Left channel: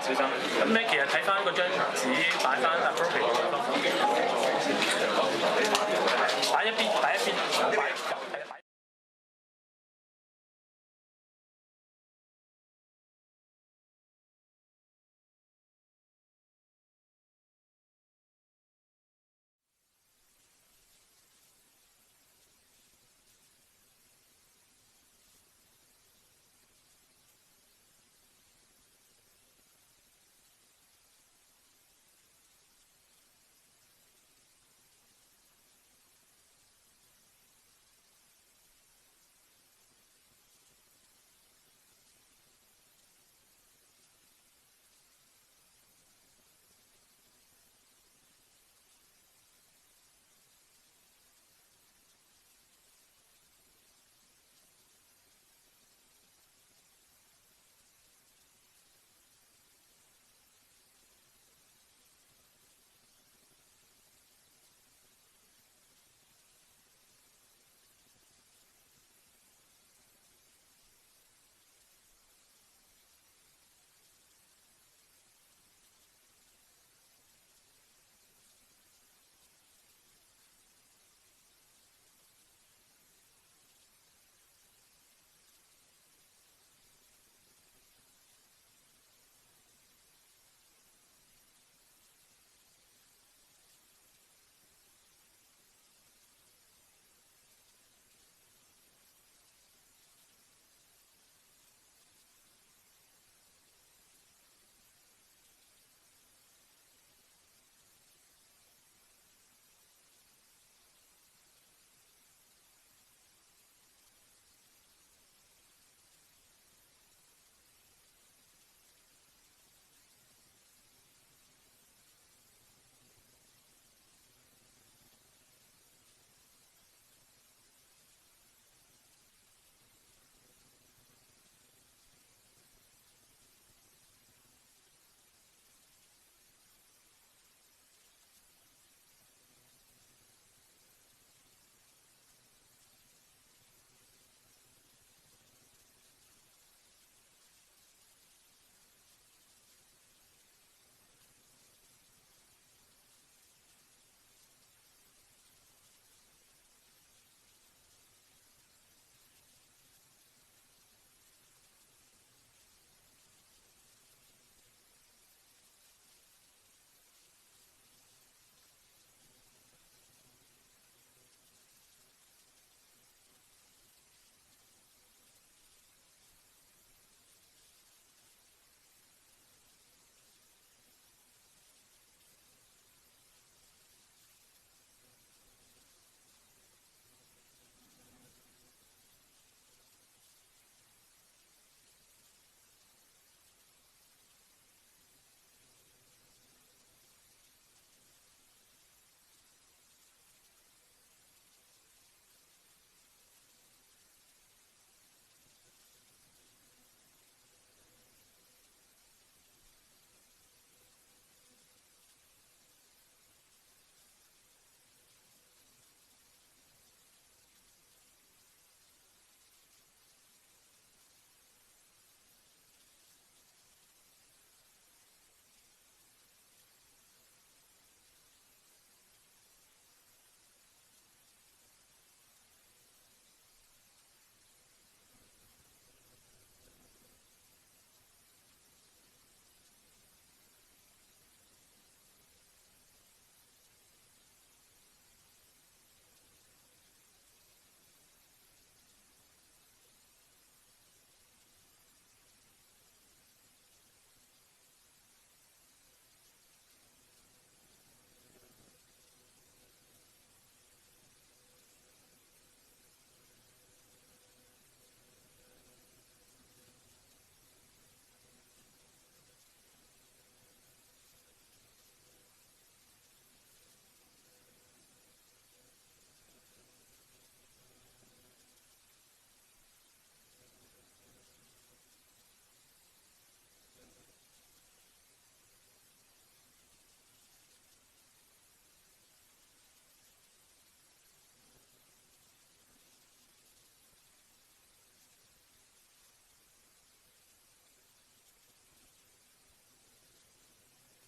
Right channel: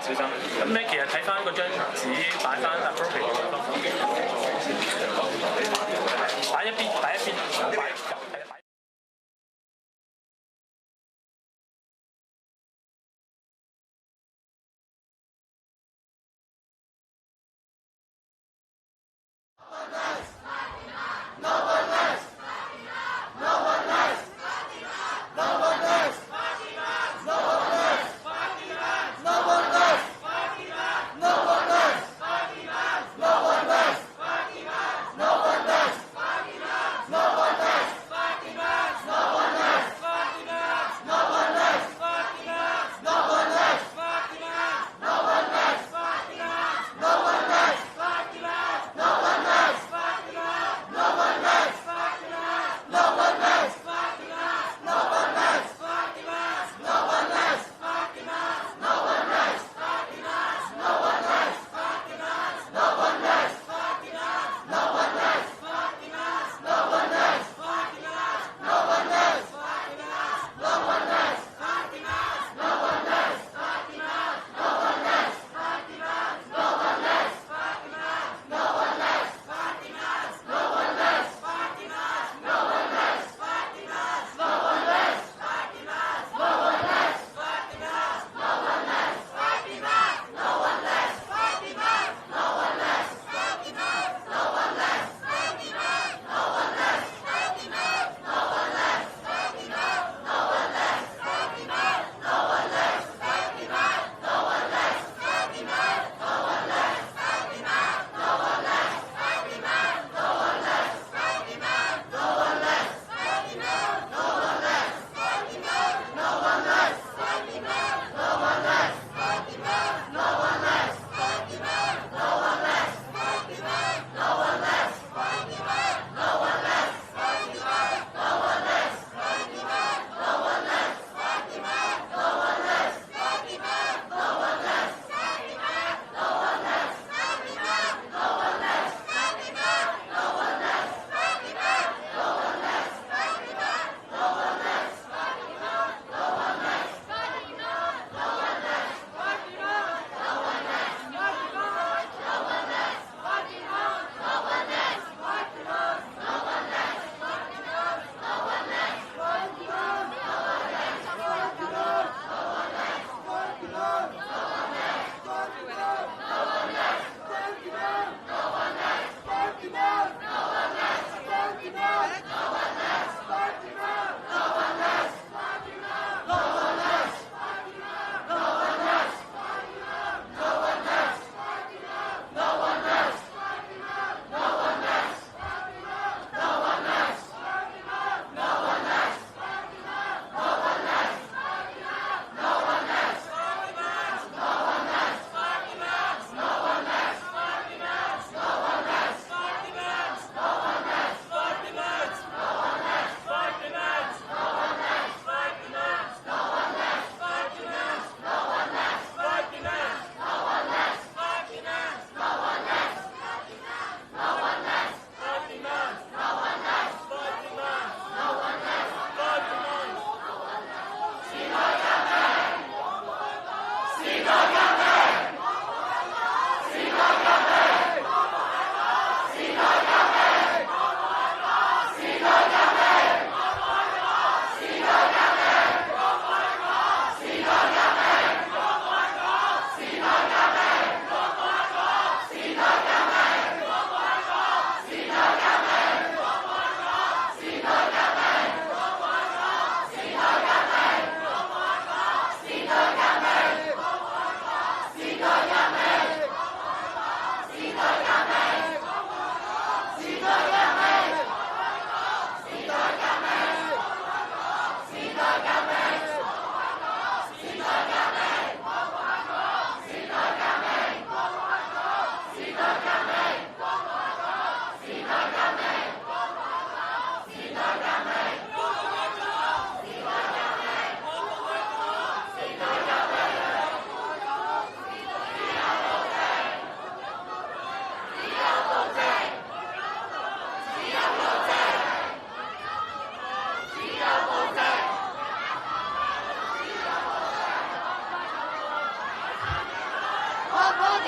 小心。咁你其實睇翻嗰張紙擺翻 appropriate 嘅地方，擺一邊，擺一邊，擺。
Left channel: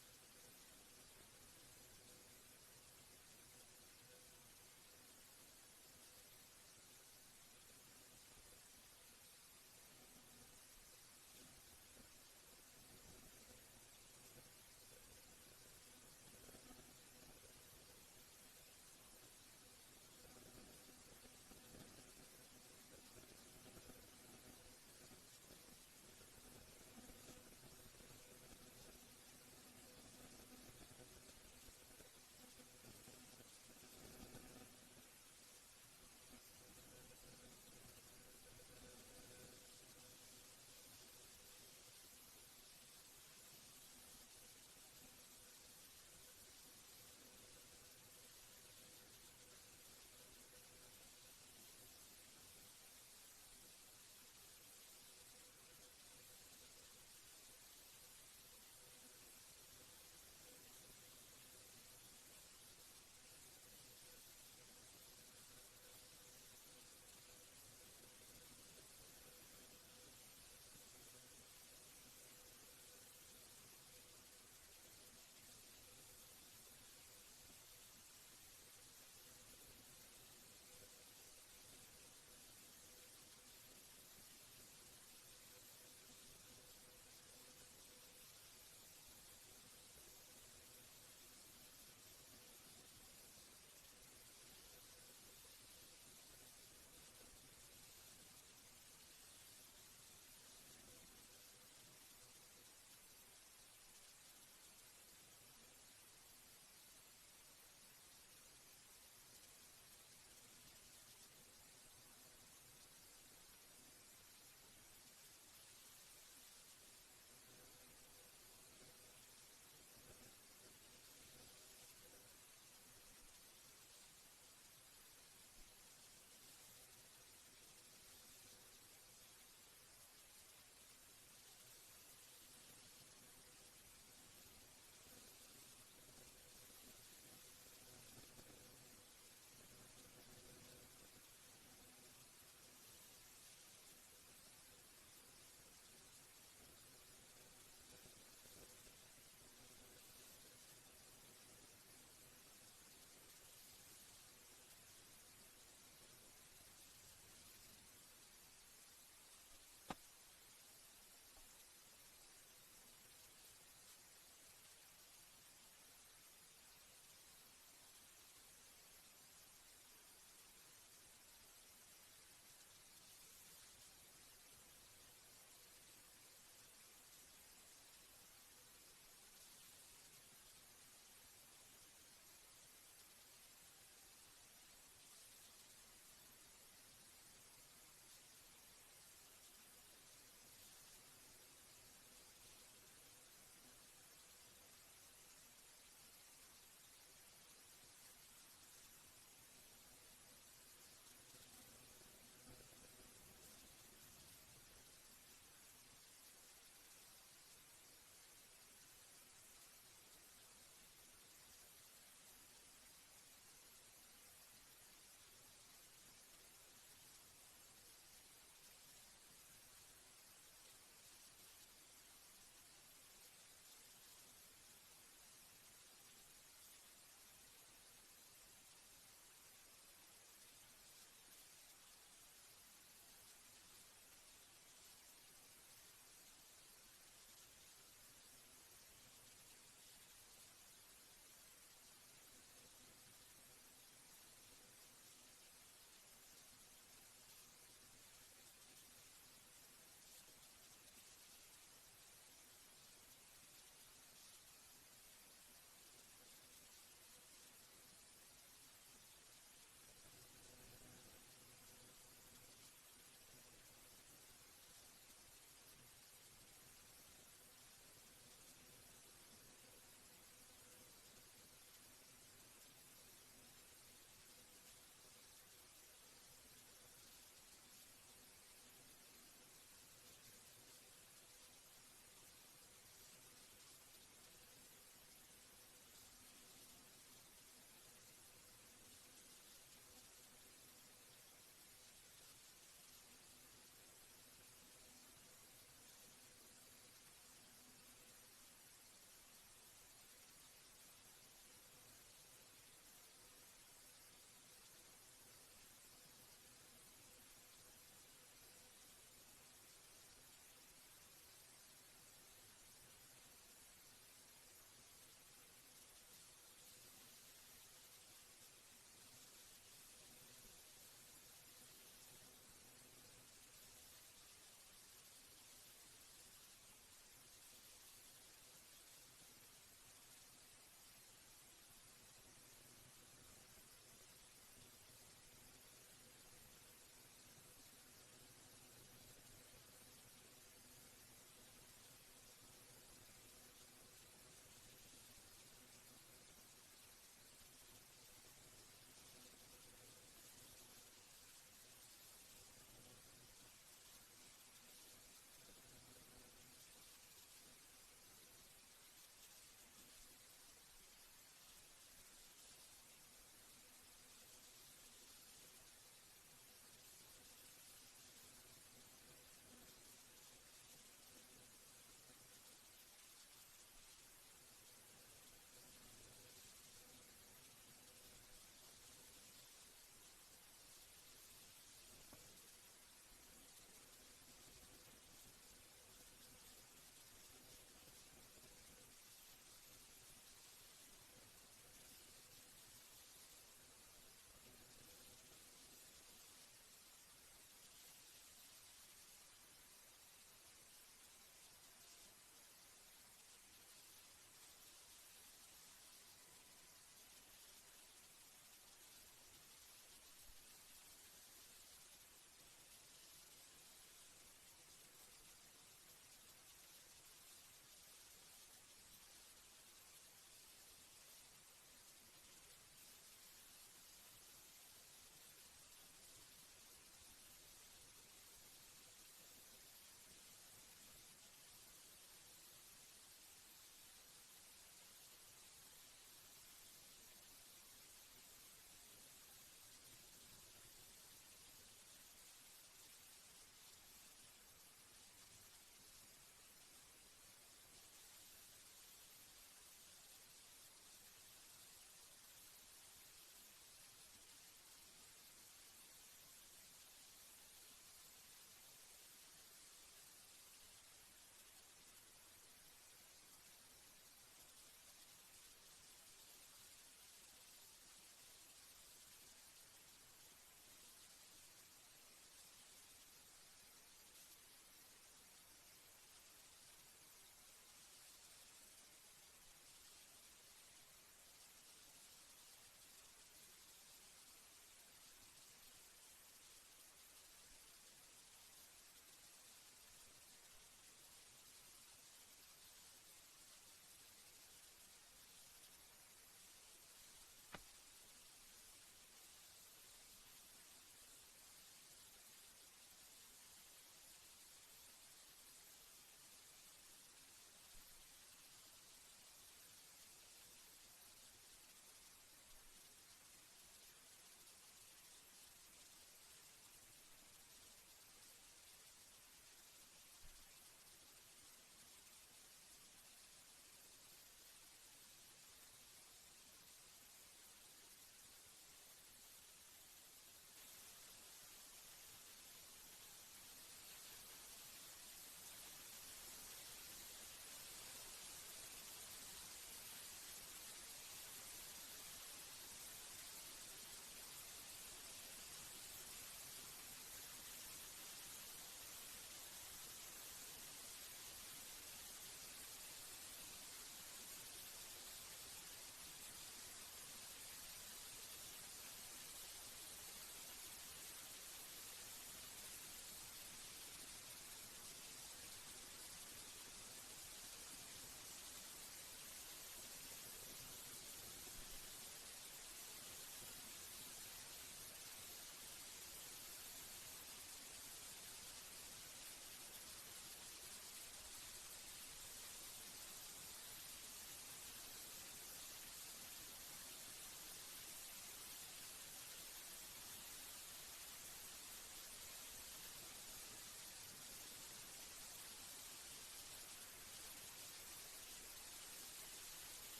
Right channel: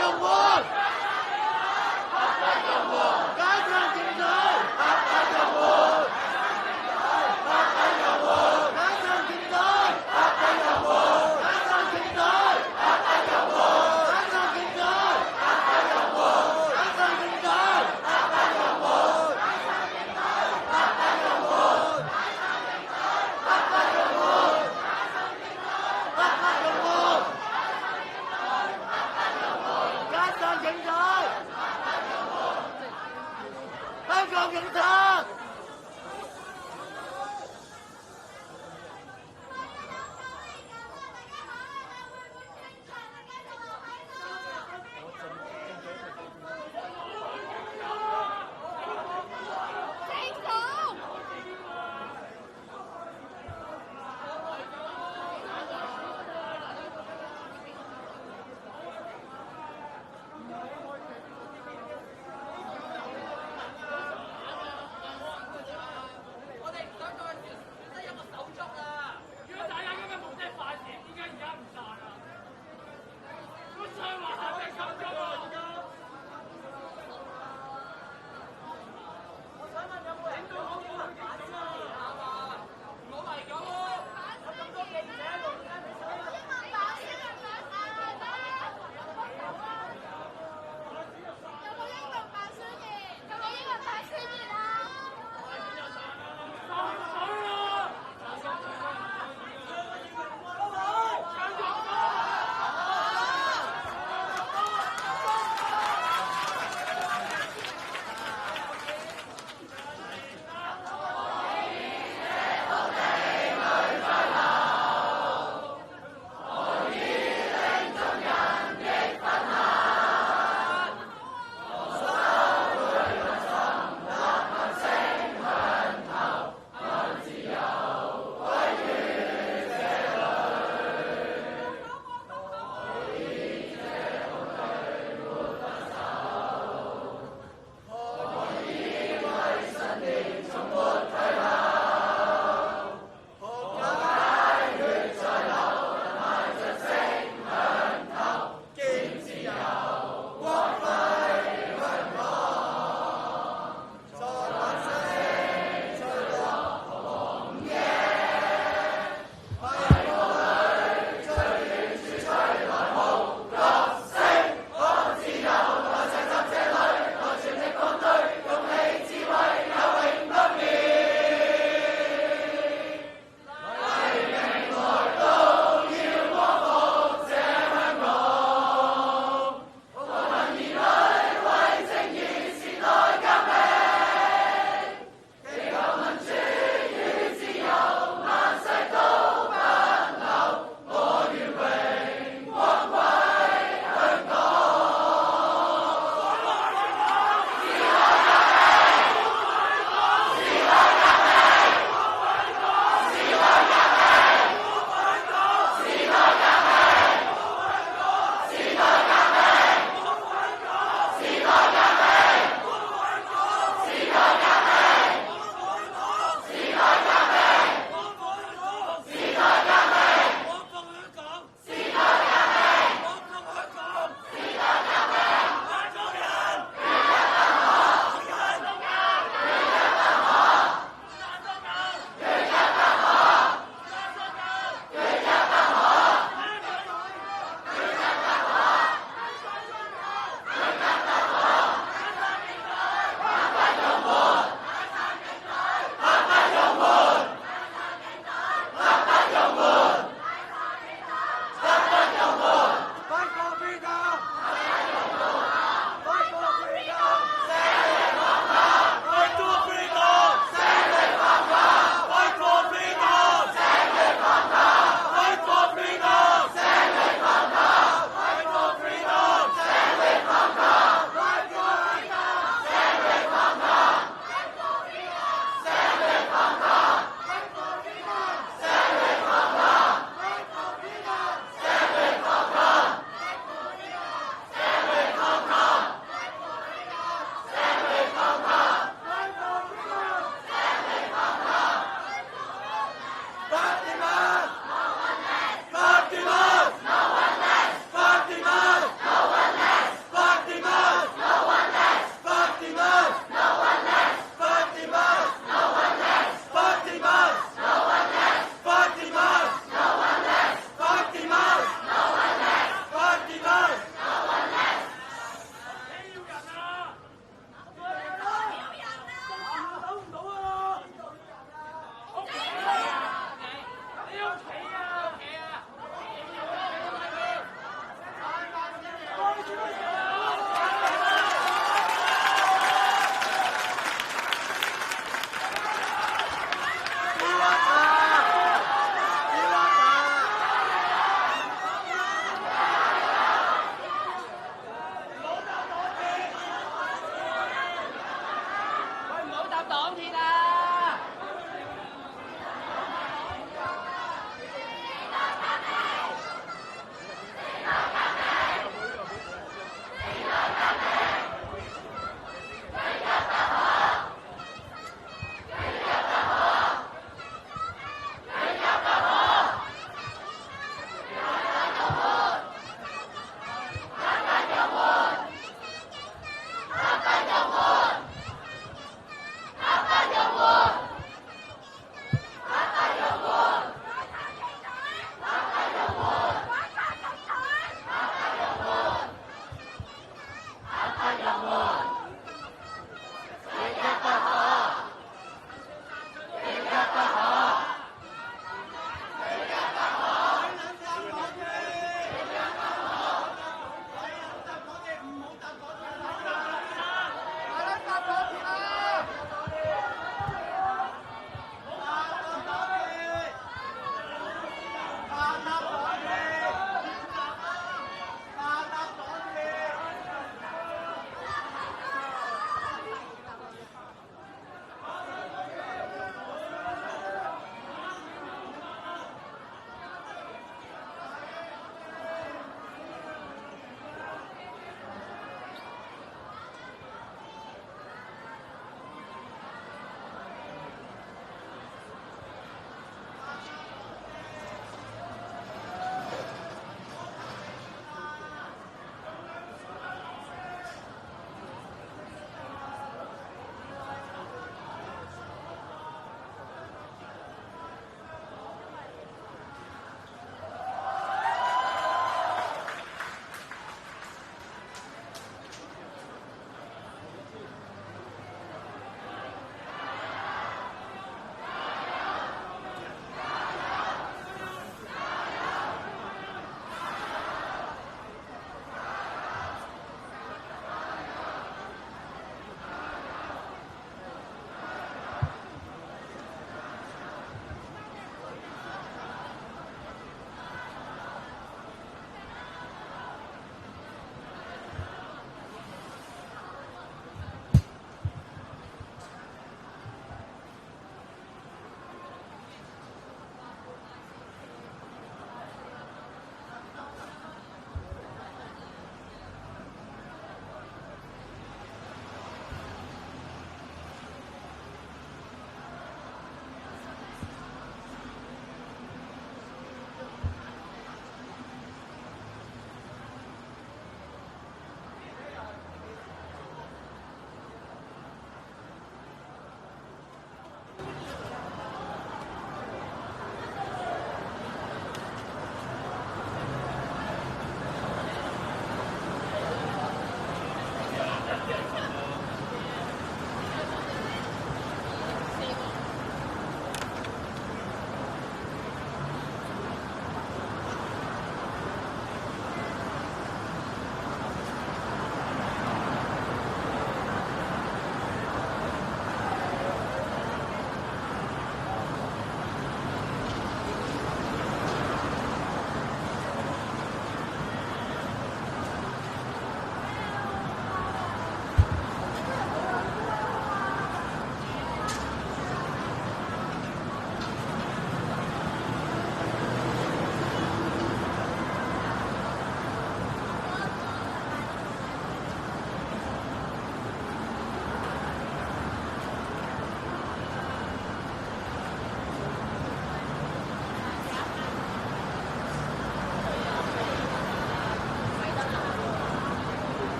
香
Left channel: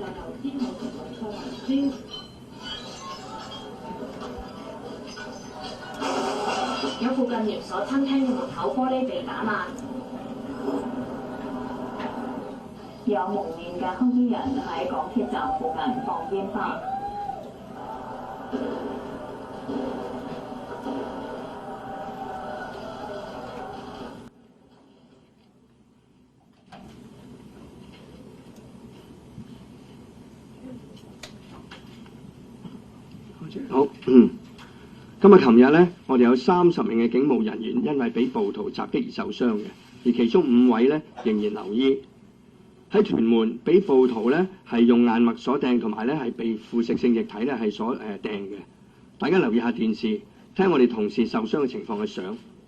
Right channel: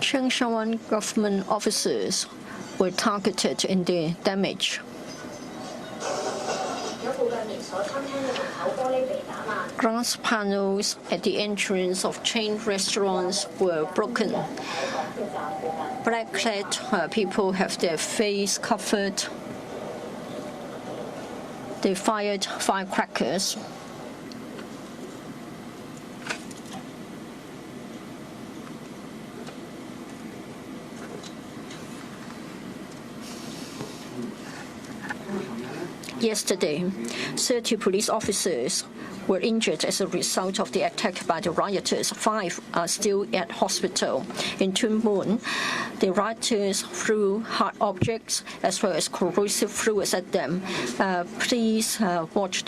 Changshan government officers were targeted in their damage. Glass panels at the entrance of chain restaurants were broken. Black-clad people have their face covered. They fired firecrackers. 好，今日、琴日咧，我哋有30名嘅警務人員因為喺暴徒襲擊而受傷，而其中5位咧仍然留醫。喺屯門，被暴徒咧係用硬物鎖掟同埋咧係被腐蝕性液體咧係所掟嘅。大家留意下電視，聽我哋同事受傷嘅情況。我其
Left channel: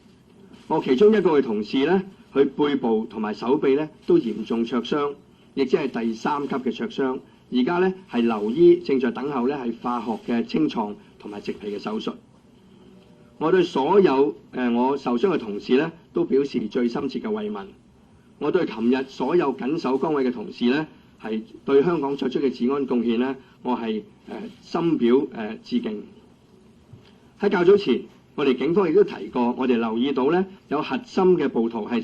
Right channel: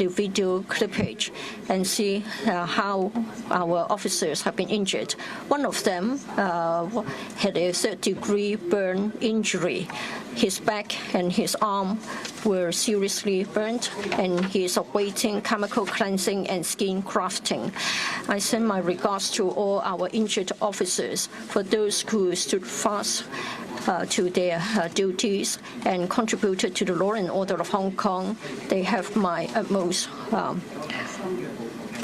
中一個同事咧，佢背部同埋手臂咧都嚴重受傷，亦即係第3級嘅灼傷。而家咧係留醫，正在等候一項化學嘅清創嘅手術。 were seriously burnt, and he is awaiting chemical cleansing and skin grafting. I send my regards to all our injured officers. For those who stood fast to their duties and contributed to the law and order of Hong Kong, they have my utmost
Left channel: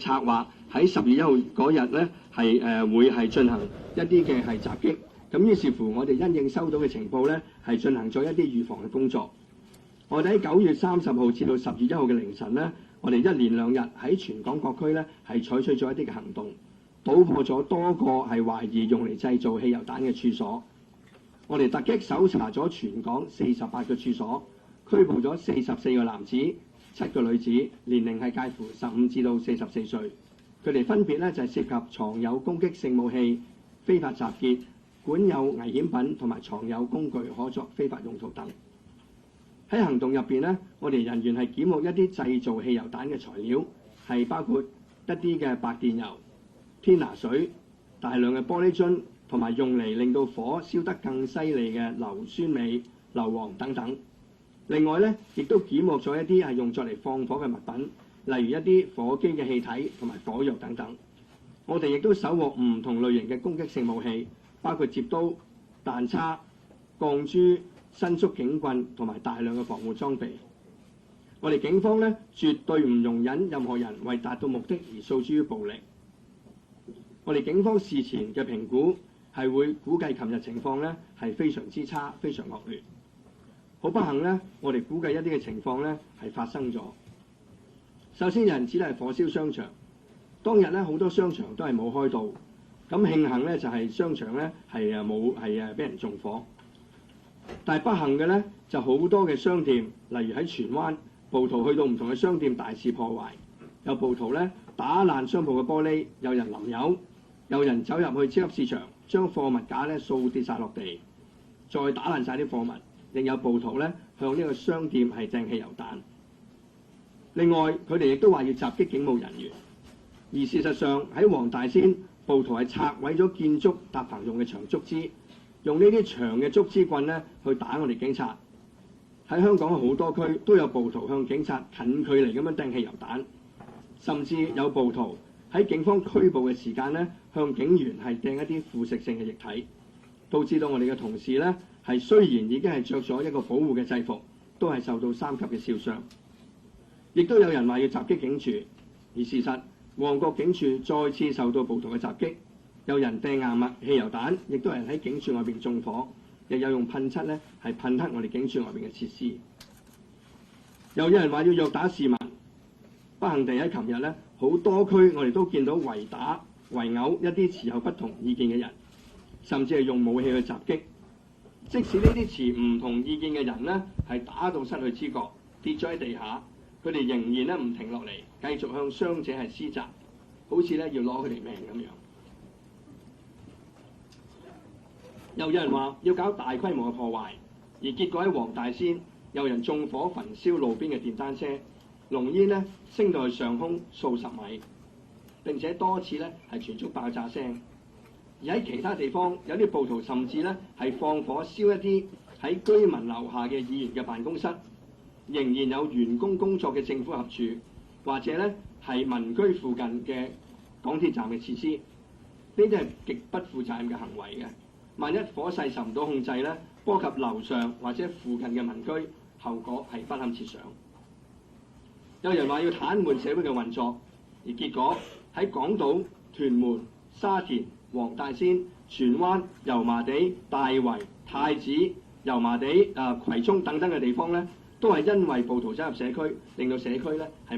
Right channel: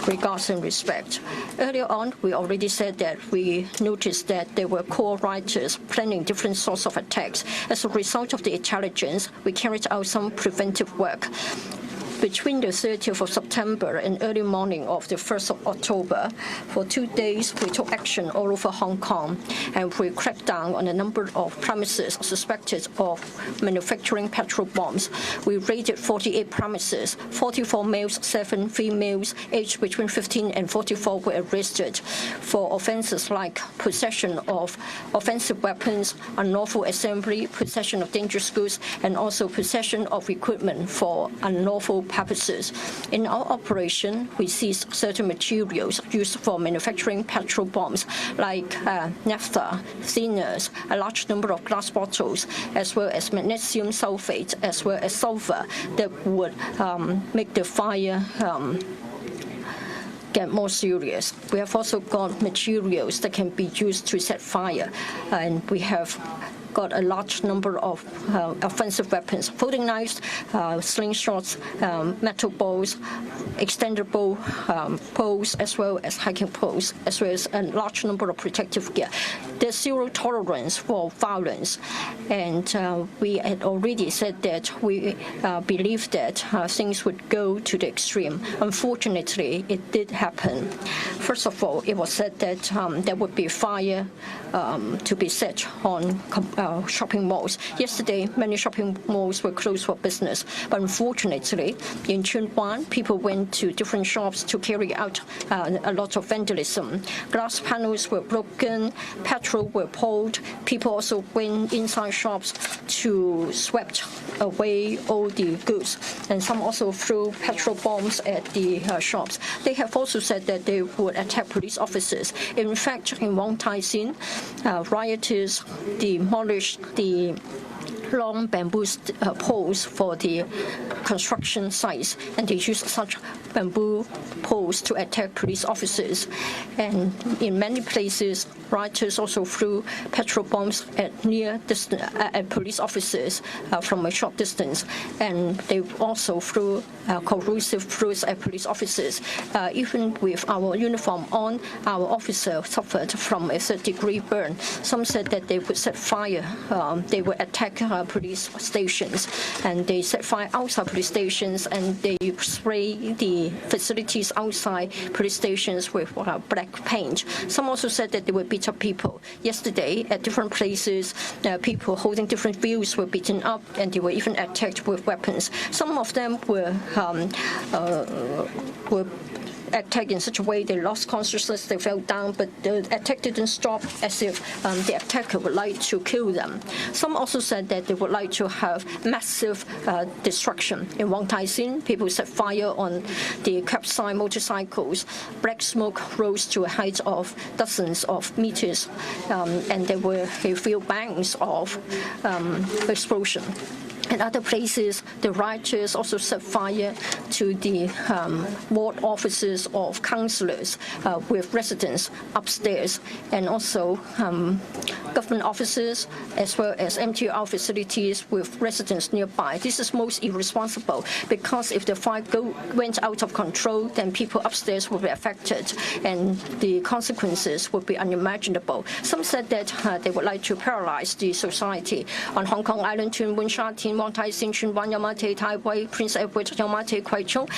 regards and respect. Earlier on, we already said that we noticed that there were core writers planning different sorts of attacks. As a result of the intelligence, we carried out some preventive work. Between the 30th of September and early morning of the 1st of October, for 2 days we took action all over Hong Kong, and we cracked down on a number of premises suspected of manufacturing petrol bombs. We raided 48 premises, 44 males, 7 females, aged between 15 and 44 were arrested for offences like possession of offensive weapons, unlawful assembly, possession of dangerous goods, and also possession of equipment for unlawful purposes. In our operation, we seized certain materials used for manufacturing petrol bombs, like naphtha, thinners, a large number of glass bottles, as well as magnesium sulfate, as well as sulfur that would make the fire get more serious. We have also got materials that can be used to set fire, and we have got a large number of offensive weapons, folding knives, slingshots, metal balls, extendable poles, as well as hiking poles, as well as a large number of protective gear. There's zero tolerance for violence, and we had already said that we believe that things would go to the extreme. Unfortunately, it did happen. First of all, it was said that there would be fire to be set on shopping malls. Yesterday, many shopping malls were closed for business. But unfortunately, in Tsuen Wan, people went to different shops to carry out a lot of vandalism. Glass panels were broken, petrol were poured. People also went inside shops to sweep away all the goods. And some also threw petrol bombs at the shops. They have also said that they would attack police officers. In fact, in Wong Tai Sin, rioters demolished the long bamboo poles for the construction sites, and they used such bamboo poles to attack police officers. And in many places, rioters also threw petrol bombs at police officers from a short distance, and they also threw corrosive fruits at police officers. Even with our uniform on, our officer suffered from a third-degree burn. Some said that they would set fire. They would attack police stations, and they set fire outside police stations, and they spray the facilities outside police stations with black paint. Some also said that they would beat up people. Yesterday, at different places, people holding different views were beaten up, and they were even attacked with weapons. Some of them were attacked in such a way they lost consciousness, they fell down, but the attack didn't stop, as if the attacker would like to kill kill them. Some also said that they would like to have massive destruction. In Wong Tai Sin, people set fire on the curbside motorcycles. Black smoke rose to a height of dozens of meters, and there were a few bangs of explosion. In other places, the rioters also set fire to the ward offices of councillors with residents upstairs, and also government offices as well as MTR facilities with residents nearby. This is most irresponsible because if the fire went out of control, then people upstairs would be affected, and the consequences would be unimaginable. Some said that they would like to paralyze the society. On Hong Kong Island, Tuen Mun Sha Tin, Wong Tai Sin, Tsuen Wan, Yau Ma Tei, Tai Wai, Prince Edward, Yau Ma Tei, Kwai Chung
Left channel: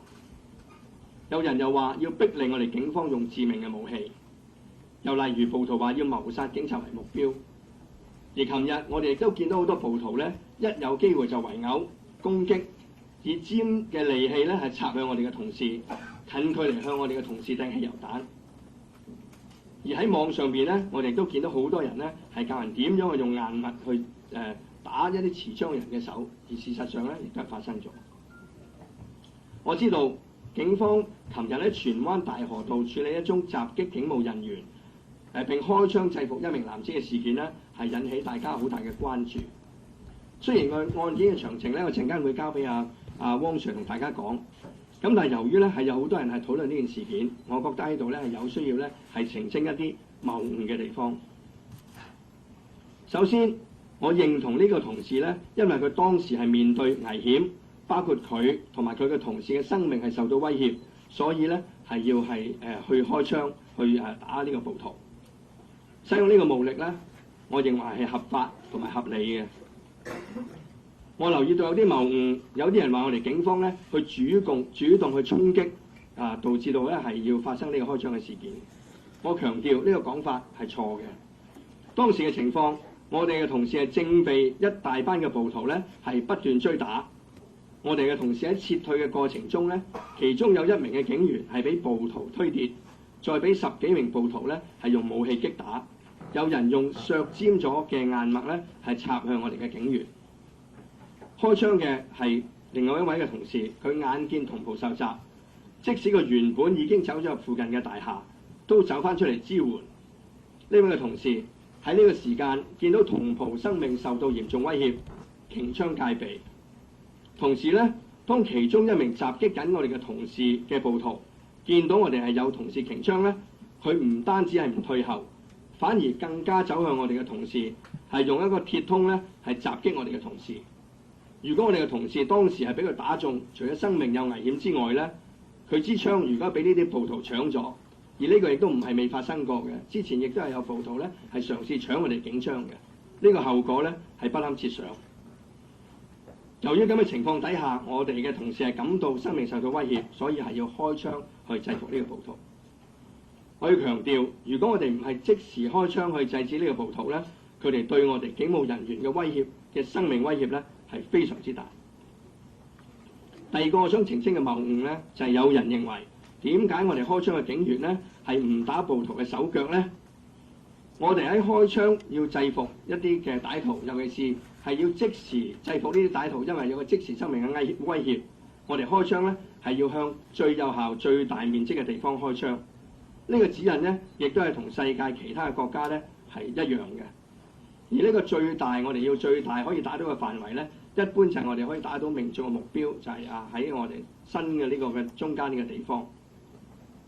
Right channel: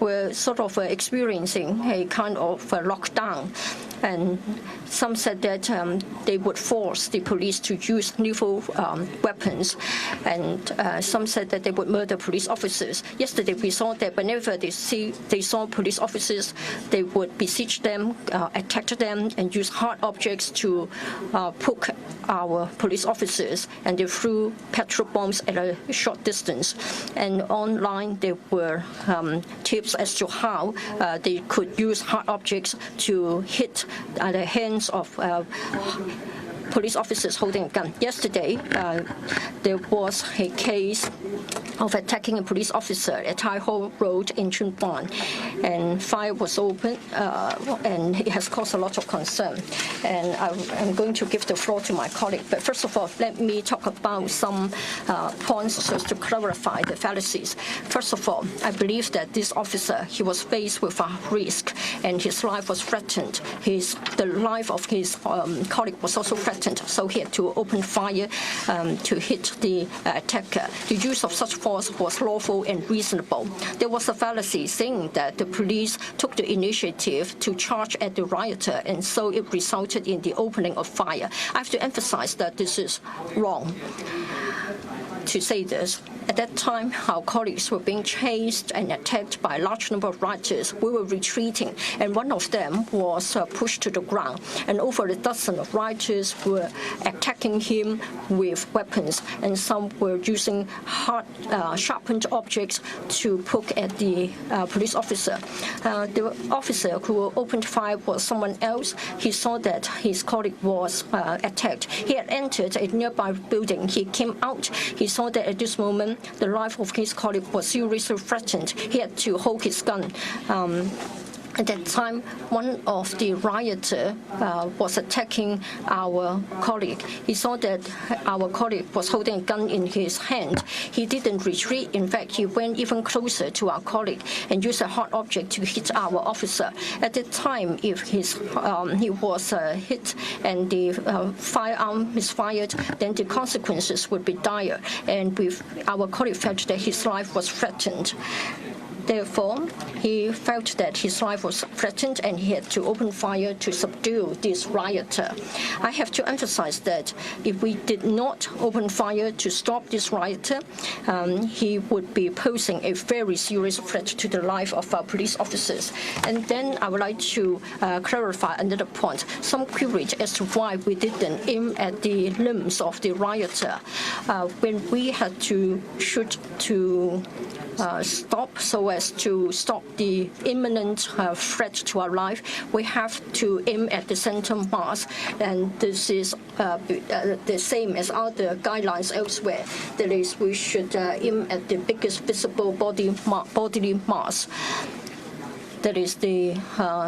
were sort of experiencing a kind of lockdown, and some said that they would force the police to use lethal weapons, and some said that they would murder police officers. Yesterday we saw that whenever they saw police officers, they would besiege them, attack them, and use hard objects to poke our police officers, and they threw petrol bombs at a short distance. And online there were tips as to how they could use hard objects to hit the hands of police officers holding a gun. Yesterday, there was a case of attacking a police officer at Tai Ho Road in Tsuen Wan, and fire was opened, and it has caused a lot of concern. And I'm going to give the floor to my colleague. But first of all, let me talk about some points just to clarify the fallacies. First of all, I believe that this officer, he was faced with a risk, and his life was threatened. The life of his colleague was also threatened, so he had to open fire to hit the attacker. The use of such force was lawful and reasonable. There was a fallacy saying that the police took the initiative to charge at the rioter, and so it resulted in the opening of fire. I have to emphasize that this is wrong to say this. At that time, our colleagues were being chased and attacked by a large number of rioters. We were retreating, and one of them was pushed to the ground, and over a dozen of rioters were attacking him with weapons, and some were using sharpened objects to poke at the police officer. The officer who opened fire was someone else. He saw that his colleague was attacked. He had entered a nearby building. He came out. He saw that at this moment, the life of his colleague was seriously threatened. He had to hold his gun. At that time, one of the rioters was attacking our colleague. He saw that our colleague was holding a gun in his hand. He didn't retreat. In fact, he went even closer to our colleague and used a hard object to hit our officer. At that time, if he was hit and the firearm is fired, then the consequences would be dire. And our colleague felt that his life was threatened. Therefore, he felt that his life was threatened, and he had to open fire to subdue this rioter. I have to emphasize that if we did not open fire to stop this rioter, he would be posing a very serious threat to the life of our police officers. And then I would like to clarify another point. Some queried as to why we didn't aim at the limbs of the rioter. When we had to shoot to stop so as to stop the imminent threat to our life, we have to aim at the center mass, and this is the same as other guidelines elsewhere. That is, we should aim at the biggest visible bodily mass. That is the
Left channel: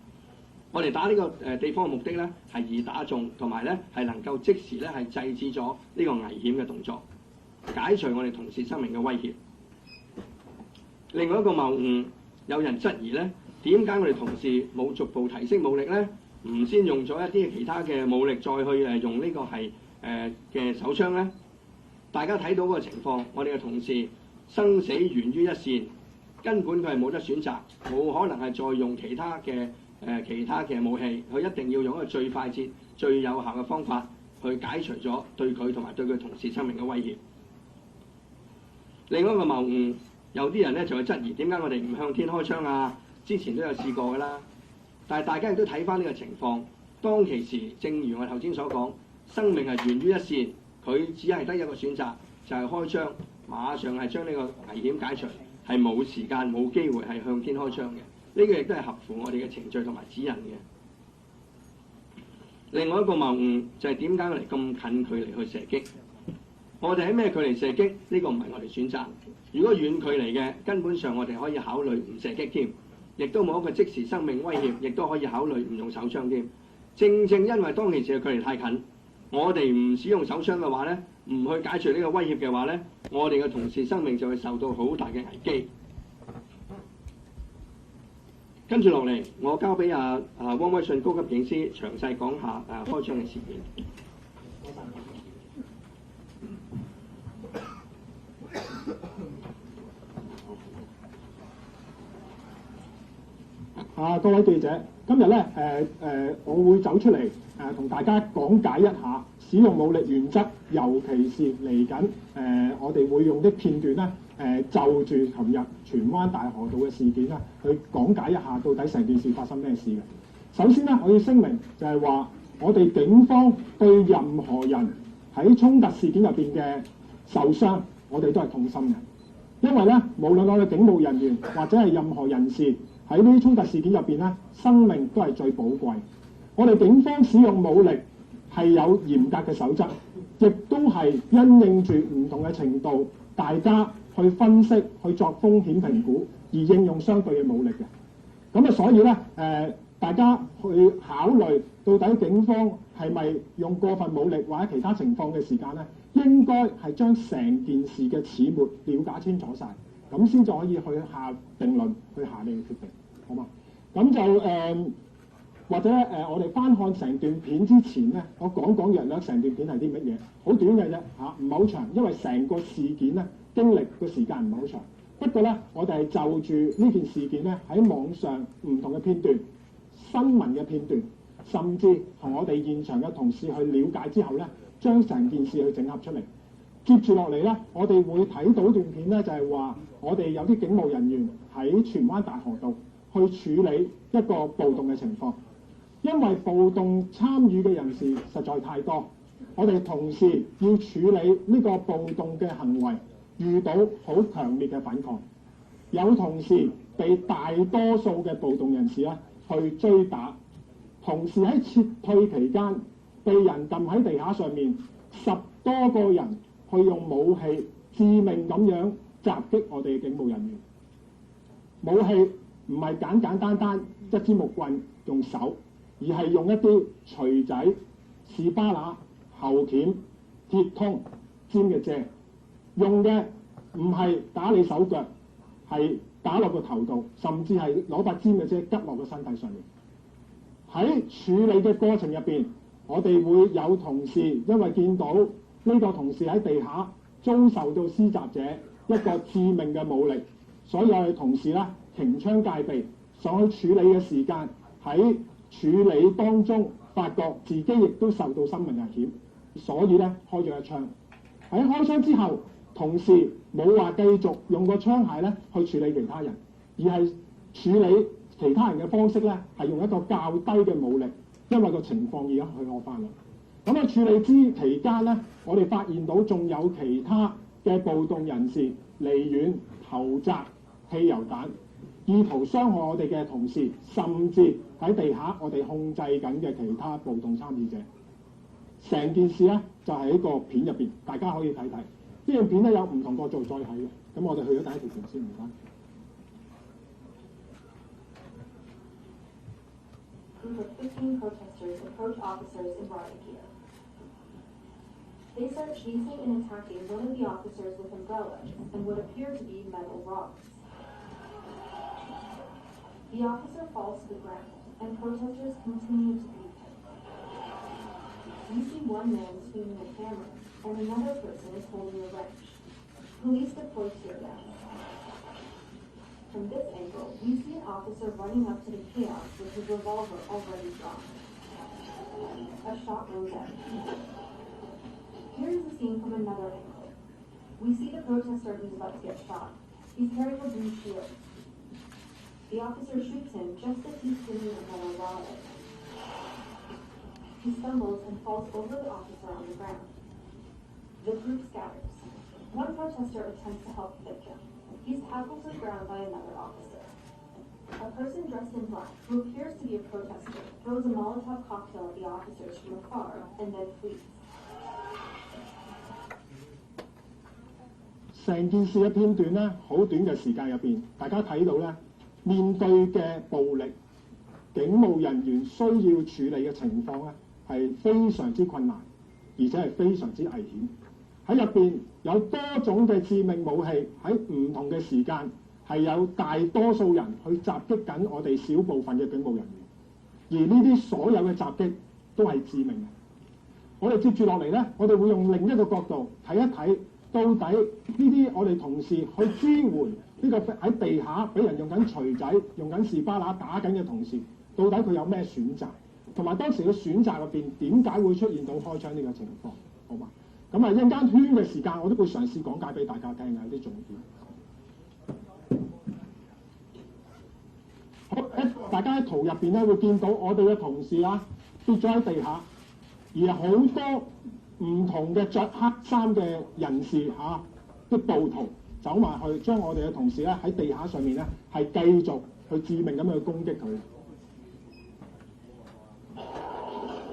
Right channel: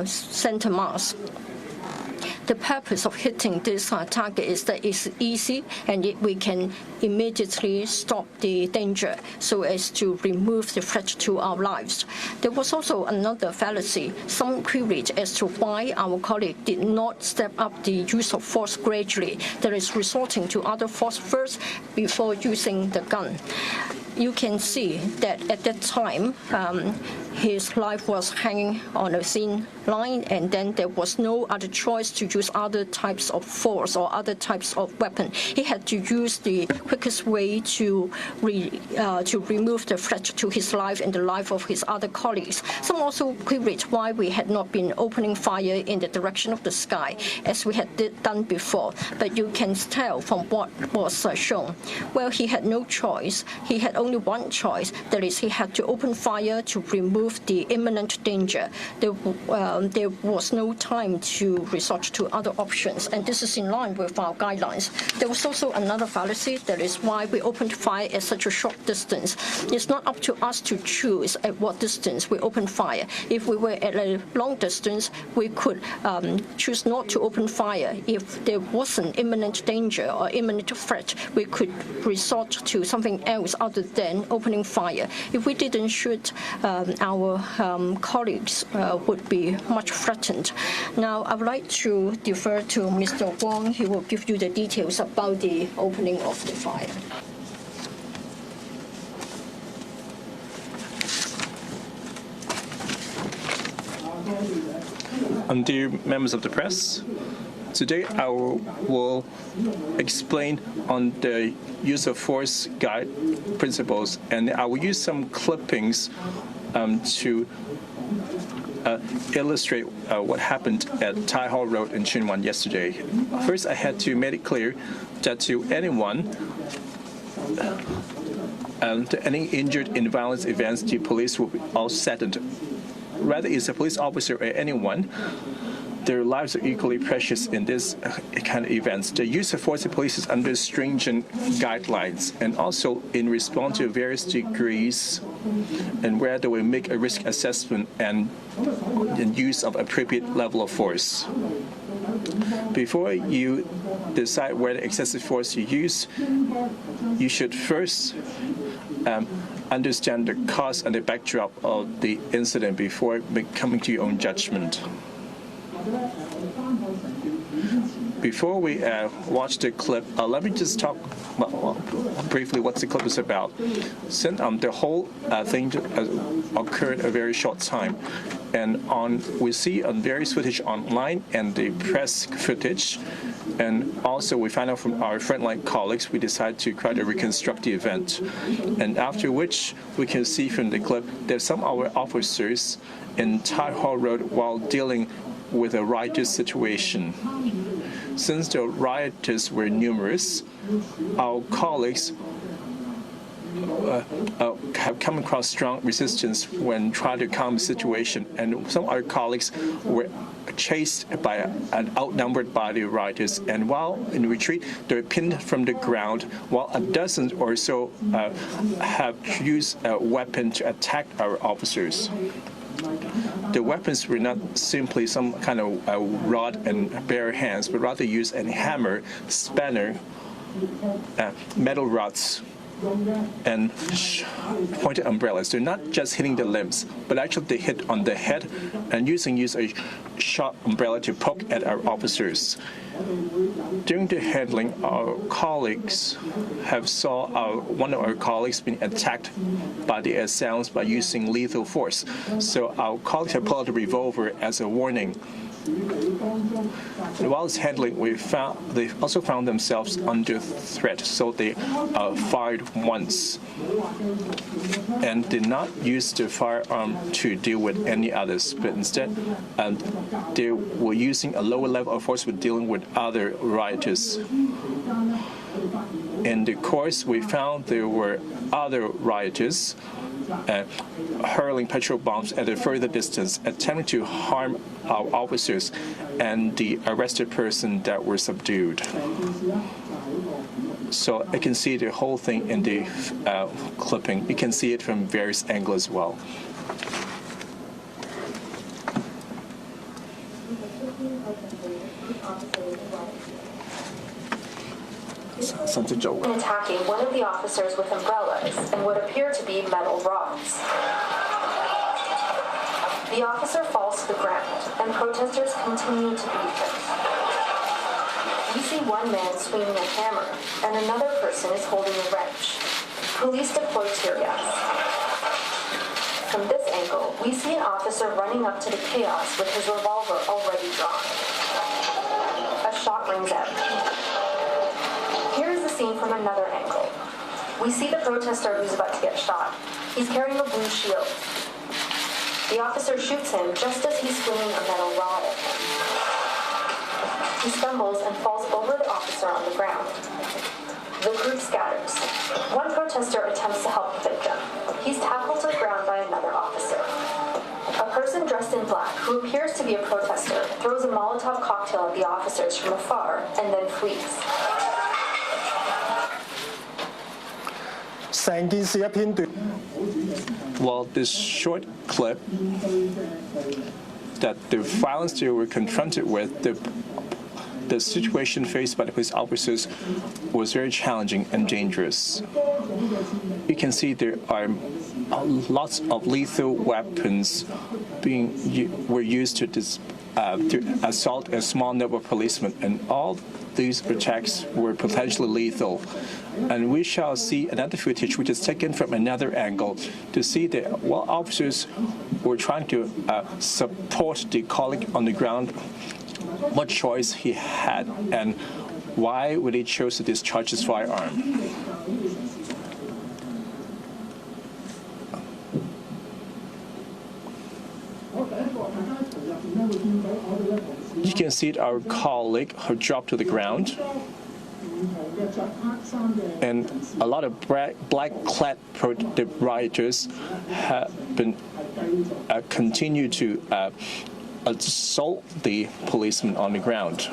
center mass. The purpose of hitting this target is that it's easy, and we can immediately stop the danger so as to remove the threat to our lives. There was also another fallacy. Some queried as to why our colleague did not step up the use of force gradually, that is, resorting to other force first before using the gun. You can see that at that time, his life was hanging on a thin line, and then there was no other choice to use other types of force or other types of weapon. He had to use the quickest way to remove the threat to his life and the life of his other colleagues. Some also queried why why we had not been opening fire in the direction of the sky as we had done before. But you can tell from what was shown. Well, he had no choice. He had only one choice. That is, he had to open fire to remove the imminent danger. There was no time to resort to other options, and this is in line with our guidelines. There was also another fallacy. That is why we opened fire at such a short distance. It's not up to us to choose at what distance we open fire. If we were at a long distance, we could choose not to open fire. If there wasn't imminent danger or imminent threat, we could resort to something else other than opening fire. If we didn't shoot, our colleagues would be much threatened. Now, I would like to defer to Mr. Wong. He will give you the details about the opening of the fire. Dear members of the press, today I will explain on the use of force guide principles, and I will use some clippings to illustrate what happened at Tai Hall Road in Tsuen Wan yesterday. First, I had to make it clear that to anyone any injured in violence events, the police were all saddened. Whether it's a police officer or anyone, their lives are equally precious in this kind of events. The use of force of police is under stringent guidelines, and also in response to various degrees, and where they will make a risk assessment and use of appropriate level of force. Before you decide whether excessive force to use, you should first understand the cause and the backdrop of the incident before coming to your own judgment. Before we watch the clip, let me just talk briefly what the clip is about. Since the whole thing occurred a very short time, and we see on various footage online and the press footage, and also we find out from our frontline colleagues, we decided to try to reconstruct the event, and after which we can see from the clip that some of our officers in Tai Hall Road while dealing with a riotous situation. Since the rioters were numerous, our colleagues have come across strong resistance when trying to calm the situation, and some of our colleagues were chased by and outnumbered by the rioters, and while in retreat, they were pinned from the ground, while a dozen or so have used a weapon to attack our officers. The weapons were not simply some kind of rod and bare hands, but rather used a hammer, spanner, metal rods, and pointed umbrellas. They're not just hitting the limbs, but actually they hit on the head and use a sharp umbrella to poke at our officers. During the handling, our colleagues have saw one of our colleagues being attacked by the assailants by using lethal force. So our colleagues have pulled out the revolver as a warning. While it's handling, they also found themselves under threat, so they fired once and did not use the firearm to deal with any others, but instead they were using a lower level of force with dealing with other rioters. In the course, we found there were other rioters hurling petrol bombs at a further distance, attempting to harm our officers and the arrested person that were subdued. So I can see the whole thing in the clipping. You can see it from various angles as well. Attacking one of the officers with umbrellas and what appear to be metal rods. The officer falls to the ground, and protesters continue to beat him. We see one man swinging a hammer, and another person is holding a wrench. Police deploy tear gas. From this angle, we see an officer running up to the chaos with his revolver already drawn. A shot rings out. Here is the scene from another angle. We see the protester who's about to get shot. He's carrying a blue shield. The officer shoots him just as he's swinging a metal rod at him. He stumbles and falls over the officer on the ground. The group scatters. One protester attempts to help the victim. He's tackled to the ground by another officer. A person dressed in black, who appears to be a protester, throws a Molotov cocktail at the officers from afar and then flees. 成件事嘅片段咧，好短嘅時間。Well, this short clip 面對嘅暴力 that the violence they were confronted with, the situation faced by the police officers was very challenging and dangerous. You can see there are lots of lethal weapons were used to assault a small number of policemen, and all these attacks were potentially lethal. And we shall see another footage which is taken from another angle to see that while officers were trying to support the colleague on the ground, what choice he had and why would he choose to discharge his firearm. 大家喺圖入邊咧會見到我哋嘅同事 You can see our colleague who dropped to the ground, 唔同嘅着黑衫嘅 and 人士 a lot of black-clad rioters have been continue to assault the policemen on the ground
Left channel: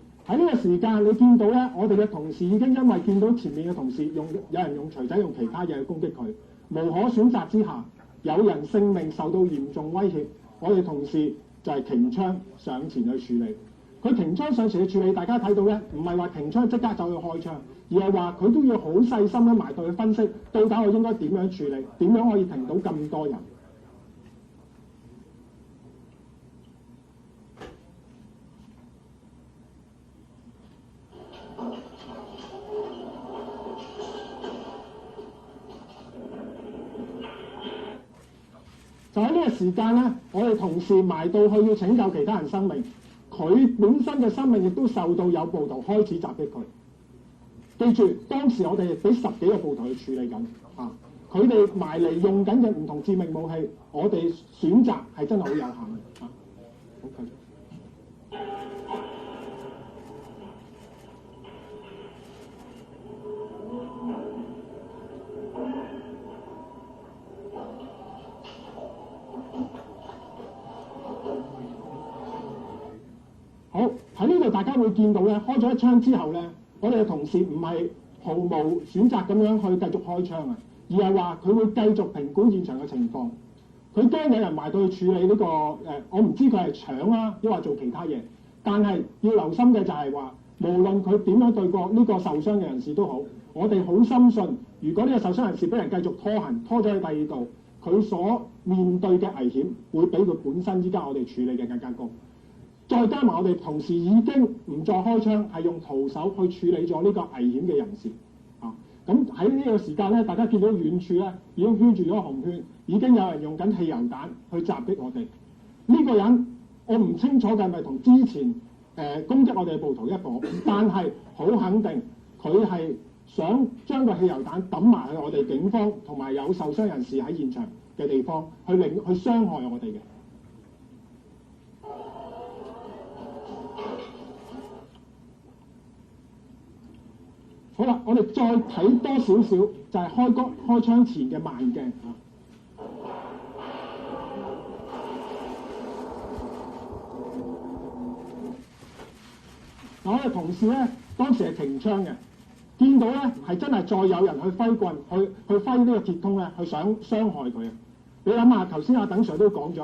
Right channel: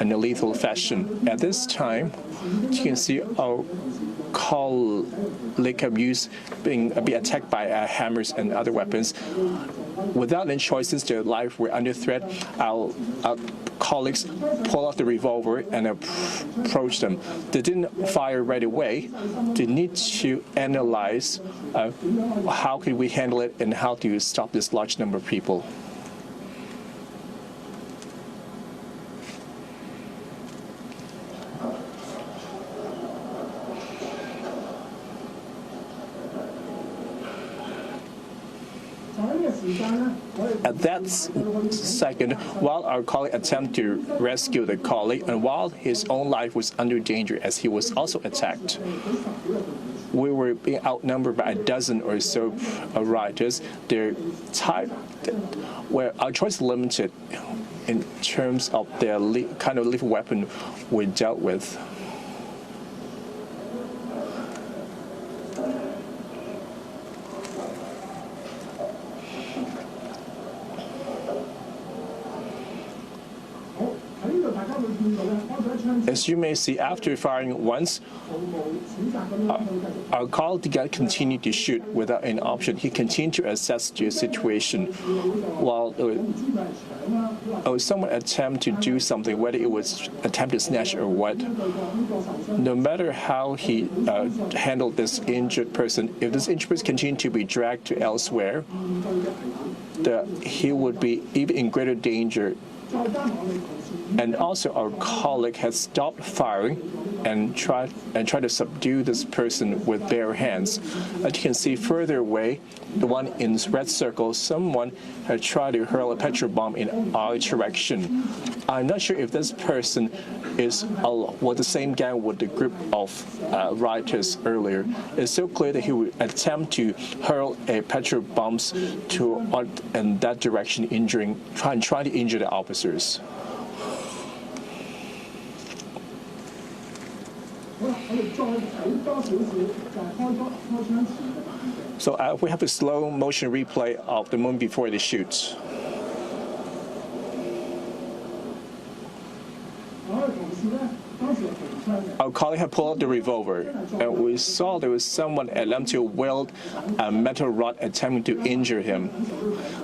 in a lethal fashion. At this time, you can see our colleague being attacked by hammers and other weapons. Without any choices, their life were under threat. Our colleagues pulled out the revolver and approached them. They didn't fire right away. They need to analyze how can we handle it and how do you stop this large number of people. 就喺呢個時間咧，我哋同事埋到去拯救其他 while our colleague attempted to rescue the colleague, and while his own life was under danger as he was also attacked, we were being outnumbered by a dozen or so rioters. Their time, where our choice is limited in terms of their kind of lethal weapon we dealt with. As you may see, after firing once, our colleague continued to shoot without any option. He continued to assess the situation while someone attempted to do something, whether it was attempted snatch or what. No matter how he handled this injured person, if this injured person continued to be dragged to elsewhere, he would be even in greater danger. And also our colleague has stopped firing and tried to subdue this person with bare hands. As you can see further away, the one in red circle, someone had tried to hurl a petrol bomb in our direction. I'm not sure if this person was the same gang with the group of rioters earlier. It's so clear that he would attempt to hurl a petrol bomb in that direction, trying to injure the officers. So we have a slow motion replay of the moment before the shoot. Our colleague had pulled out the revolver, and we saw there was someone attempting to wield a metal rod attempting to injure him.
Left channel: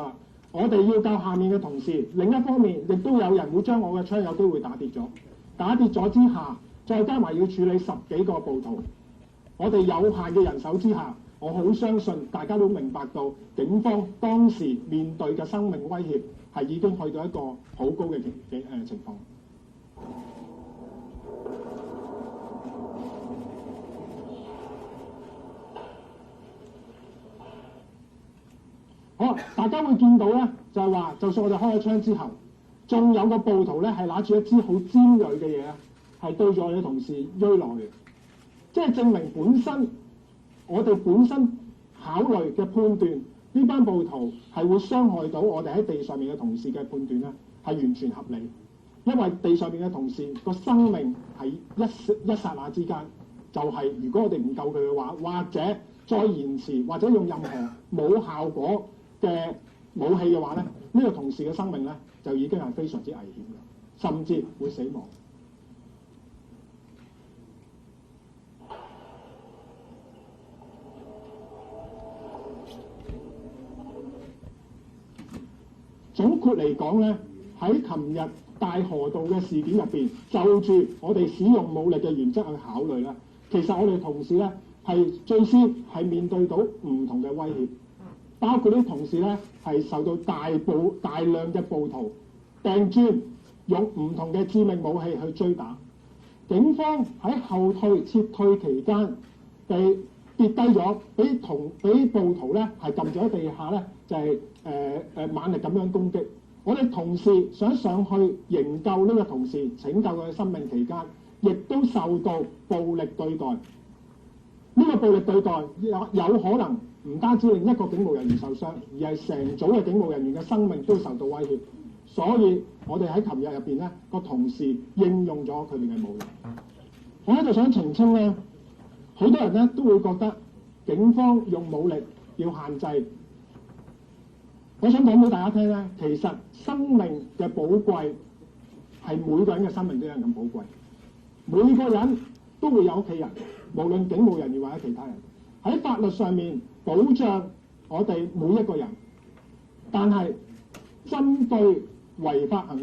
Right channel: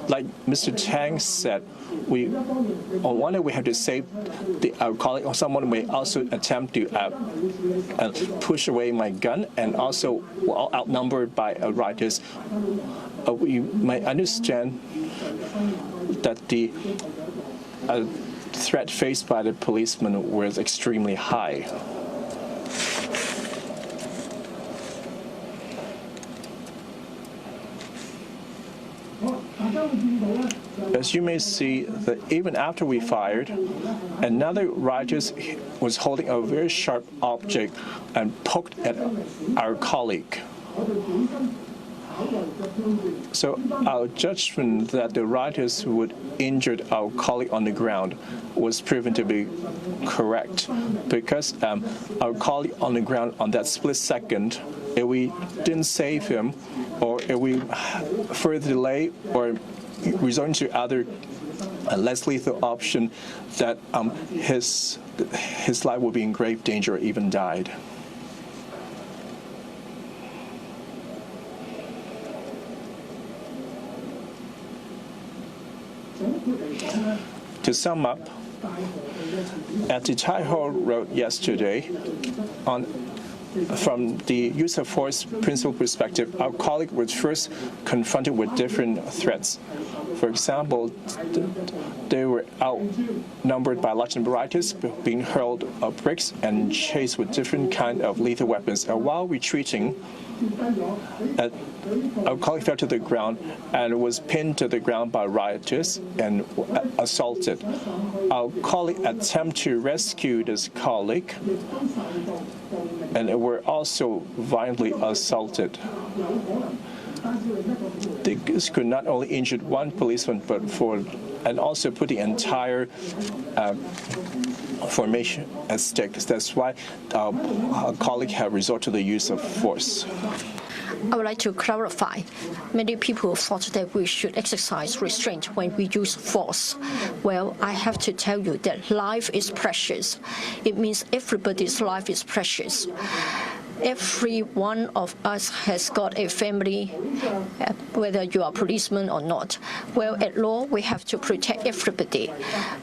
Like Mr. Tang said, on one hand we have to save our colleague, or someone may also attempt to push away my gun, and also we're all outnumbered by rioters. You might understand that the threat faced by the policeman was extremely high. As you may see, that even after we fired, another rioter was holding a very sharp object and poked at our colleague. So our judgment that the rioters would injure our colleague on the ground was proven to be correct, because our colleague on the ground on that split second, if we didn't save him, or if we further delay or resort to other less lethal option, that his life would be in grave danger or even died. To sum up, at the Taiho Road yesterday, from the use of force principle perspective, our colleague was first confronted with different threats. For example, they were outnumbered by a large number of rioters, being hurled of bricks and chased with different kinds of lethal weapons. And while retreating, our colleague fell to the ground and was pinned to the ground by rioters and assaulted. Our colleague attempted to rescue this colleague, and they were also violently assaulted. This could not only injure one policeman, but and also put the entire formation at stake. That's why our colleague had resorted to the use of force. I would like to clarify. Many people thought that we should exercise restraint when we use force. Well, I have to tell you that life is precious. It means everybody's life is precious. Every one of us has got a family, whether you are a policeman or not. Well, at law, we have to protect everybody.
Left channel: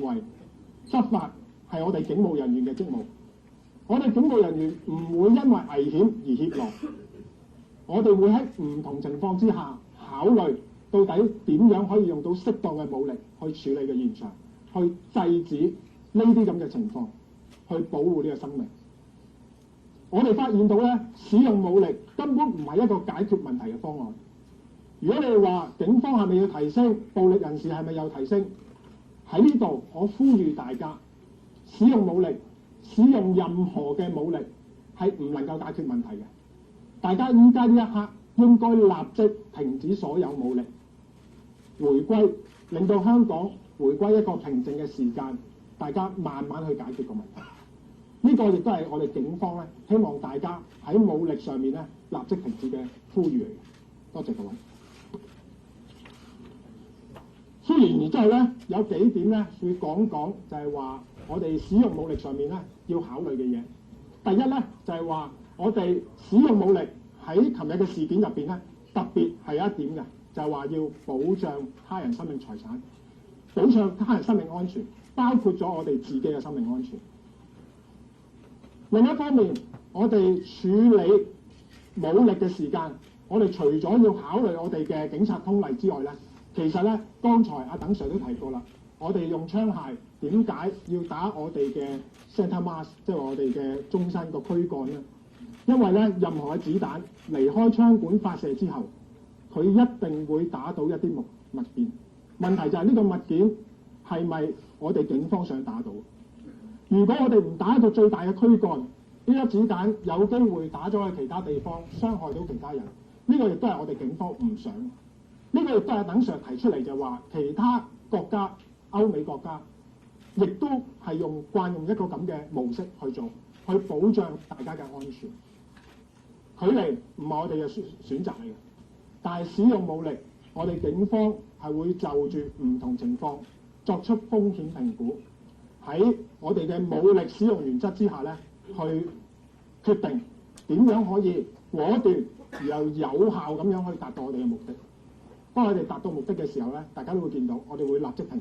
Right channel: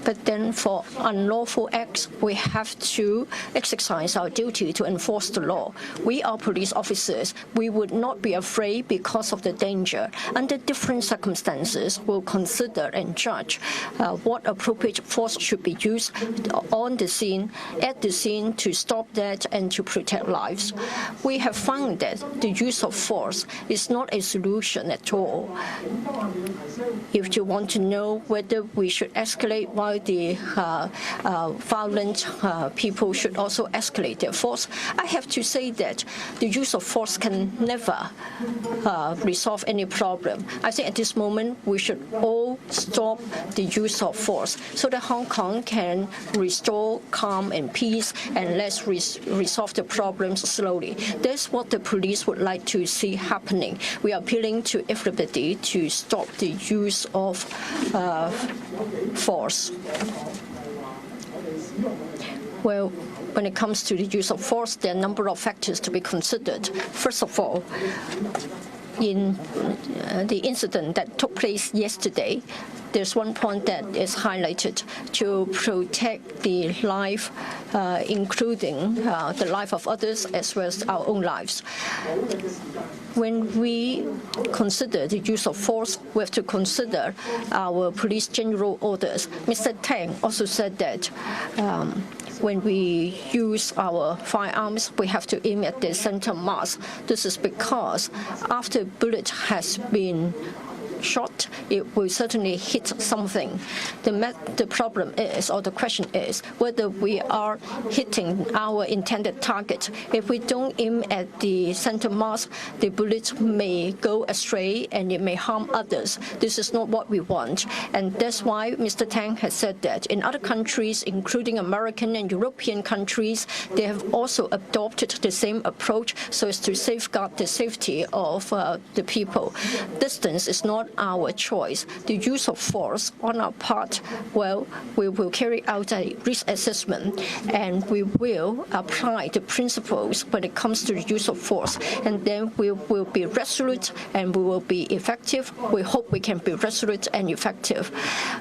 But then for unlawful acts, we have to exercise our duty to enforce the law. We are police officers. We would not be afraid because of the danger. Under different circumstances, we'll consider and judge what appropriate force should be used on the scene, at the scene, to stop that and to protect lives. We have found that the use of force is not a solution at all. If you want to know whether we should escalate while the violent people should also escalate their force, I have to say that the use of force can never resolve any problem. I think at this moment we should all stop the use of force so that Hong Kong can restore calm and peace, and let's resolve the problems slowly. That's what the police would like to see happening. We are appealing to everybody to stop the use of force. Well, when it comes to the use of force, there are a number of factors to be considered. First of all, in the incident that took place yesterday, there's one point that is highlighted: to protect the life, including the life of others as well as our own lives. When we consider the use of force, we have to consider our police general orders. Mr. Tang also said that when we use our firearms, we have to aim at the center mass. This is because after a bullet has been shot, it will certainly hit something. The problem is, or the question is, whether we are hitting our intended target. If we don't aim at the center mass, the bullet may go astray and it may harm others. This is not what we want. And that's why Mr. Tang has said that in other countries, including American and European countries, they have also adopted the same approach so as to safeguard the safety of the people. Distance is not our choice. The use of force on our part, well, we will carry out a risk assessment and we will apply the principles when it comes to the use of force. And then we will be resolute and we will be effective. We hope we can be resolute and effective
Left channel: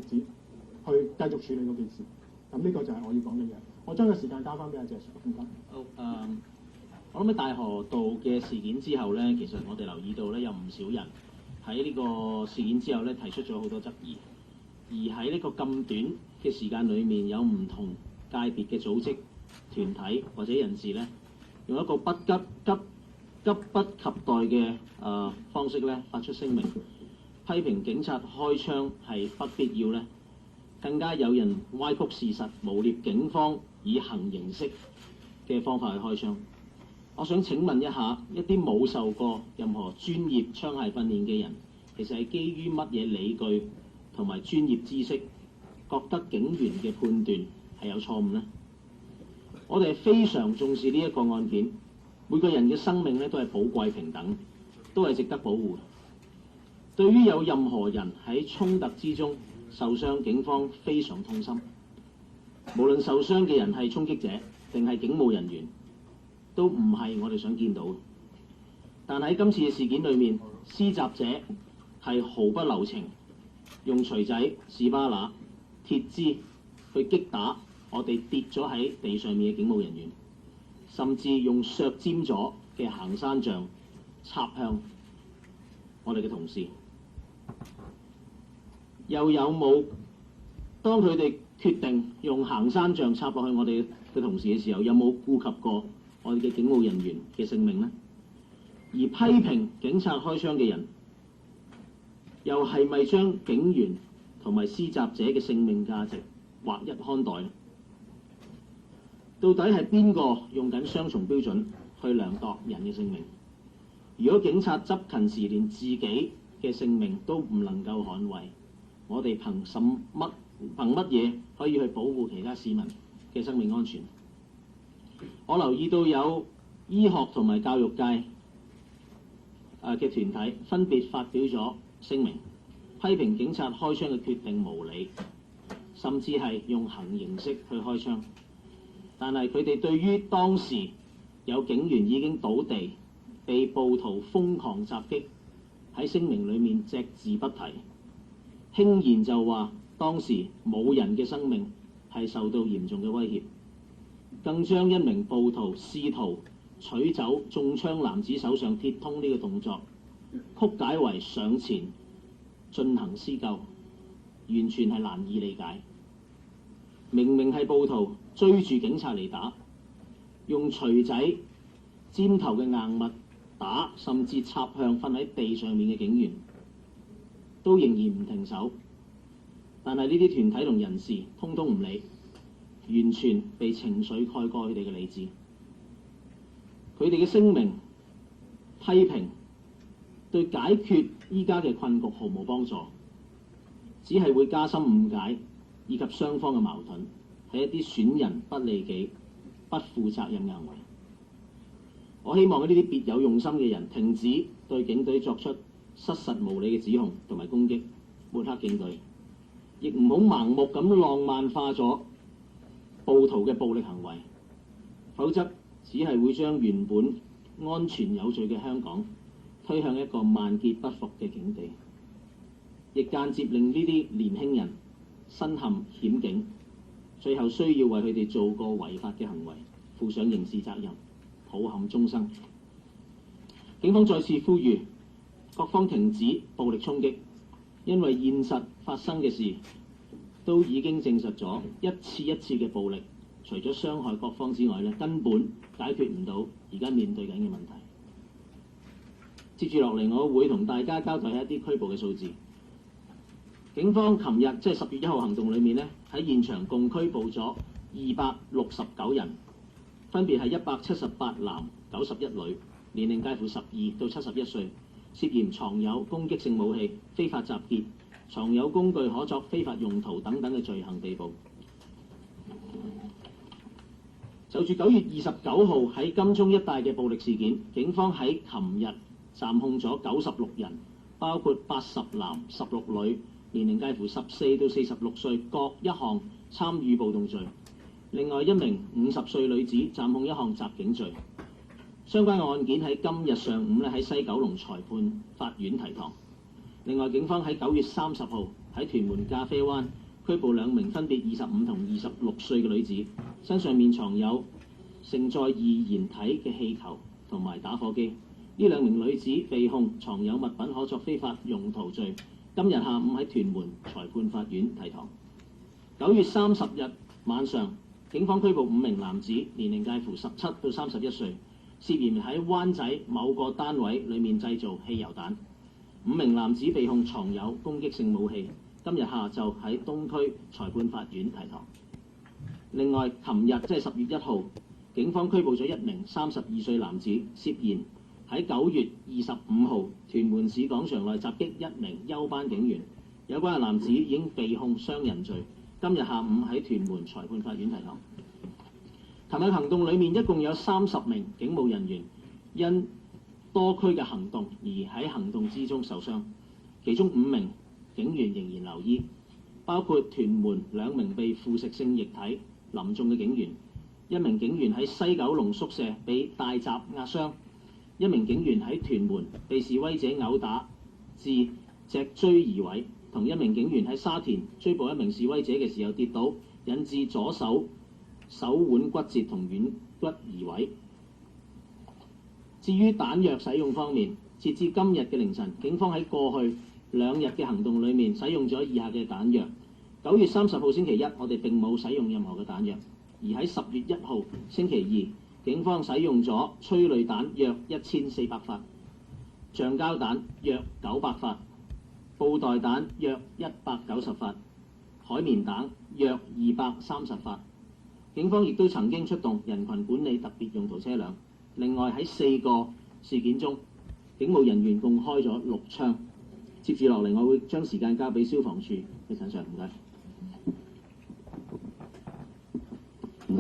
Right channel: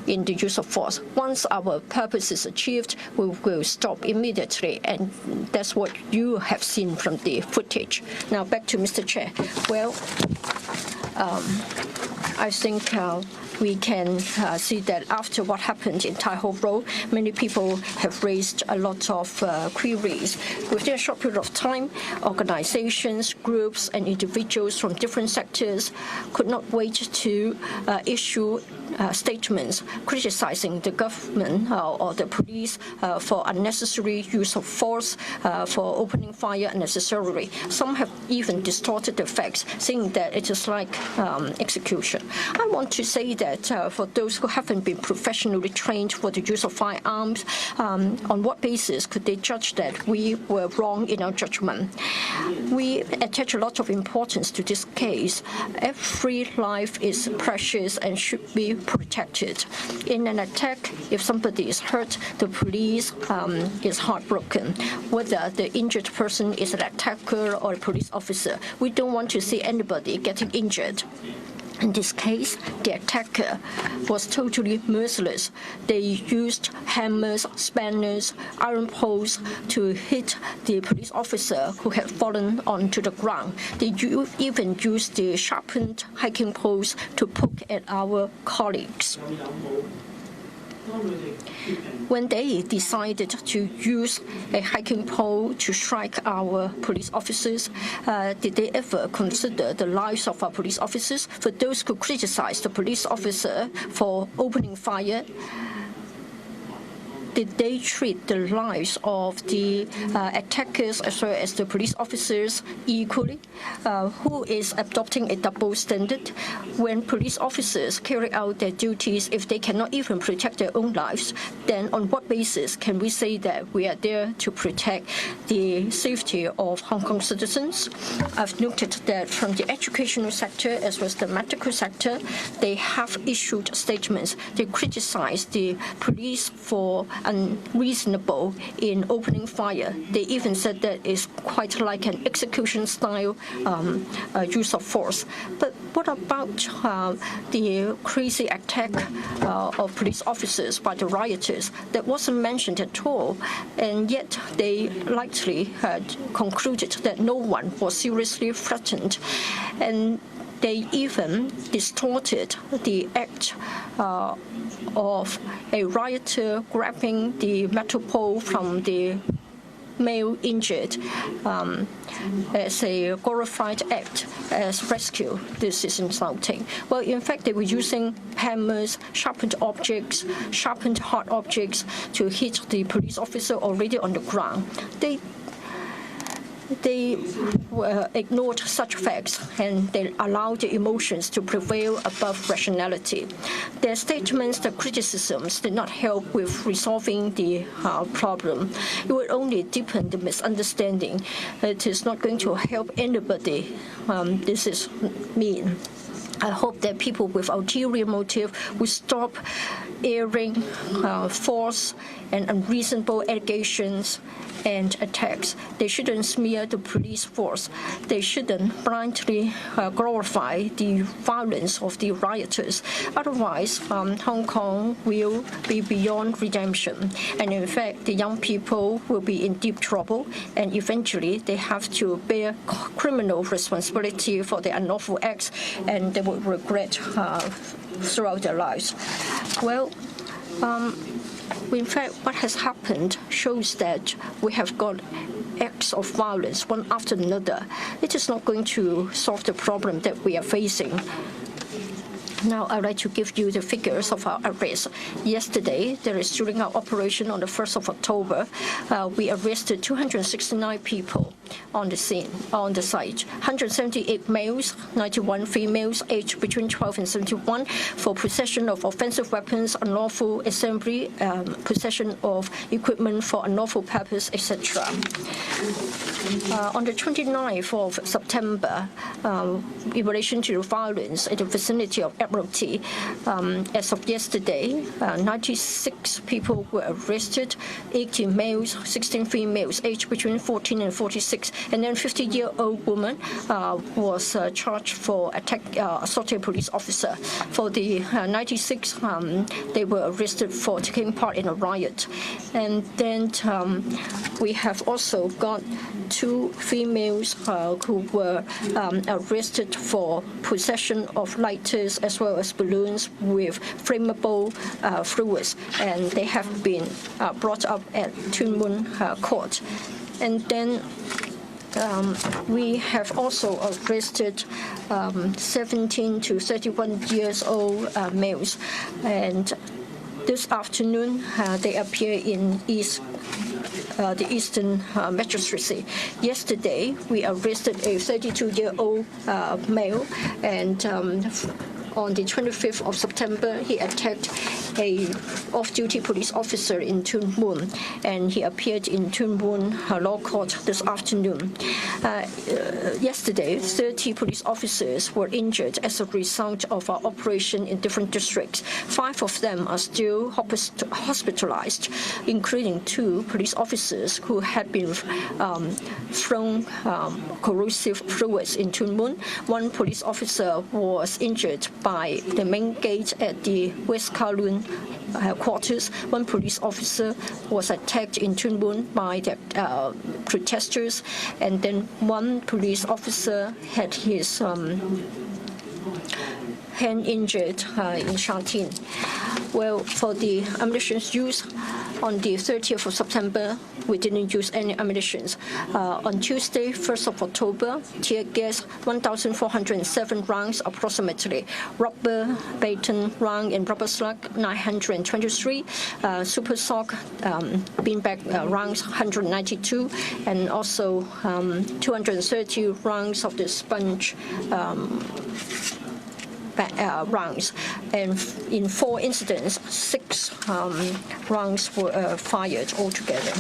in the use of force. Once our purpose is achieved, we will stop immediately, and that's what you have seen from the footage. Now back to Mr. Chair. Well, I think we can see that after what happened in Tai Ho Road, many people have raised a lot of queries. Within a short period of time, organizations, groups, and individuals from different sectors could not wait to issue statements criticizing the government or the police for unnecessary use of force, for opening fire unnecessarily. Some have even distorted the facts, saying that it is like execution. I want to say that for those who haven't been professionally trained for the use of firearms, on what basis could they judge that we were wrong in our judgment? We attach a lot of importance to this case. Every life is precious and should be protected. In an attack, if somebody is hurt, the police is heartbroken. Whether the injured person is an attacker or a police officer, we don't want to see anybody getting injured. In this case, the attacker was totally merciless. They used hammers, spanners, iron poles to hit the police officer who had fallen onto the ground. They even used the sharpened hiking poles to poke at our colleagues. When they decided to use a hiking pole to strike our police officers, did they ever consider the lives of our police officers? For those who criticize the police officer for opening fire, did they treat the lives of the attackers as well as the police officers equally? Who is adopting a double standard? When police officers carry out their duties, if they cannot even protect their own lives, then on what basis can we say that we are there to protect the safety of Hong Kong citizens? I've noted that from the educational sector as well as the medical sector, they have issued statements. They criticize the police for unreasonable in opening fire. They even said that it's quite like an execution-style use of force. But what about the crazy attack of police officers by the rioters? That wasn't mentioned at all, and yet they likely had concluded that no one was seriously threatened. And they even distorted the act of a rioter grabbing the metal pole from the male injured as a glorified act as rescue. This is insulting. Well, in fact, they were using hammers, sharpened objects, sharpened hard objects to hit the police officer already on the ground. They ignored such facts and they allowed the emotions to prevail above rationality. Their statements, their criticisms did not help with resolving the problem. It would only deepen the misunderstanding. It is not going to help anybody. This is mean. I hope that people with ulterior motive will stop airing false and unreasonable allegations and attacks. They shouldn't smear the police force. They shouldn't blindly glorify the violence of the rioters. Otherwise, Hong Kong will be beyond redemption. And in fact, the young people will be in deep trouble, and eventually they have to bear criminal responsibility for their unlawful acts, and they will regret throughout their lives. Well, in fact, what has happened shows that we have got acts of violence one after another. It is not going to solve the problem that we are facing. Now, I'd like to give you the figures of our arrests. Yesterday, during our operation on the 1st of October, we arrested 269 people on the scene, on the site. 178 males, 91 females, aged between 12 and 71, for possession of offensive weapons, unlawful assembly, possession of equipment for unlawful purpose, etc. On the 29th of September, in relation to violence in the vicinity of Admiralty, as of yesterday, 96 people were arrested, 18 males, 16 females, aged between 14 and 46, and then 50-year-old woman was charged for assaulting a police officer. For the 96, they were arrested arrested for taking part in a riot. And then we have also got 2 females who were arrested for possession of lighters as well as balloons with flammable fluids, and they have been brought up at Tuen Mun Court. And then we have also arrested 17 to 31 years old males, and this afternoon they appear in the Eastern Magistracy. Yesterday we arrested a 32-year-old male, and on the 25th of September he attacked a off-duty police officer in Tuen Mun, and he appeared in Tuen Mun Law Court this afternoon. Yesterday, 30 police officers were injured as a result of our operation in different districts. 5 of them are still hospitalized, including 2 police officers who had been thrown corrosive fluids in Tuen Mun. 1 police officer was injured by the main gate at the West Kowloon quarters. 1 police officer was attacked in Tuen Mun by the protesters, and then 1 police officer had his hand injured in Sha Tin. Well, for the ammunition used on the 30th of September, we didn't use any ammunition. On Tuesday, 1st of October, tear gas 1,407 rounds approximately, rubber baton round and rubber slug 923, super sock beanbag rounds 192, and also 230 rounds of the sponge rounds. And in 4 incidents, 6 rounds were fired altogether.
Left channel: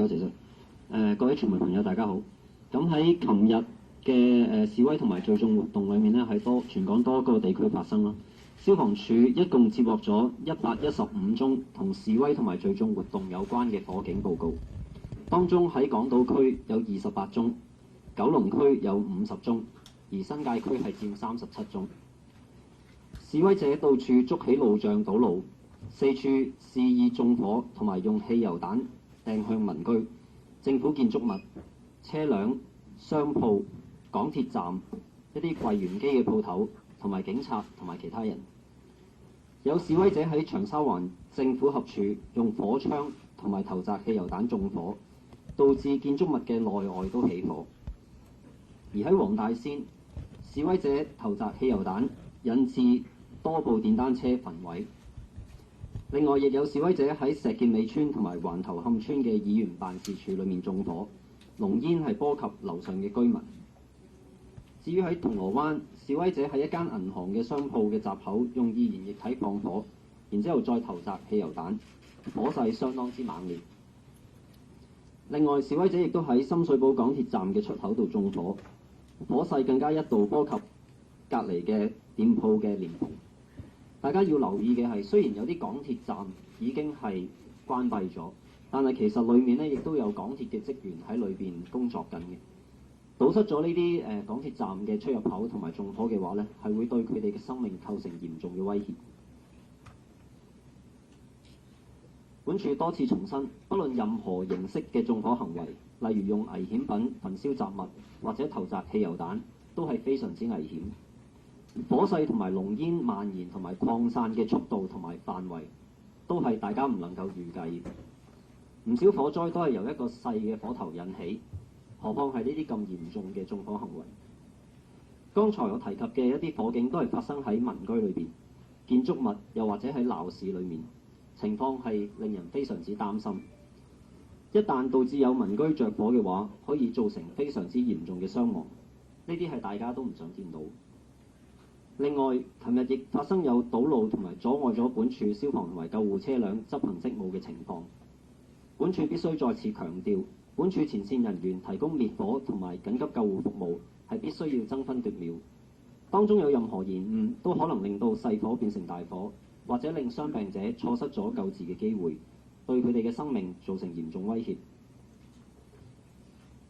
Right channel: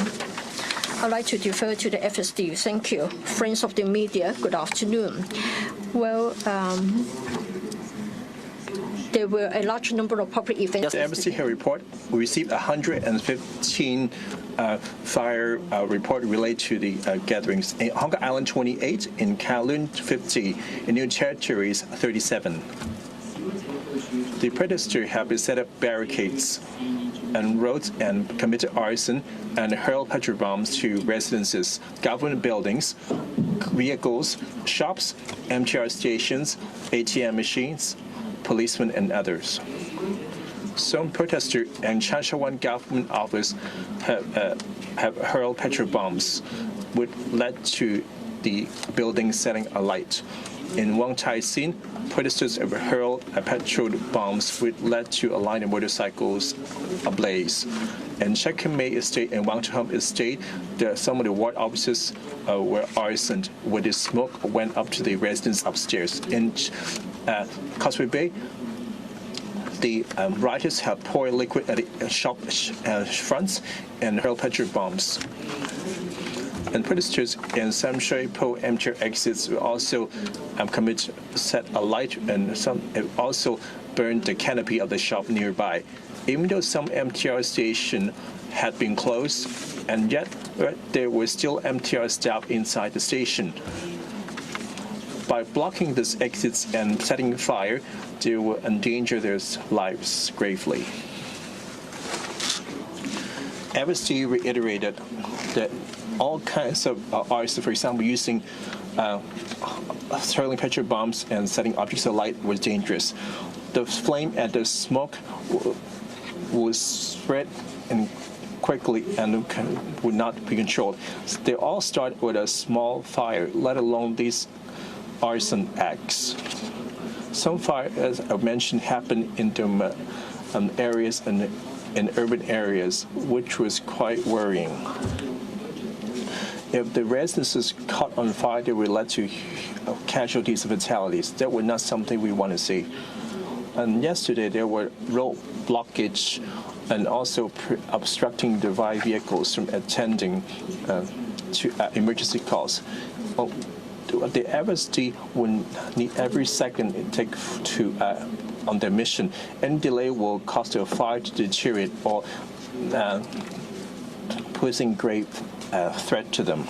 I'd like to defer to the FSD. Thank you. Friends of the media, good afternoon. Well, there were a large number of public events. The embassy here report, we received 115 fire report related to the gatherings. In Hong Kong Island, 28, in Kowloon, 50, in New Territories, 37. The protesters have set up barricades and roads and committed arson and hurled petrol bombs to residences, government buildings, vehicles, shops, MTR stations, ATM machines, policemen, and others. Some protesters in Chanshawan government office have hurled petrol bombs, which led to the building setting alight. In Wong Tai Sin, protesters have hurled petrol bombs, which led to a line of motorcycles ablaze. In Shek Mei Estate and Wang Chum Estate, some of the ward offices were arsoned, where the smoke went up to the residents upstairs. In Causeway Bay, the rioters have poured liquid at the shop fronts and hurled petrol bombs. And protesters in Sam Shui Po MTR exits will also set alight, and some also burned the canopy of the shop nearby. Even though some MTR station had been closed, and yet there were still MTR staff inside the station. By blocking these exits and setting fire, they will endanger their lives gravely. FSD reiterated that all kinds of arson, for example, using hurling petrol bombs and setting objects alight, was dangerous. The flame and the smoke will spread quickly and would not be controlled. They all start with a small fire, let alone these arson acts. Some fire, as I mentioned, happened in areas in urban areas, which was quite worrying. If the residences caught on fire, they would lead to casualties and fatalities. That was not something we want to see. And yesterday there were road blockage and also obstructing the vehicles from attending to emergency calls. The FSD would need every second it takes to on their mission. Any delay will cause the fire to deteriorate or posing grave threat to them.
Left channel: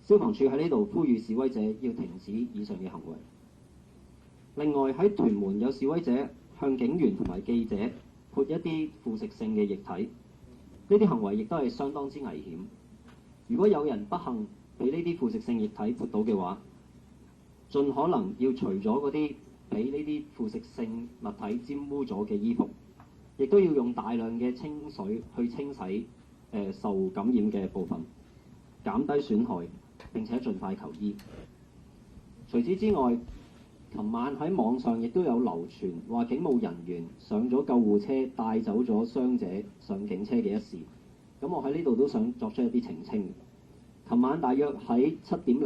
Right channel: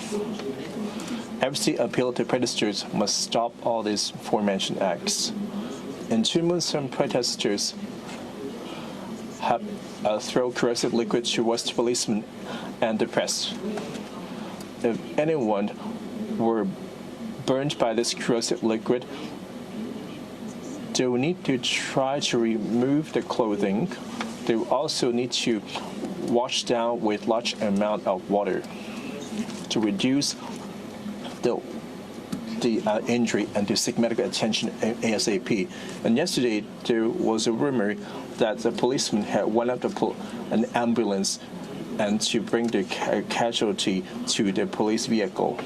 FC appeal to protesters must stop all these aforementioned acts. In Tuen Mun, some protesters have thrown corrosive liquid towards policemen and the press. If anyone were burned by this corrosive liquid, they will need to try to remove the clothing. They will also need to wash down with large amount of water to reduce the injury and to seek medical attention ASAP. And yesterday there was a rumor that the policeman had went up to an ambulance and to bring the casualty to the police vehicle.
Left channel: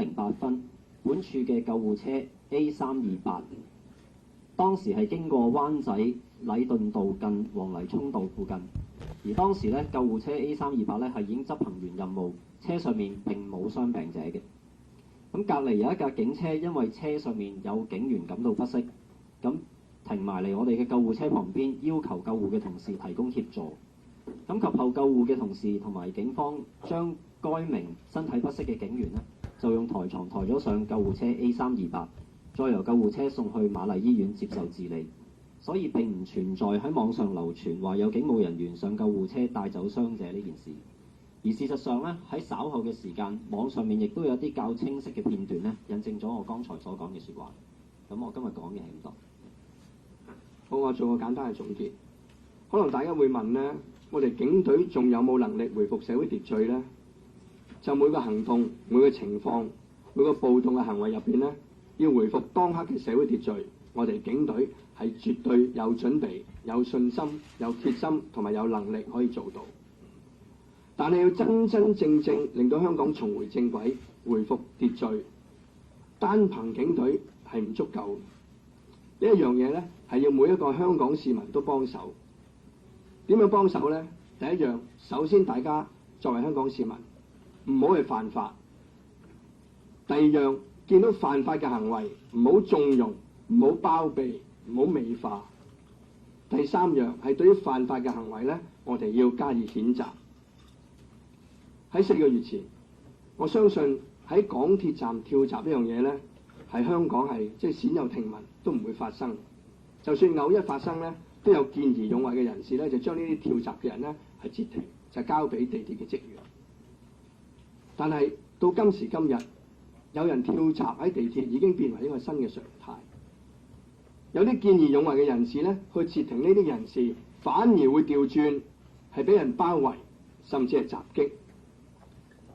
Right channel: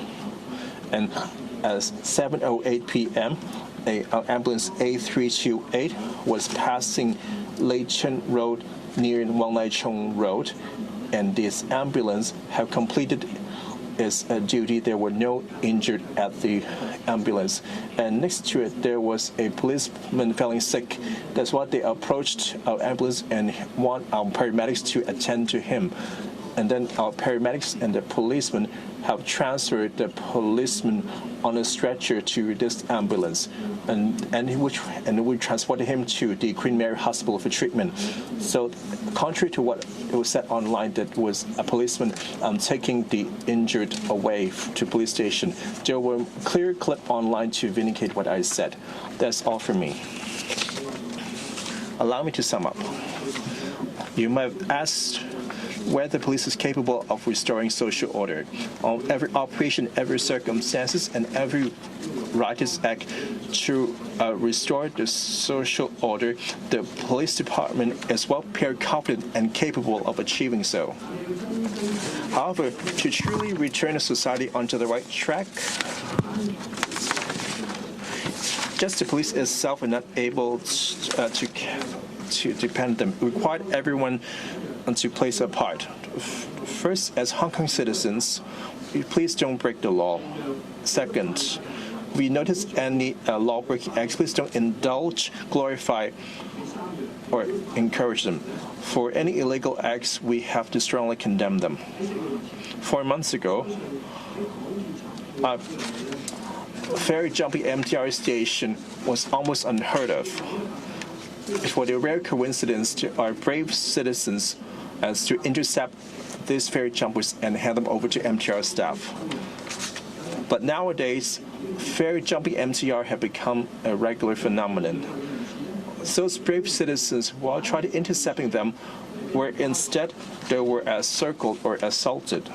And at 7:08 p.m., an ambulance A328 was passing Lei Chen Road near Wang Lai Chung Road, and this ambulance have completed its duty. There were no injured at the ambulance, and next to it there was a policeman feeling sick. That's why they approached our ambulance and want our paramedics to attend to him. And then our paramedics and the policeman have transferred the policeman on a stretcher to this ambulance, and we transported him to the Queen Mary Hospital for treatment. So, contrary to what was said online, that was a policeman taking the injured away to police station. There were clear clip online to vindicate what I said. That's all from me. Allow me to sum up. You might ask whether the police is capable of restoring social order. On every operation, every circumstances, and every righteous act to restore the social order, the police department is well prepared, confident, and capable of achieving so. However, to truly return a society onto the right track, just the police itself are not able to depend them. We require everyone to play their part. First, as Hong Kong citizens, please don't break the law. Second, we notice any law-breaking acts, please don't indulge, glorify, or encourage them. For any illegal acts, we have to strongly condemn them. 4 months ago, ferry jumping MTR station was almost unheard of. For the rare coincidence to our brave citizens as to intercept these ferry jumpers and hand them over to MTR staff. But nowadays, ferry jumping MTR have become a regular phenomenon. Those brave citizens, while trying to intercept them, were instead they were encircled or assaulted.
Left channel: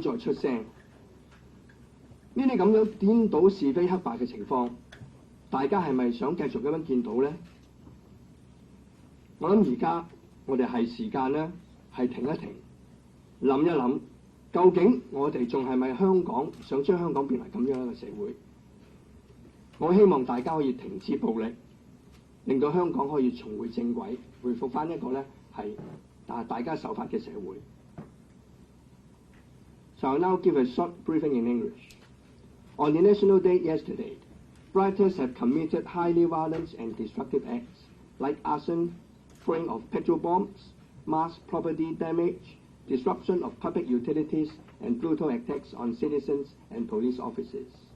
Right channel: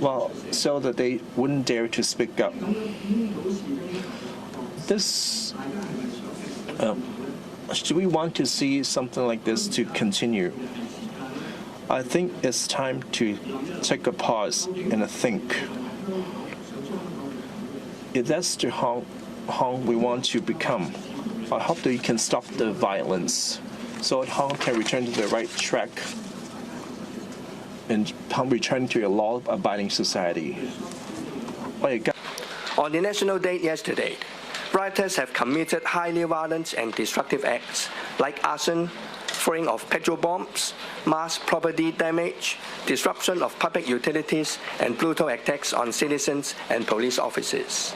Well, so that they wouldn't dare to speak up. Do we want to see something like this to continue? I think it's time to take a pause and think. If that's the Hong we want to become, I hope that you can stop the violence so that Hong can return to the right track and return to a law-abiding society. On the National Day yesterday, rioters have committed highly violent and destructive acts like arson, throwing of petrol bombs, mass property damage, disruption of public utilities, and brutal attacks on citizens and police officers.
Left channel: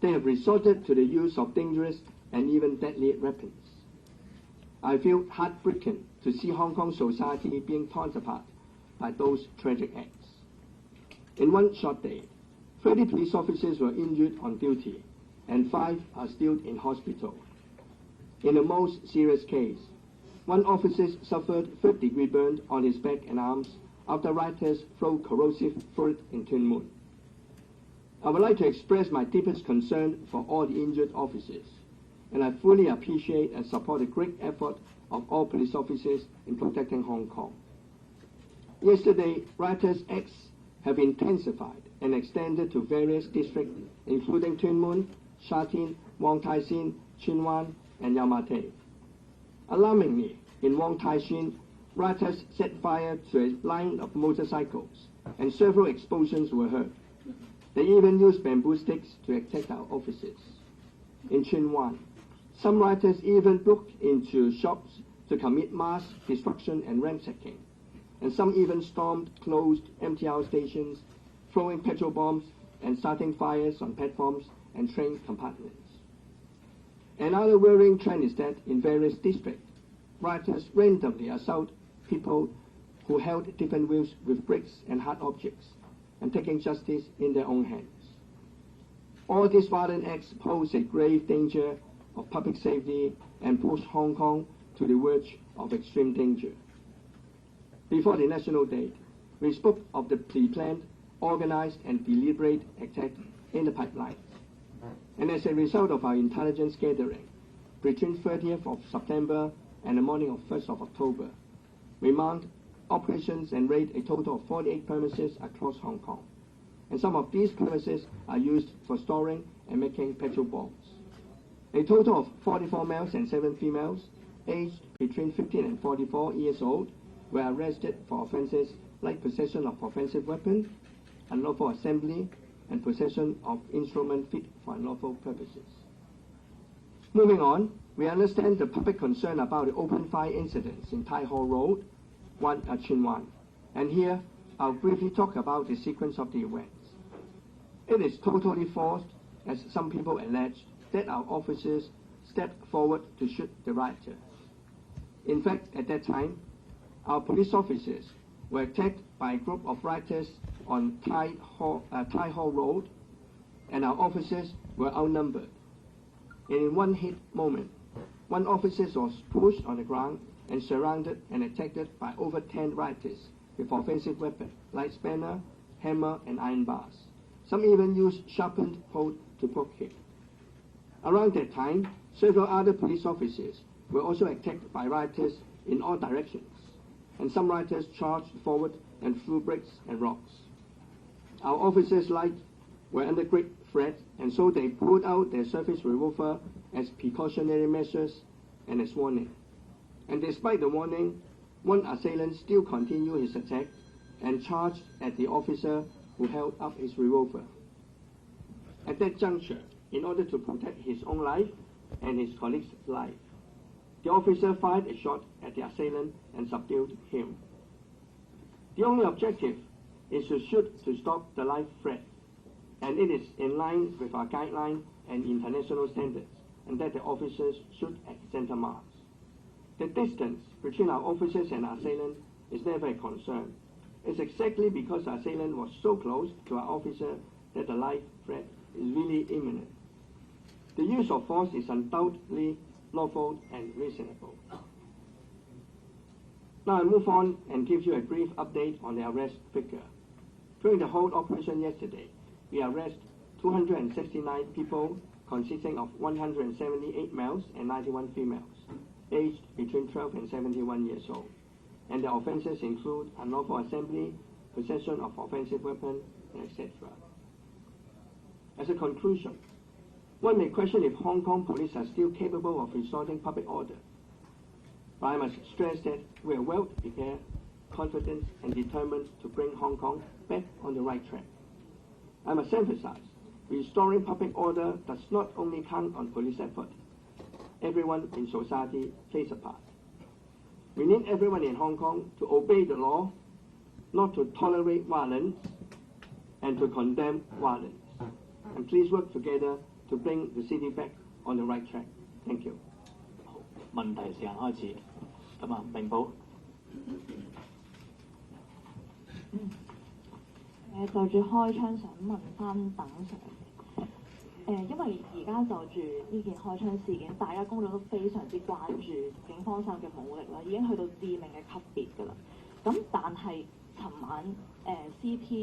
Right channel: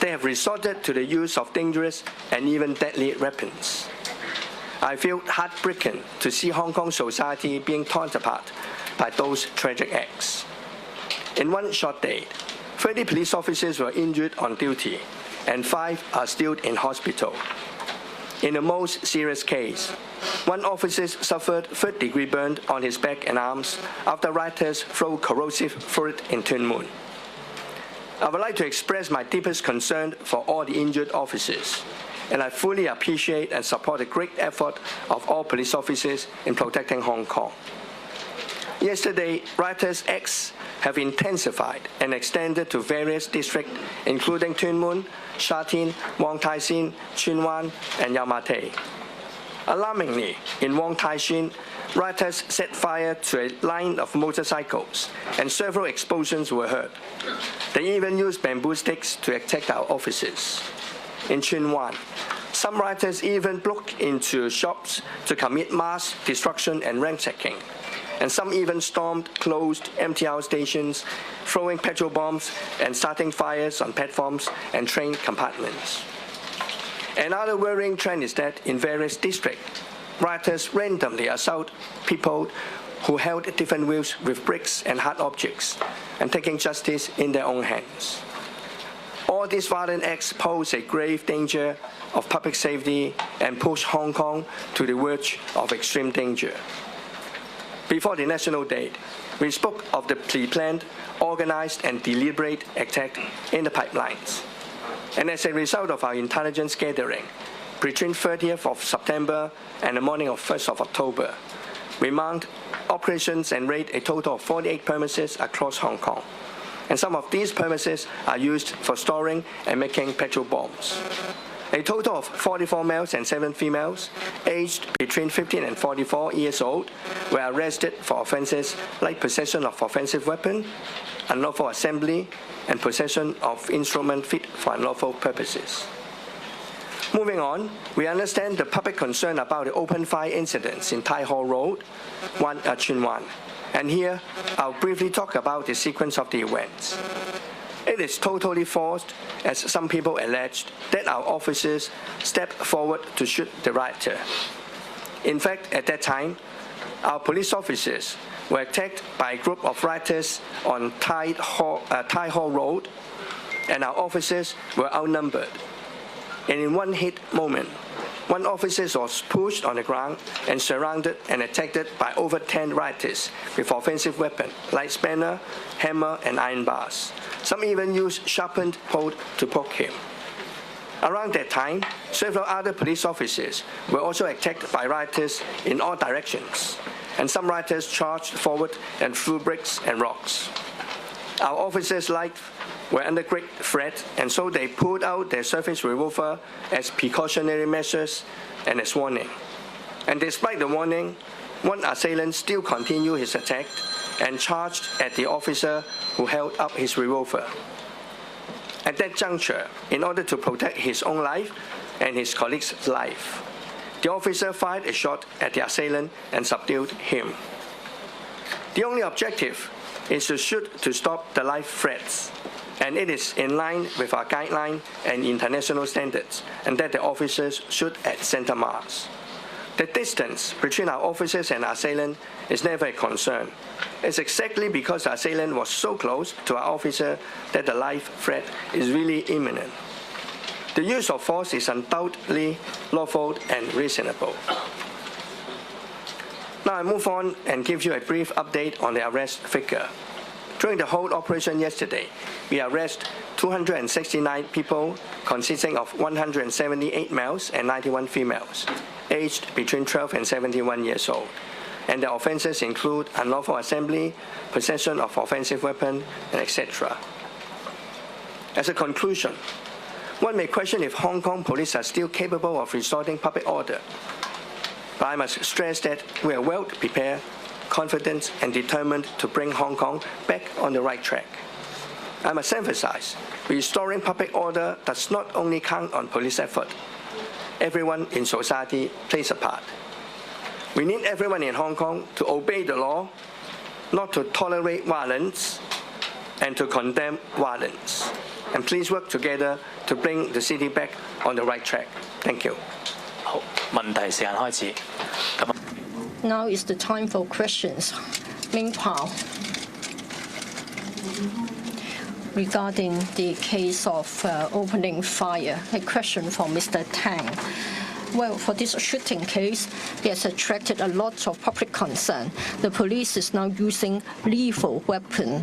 They have resorted to the use of dangerous and even deadly weapons. I feel heartbroken to see Hong Kong society being torn apart by those tragic acts. In one short day, 30 police officers were injured on duty, and 5 are still in hospital. In the most serious case, one officer suffered third-degree burn on his back and arms after rioters threw corrosive fluid in Tuen Mun. I would like to express my deepest concern for all the injured officers, and I fully appreciate and support the great effort of all police officers in protecting Hong Kong. Yesterday, rioters' acts have intensified and extended to various districts, including Tuen Mun, Sha Tin, Wong Tai Sin, Tsuen Wan, and Yau Ma Tei. Alarmingly, in Wong Tai Sin, rioters set fire to a line of motorcycles, and several explosions were heard. They even used bamboo sticks to attack our officers. In Tsuen Wan, Some rioters even broke into shops to commit mass destruction and ransacking. And some even stormed closed MTR stations, throwing petrol bombs and starting fires on platforms and train compartments. Another worrying trend is that in various districts, rioters randomly assault people who held different wheels with bricks and hard objects, and taking justice in their own hands. All these violent acts pose a grave danger of public safety and push Hong Kong to the verge of extreme danger. Before the National Day, we spoke of the pre-planned, organized and deliberate attack in the pipelines. And as a result of our intelligence gathering, between 30th of September and the morning of 1st of October, we mounted operations and raided a total of 48 premises across Hong Kong. And some of these premises are used for storing and making petrol bombs. A total of 44 males and 7 females, aged between 15 and 44 years old, were arrested for offences like possession of offensive weapon, unlawful assembly, and possession of instrument fit for unlawful purposes. Moving on, we understand the public concern about the open fire incidents in Tai Ho Road, Chuen Wan. And here, I'll briefly talk about the sequence of the events. It is totally false, as some people alleged, that our officers stepped forward to shoot the rioter. In fact, at that time, our police officers were attacked by a group of rioters on Tai Ho Road, and our officers were outnumbered. And in one hit moment, one officer was pushed on the ground and surrounded and attacked by over 10 rioters with offensive weapons like spanner, hammer, and iron bars. Some even used sharpened poles to poke him. Around that time, several other police officers were also attacked by rioters in all directions, and some rioters charged forward and threw bricks and rocks. Our officers' lives were under great threat, and so they pulled out their service revolver as precautionary measures and as warning. And despite the warning, one assailant still continued his attack and charged at the officer who held up his revolver. At that juncture, in order to protect his own life and his colleague's life, the officer fired a shot at the assailant and subdued him. The only objective is to shoot to stop the life threats, and it is in line with our guideline and international standards, and that the officers shoot at center mass. The distance between our officers and assailant is never a concern. It's exactly because the assailant was so close to our officer that the life threat is really imminent. The use of force is undoubtedly lawful and reasonable. Now I move on and give you a brief update on the arrest figure. During the whole operation yesterday, we arrested 269 people, consisting of 178 males and 91 females, aged between 12 and 71 years old. And the offences include unlawful assembly, possession of offensive weapon, and etc. As a conclusion, one may question if Hong Kong police are still capable of restoring public order. But I must stress that we are well prepared, confident, and determined to bring Hong Kong back on the right track. I must emphasize, restoring public order does not only count on police effort. Everyone in society plays a part. We need everyone in Hong Kong to obey the law, not to tolerate violence, and to condemn violence. And please work together to bring the city back on the right track. Thank you. 好，問題時間開始。咁啊， Now is the time for questions. Ming Pao. Regarding the case of opening fire, a question for Mr. Tang. Well, for this shooting case, it has attracted a lot of public concern. The police is now using lethal weapon.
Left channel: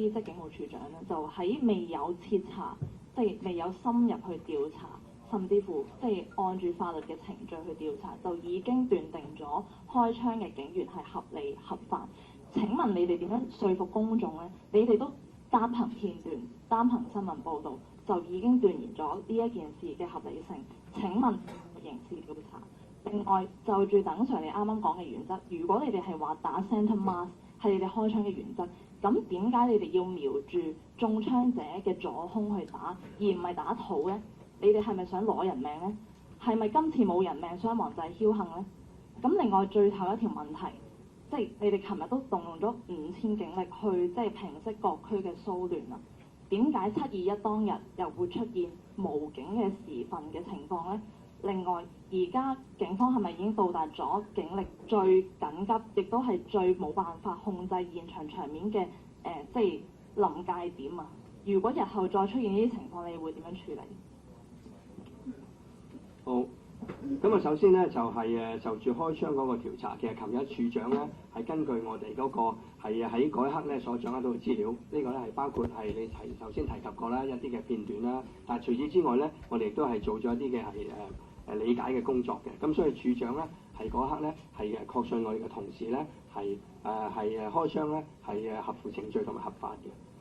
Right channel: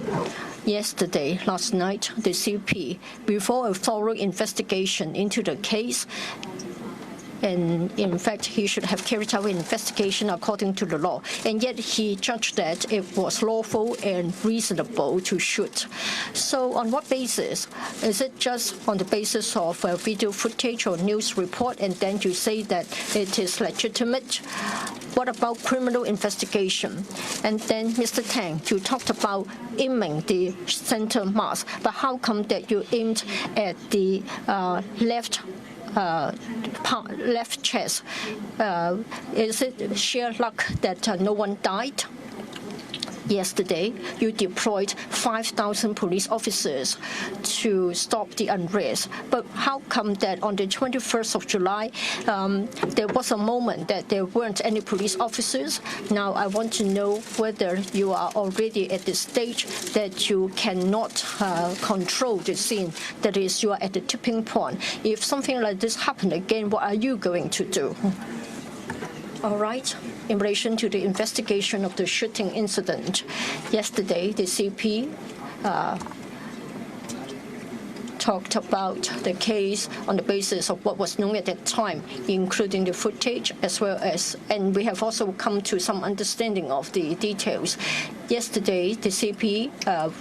Yesterday, last night, the CP, before a thorough investigation into the case, and in fact, he should have carried out an investigation according to the law, and yet he judged that it was lawful and reasonable to shoot. So on what basis? Is it just on the basis of video footage or news report, and then you say that it is legitimate? What about criminal investigation? And then, Mr. Tang, you talked about aiming the the center mass. But how come that you aimed at the left chest? Is it sheer luck that no one died? Yesterday, you deployed 5,000 police officers to stop the unrest. But how come that on the 21st of July, there was a moment that there weren't any police officers? Now, I want to know whether you are already at the stage that you cannot control the scene, that is, you are at the tipping point. If something like this happened again, what are you going to do? All right. In relation to the investigation of the shooting incident, yesterday the CP talked about the case on the basis of what was known at that time, including the footage as well as, and we have also come to some understanding of the details. Yesterday, the CP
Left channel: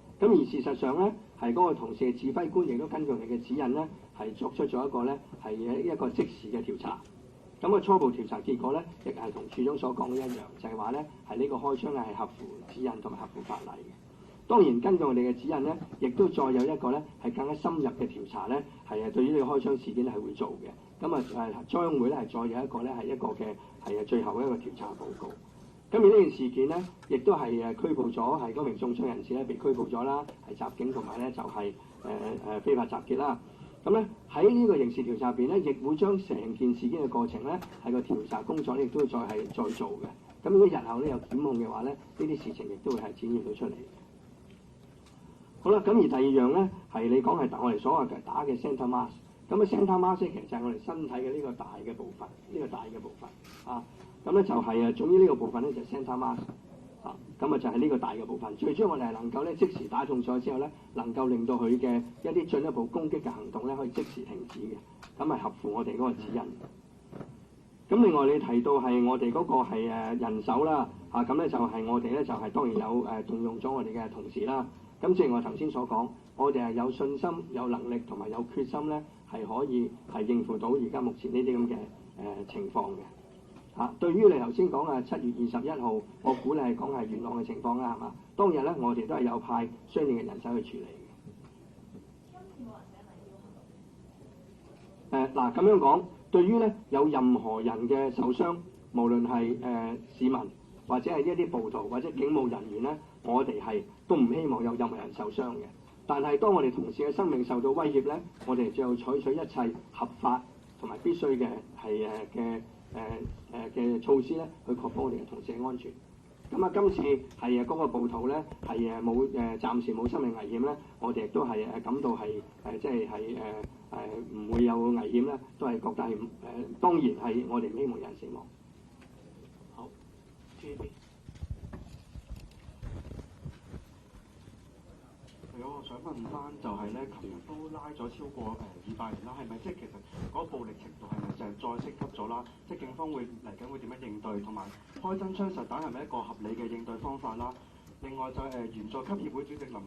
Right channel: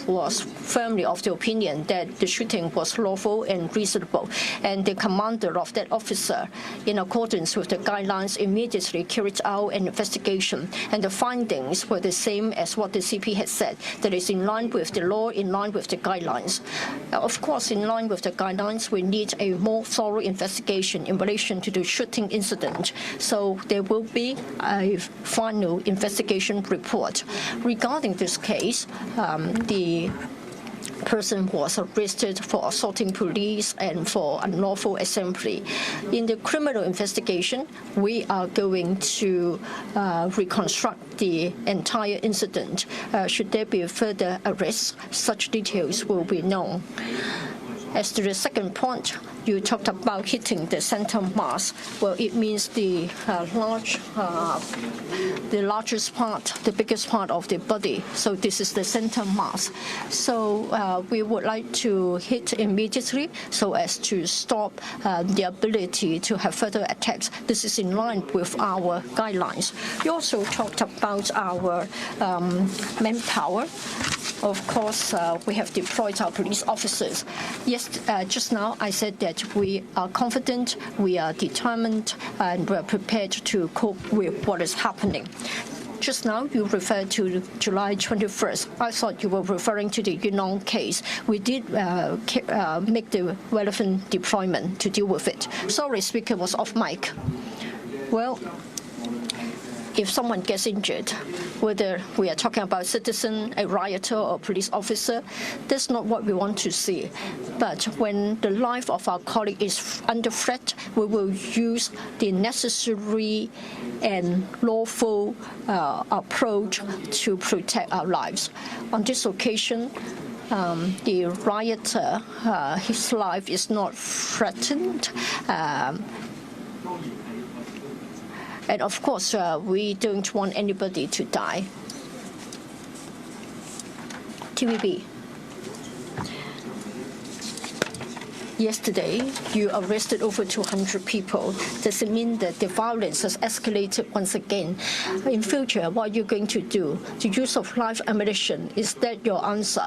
was firmly of the opinion that the shooting was lawful and reasonable, and the commander of that officer, in accordance with the guidelines, immediately carried out an investigation, and the findings were the same as what the CP had said, that is in line with the law, in line with the guidelines. Of course, in line with the guidelines, we need a more thorough investigation in relation to the shooting incident. So there will be a final investigation report. Regarding this case, the person was arrested for assaulting police and for unlawful assembly. In the criminal investigation, we are going to reconstruct the entire incident. Should there be further arrests, such details will be known. As to the second point, you talked about hitting the center mass. Well, it means the largest part, the biggest part of the body. So this is the center mass. So we would like to hit immediately so as to stop the ability to have further attacks. This is in line with our guidelines. You also talked about our manpower. Of course, we have deployed our police officers. Yes, just now I said that we are confident, we are determined, and we are prepared to cope with what is happening. Just now you referred to July 21st. I thought you were referring to the Yunnan case. We did make the relevant deployment to deal with it. Sorry, speaker was off mic. Well, if someone gets injured, whether we are talking about citizen, a rioter, or police officer, that's not what we want to see. But when the life of our colleague is under threat, we will use the necessary and lawful approach to protect our lives. On this occasion, the rioter, his life is not threatened. And of course, we don't want anybody to die. TVB. Yesterday, you arrested over 200 people. Does it mean that the violence has escalated once again? In future, what are you going to do? The use of live ammunition, is that your answer?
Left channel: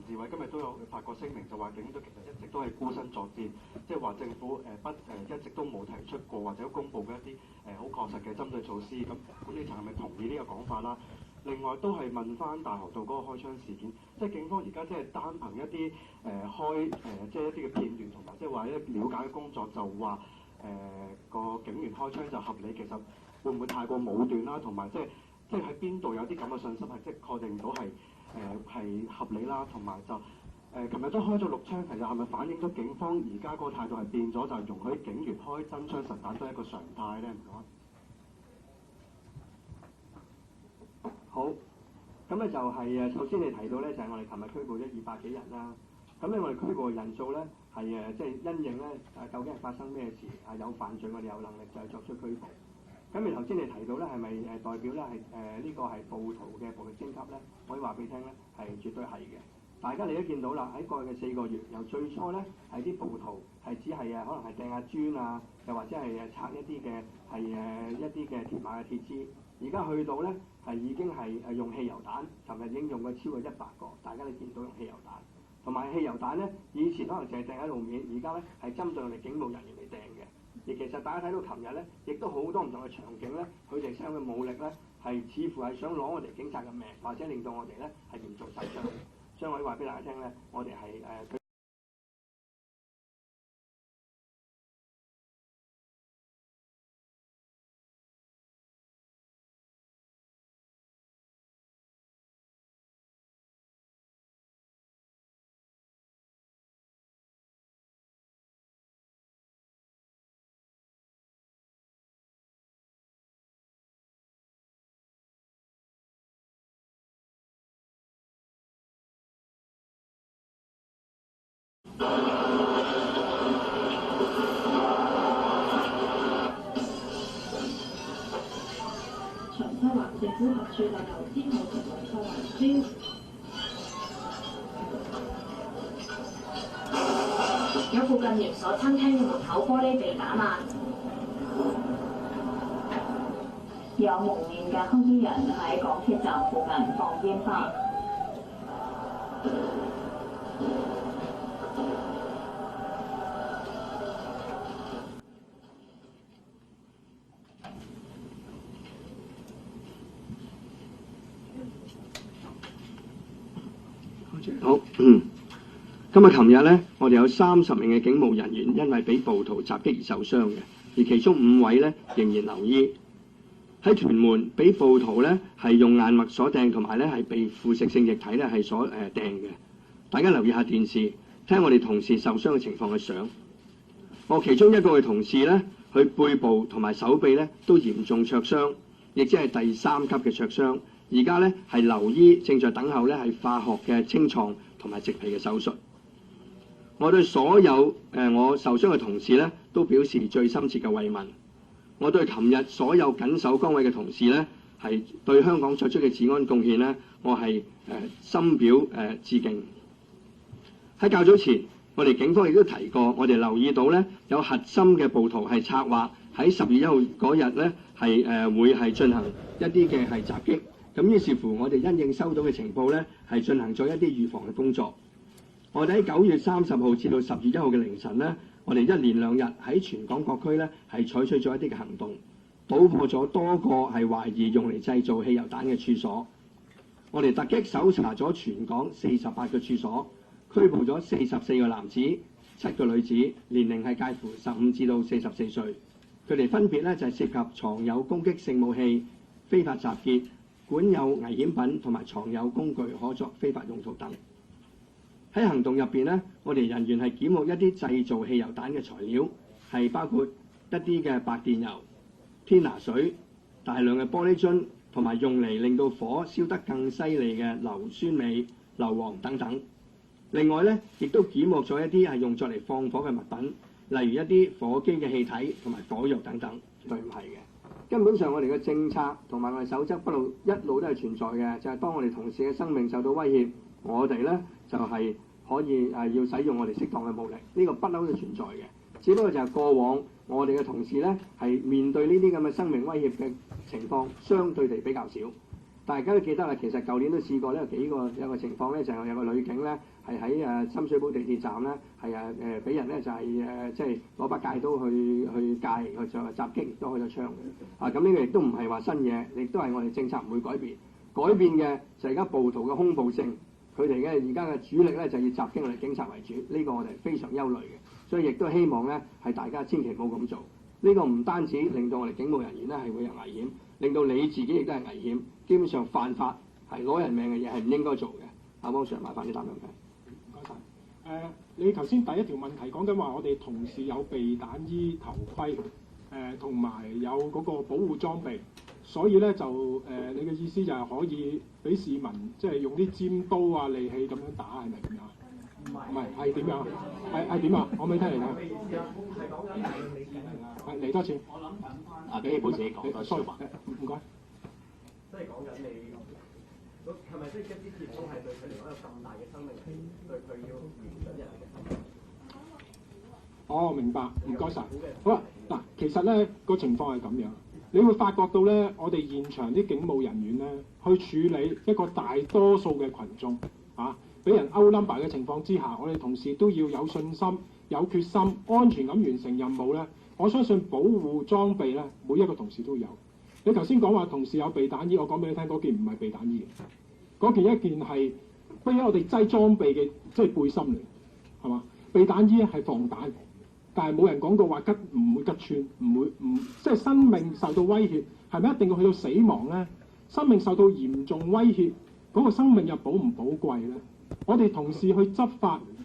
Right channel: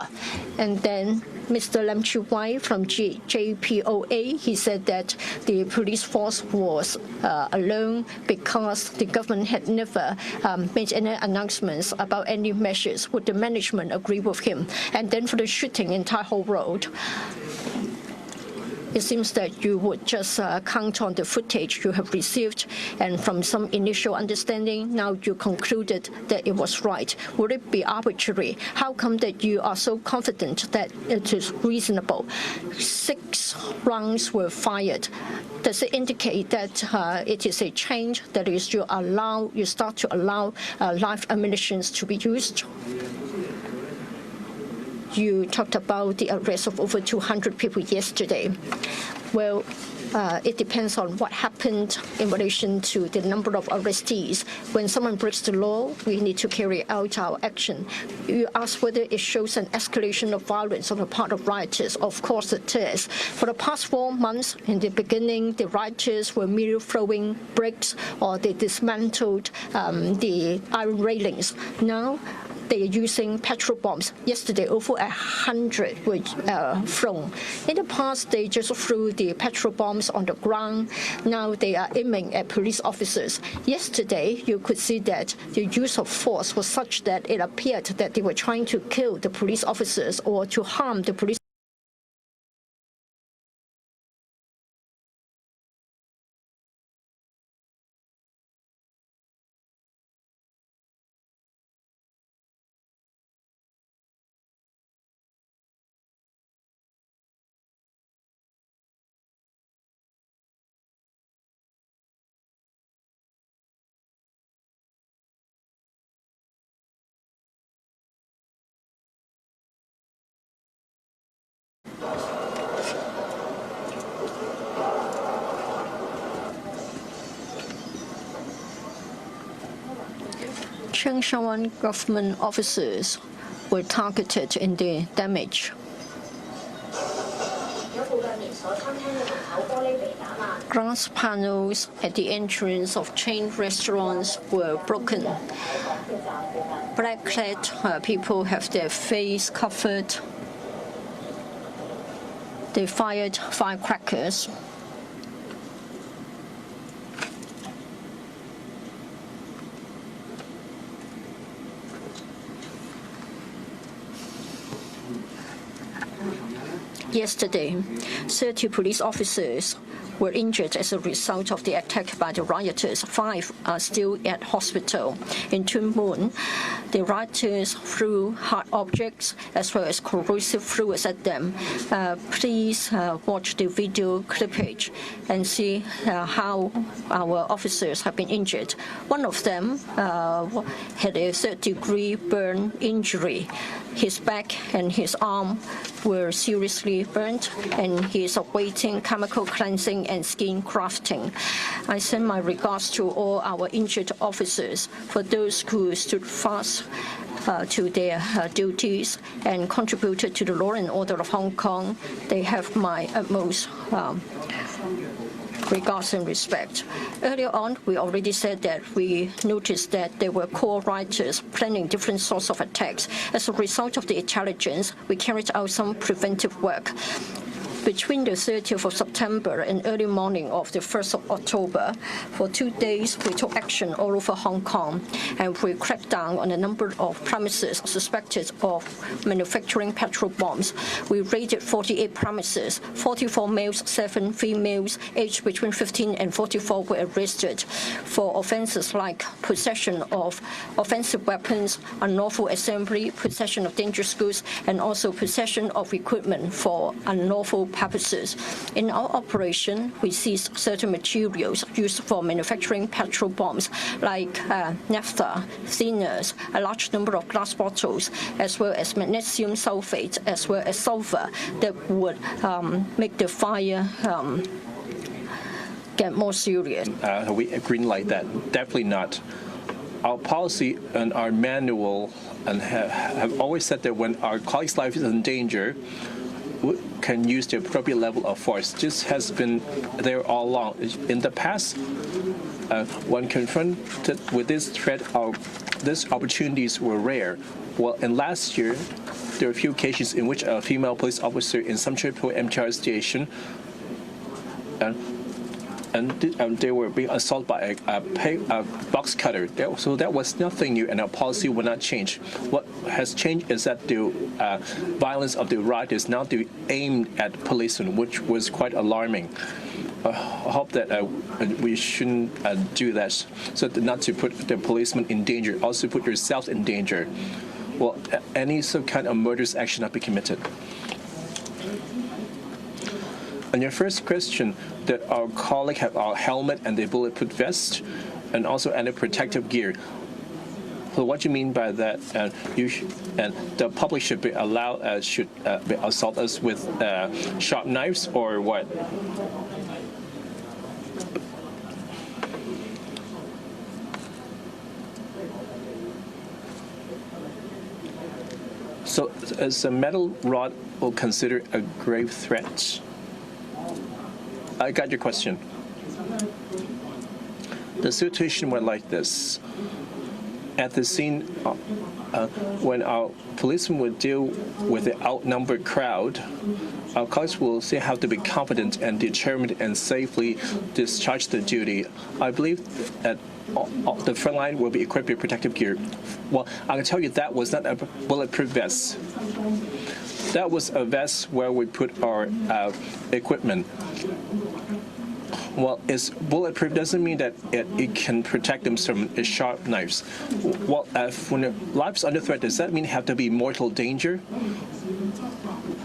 And then Mr. Lam Chiu Wai from JPOA, he said that the police force was alone because the government had never made any announcements about any measures. Would the management agree with him? And then for the shooting in Tai Ho Road, it seems that you would just count on the footage you have received, and from some initial understanding, now you concluded that it was right. Would it be arbitrary? How come that you are so confident that it is reasonable? 6 rounds were fired. Does it indicate that it is a change, that is, you start to allow live ammunition to be used? You talked about the arrest of over 200 people yesterday. Well, it depends on what happened in relation to the number of arrestees. When someone breaks the law, we need to carry out our action. You asked whether it shows an escalation of violence on the part of rioters. Of course it is. For the past 4 months, in the beginning, the rioters were merely throwing bricks or they dismantled the iron railings. Now, they are using petrol bombs. Yesterday, over 100 were thrown. In the past, they just threw the petrol bombs on the ground. Now they are aiming at police officers. Yesterday, you could see that the use of force was such that it appeared that they were trying to kill the police officers or to harm the police. Changsha government officers were targeted in their damage. Glass panels at the entrance of chain restaurants were broken. Black-clad people have their face covered. They fired firecrackers. Yesterday, 30 police officers were injured as a result of the attack by the rioters. 5 are still at hospital. In Tuen, the rioters threw hard objects as well as corrosive fluids at them. Please watch the video clippage and see how our officers have been injured. One of them had a third-degree burn injury. His back and his arm were seriously burnt, and he is awaiting chemical cleansing and skin grafting. I send my regards to all our injured officers. For those who stood fast to their duties and contributed to the law and order of Hong Kong, they have my utmost regards and respect. Earlier on, we already said that we noticed that there were core rioters planning different sorts of attacks. As a result of the intelligence, we carried out some preventive work. Between the 30th of September and early morning of the 1st of October, for 2 days we took action all over Hong Kong, and we cracked down on a number of premises suspected of manufacturing petrol bombs. We raided 48 premises. 44 males, 7 females, aged between 15 and 44 were arrested for offences like possession of offensive weapons, unlawful assembly, possession of dangerous goods, and also possession of equipment for unlawful purposes. In our operation, we seized certain materials used for manufacturing petrol bombs, like naphtha, thinners, a large number of glass bottles, as well as magnesium sulfate, as well as sulfur that would make the fire get more serious. We green light that? Definitely not. Our policy and our manual have always said that when our colleagues' life is in danger, we can use the appropriate level of force. This has been there all along. In the past, when confronted with this threat, these opportunities were rare. Well, in last year, there were a few cases in which a female police officer in Sam Tsui Po MTR station and they were being assaulted by a box cutter. So that was nothing new, and our policy will not change. What has changed is that the violence of the riot is now aimed at policemen, which was quite alarming. I hope that we shouldn't do that, so not to put the policemen in danger, also put yourselves in danger. Well, some kind of murderous action not be committed. On your first question, that our colleague have our helmet and the bulletproof vest, and also any protective gear. So what you mean by that? And the public should be allowed, should be assault us with sharp knives or what? So, is a metal rod will consider a grave threat? I got your question. The situation went like this. at the scene, when our policemen will deal with an outnumbered crowd, our colleagues will still have to be confident and determined and safely discharge their duty. I believe that the front line will be equipped with protective gear. Well, I can tell you that was not a bulletproof vest. That was a vest where we put our equipment. Well, it's bulletproof doesn't mean that it can protect them from sharp knives. Well, when your life's under threat, does that mean you have to be in mortal danger?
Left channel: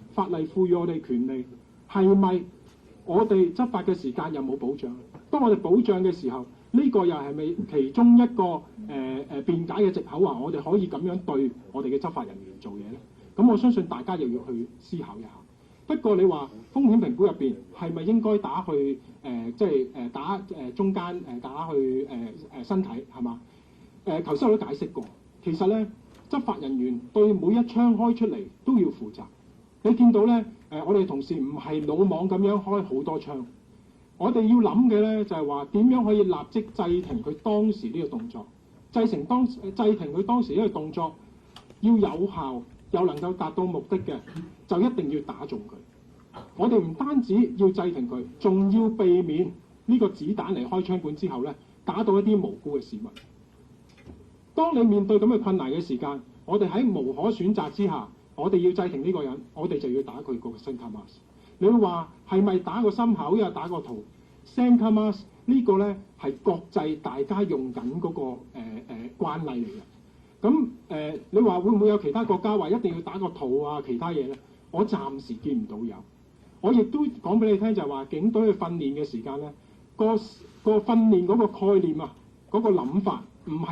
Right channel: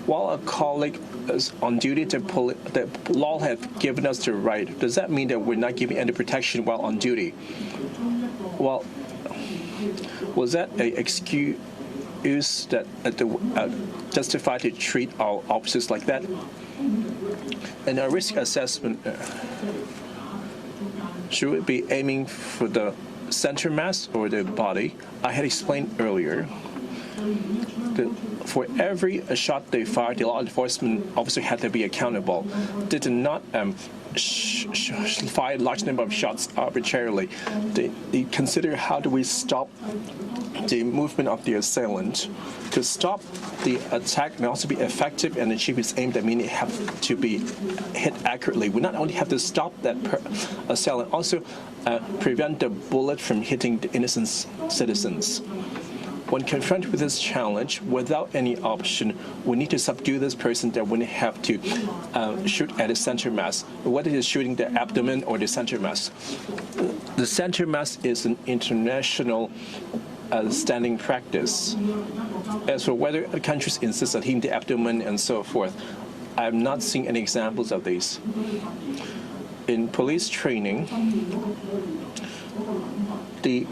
While a colleague is on duty, the law has given us the right. Does that mean that we're not giving any protection while on duty? Well, was that an excuse that justify to treat our officers like that? In a risk assessment, should we be aiming for the center mass or the body? I had explained earlier that for every shot they fired, the law enforcement officer had to be accountable. They did not fire a large number of shots arbitrarily. They consider how do we stop the movement of the assailant. To stop the attack may also be effective and achieve its aim. That means it have to be hit accurately. We not only have to stop that assailant, also prevent the bullet from hitting the innocent citizens. When confronted with this challenge, without any option, we need to subdue this person. That we have to shoot at the center mass. Whether it's shooting the abdomen or the center mass. The center mass is an international standing practice. As for whether the countries insist on hitting the abdomen and so forth, I have not seen any examples of these. In police training, the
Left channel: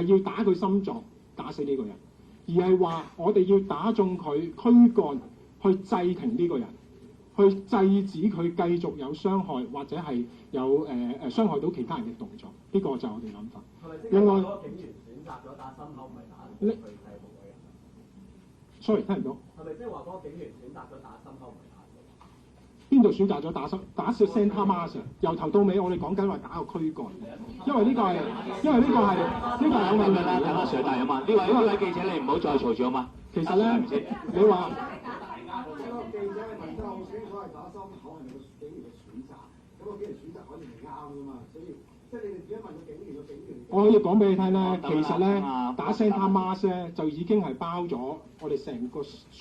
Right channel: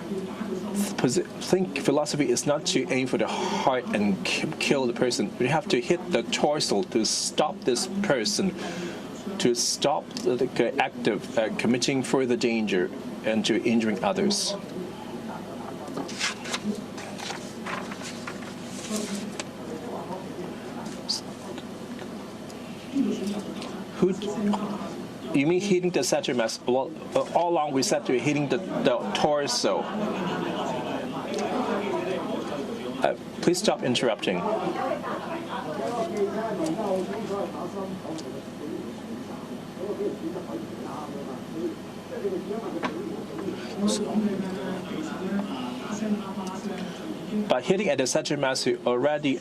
philosophy is not to aim for the heart and kill the person. We have to hit the torso to stop this person, to stop the act of committing further danger and to injuring others. You mean hitting the center mass? All along we said to hitting the torso. Please stop interrupting. But hitting at the center mass, you already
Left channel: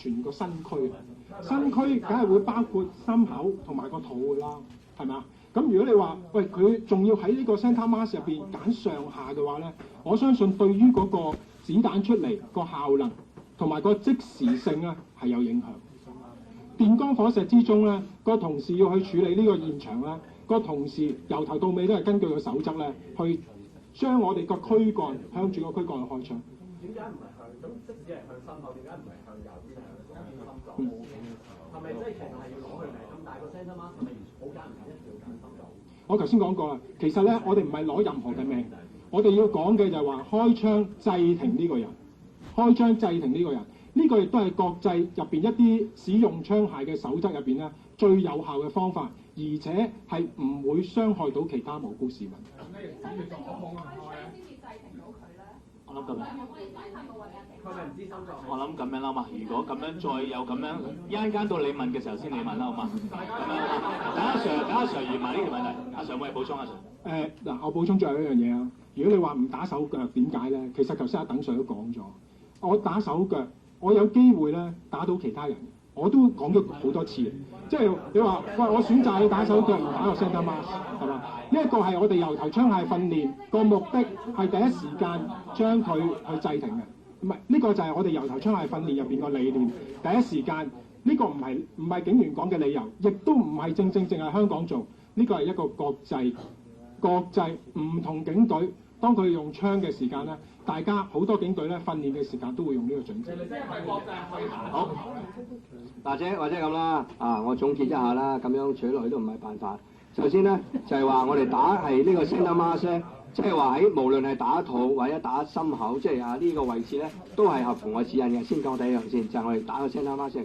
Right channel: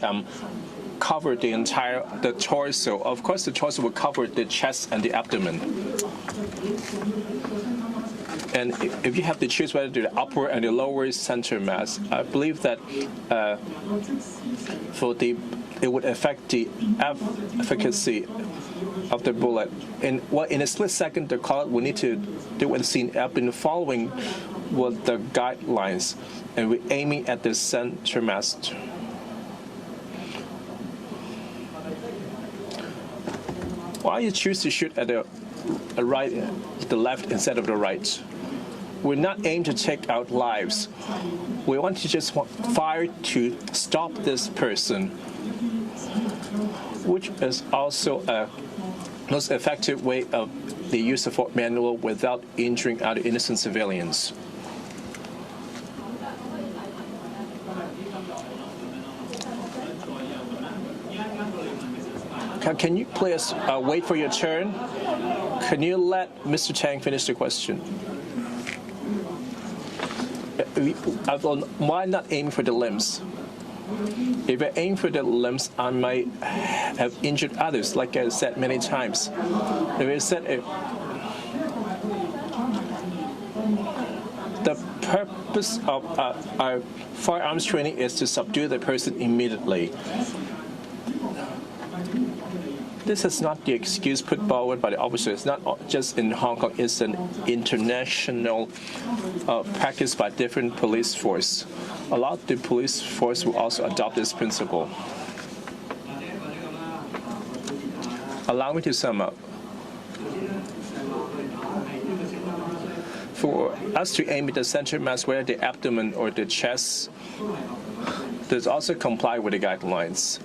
covered the entire torso. Of course, the torso will cover the chest and the abdomen. And if you have to choose whether to the upper and the lower center mass, I believe that it would affect the efficacy of the bullet. In a split second, the colleague will need to do what the scene. I've been following with the guidelines, and we're aiming at the center mass. Why you choose to shoot at the left instead of the right? We're not aiming to take out lives. We want to just fire to stop this person, which is also a most effective way of the use of manual without injuring other innocent civilians. Can you please wait for your turn? Can you let Mr. Tang finish the question? Why not aim for the limbs? If I aim for the limbs, I might have injured others, like I said many times. The purpose of our firearms training is to subdue the person immediately. This is not the excuse put forward by the officers. It's not just in Hong Kong. It's an international practice by different police force. A lot of the police force will also adopt this principle. Allow me to sum up. 頭先咧就係話我哋打係呢個 center mass 咧，即係話喺 us to aim at the center mass, whether the abdomen or the chest, 都係合乎我指引嘅。 does also comply with the guidelines.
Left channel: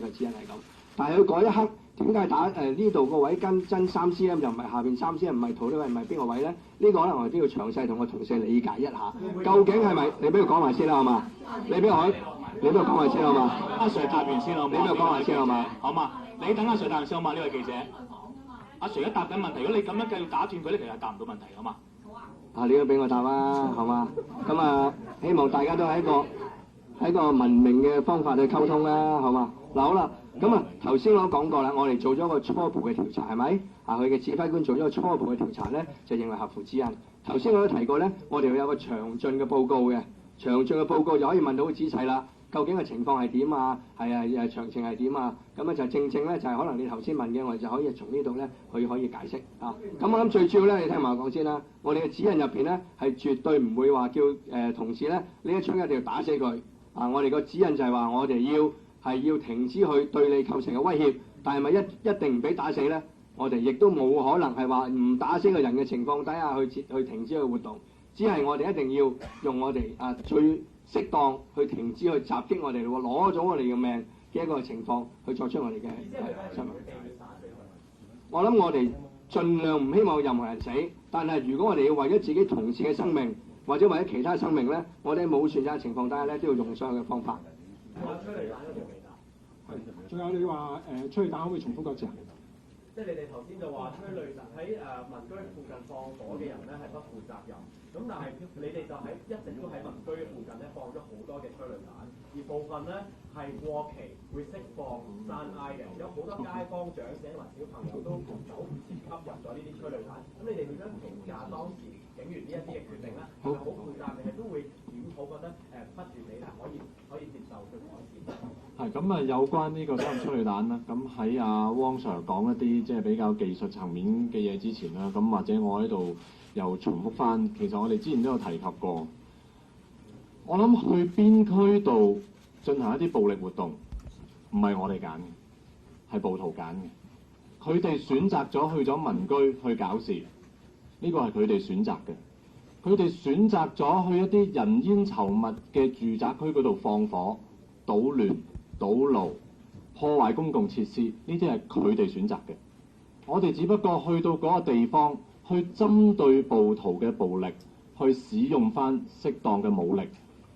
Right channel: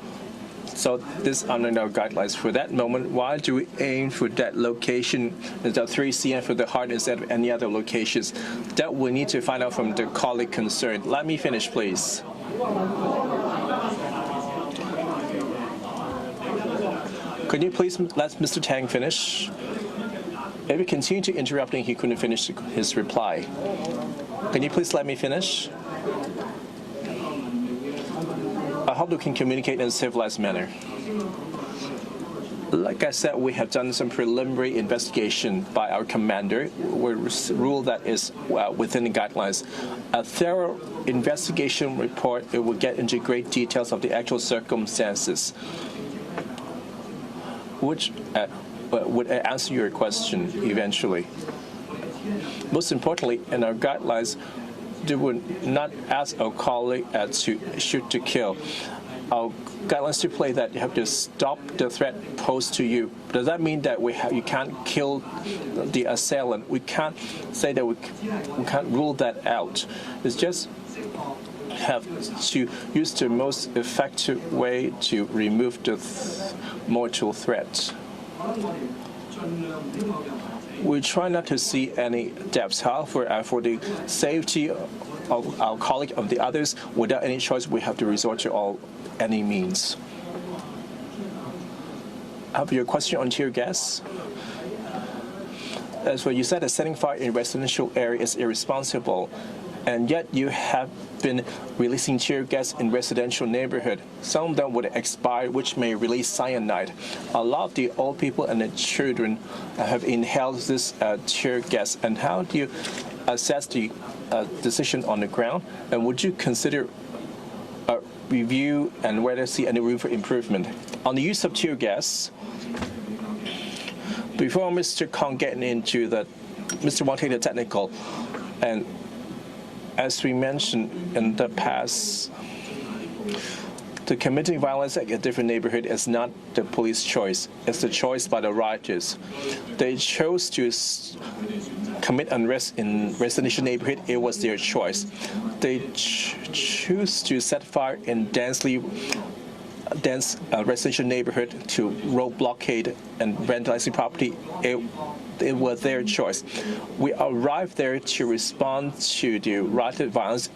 So this under our guidelines for that moment. Why do we aim for that location? The 3 cm for the heart instead of any other locations? That we need to find out from the colleague concerned. Let me finish, please. Could you please let Mr. Tang finish? If we continue to interrupt him, he couldn't finish his reply. Could you please let me finish? I hope we can communicate in a civilized manner. Like I said, we have done some preliminary investigation by our commander. We ruled that is within the guidelines. A thorough investigation report, it will get into great details of the actual circumstances, which would answer your question eventually. Most importantly, in our guidelines, we would not ask our colleague to shoot to kill. Our guidelines stipulate that you have to stop the threat posed to you. Does that mean that we can't kill the assailant? We can't say that we can't rule that out. It's just have to use the most effective way to remove the mortal threat. We try not to see any deaths. However, for the safety of our colleague and the others, without any choice, we have to resort to any means. Have your question on tear gas? As what you said, that setting fire in residential area is irresponsible, and yet you have been releasing tear gas in residential neighborhood. Some of them would expire, which may release cyanide. A lot of the old people and the children have inhaled this tear gas. And how do you assess the decision on the ground? And would you consider a review and whether see any room for improvement on the use of tear gas? Before Mr. Kong getting into that, Mr. Wang take the technical, and as we mentioned in the past, the committing violence at a different neighborhood is not the police choice. It's the choice by the rioters. They chose to commit unrest in residential neighborhood. It was their choice. They choose to set fire in dense residential neighborhood to road blockade and vandalizing property. It was their choice. We arrived there to respond to the rioted violence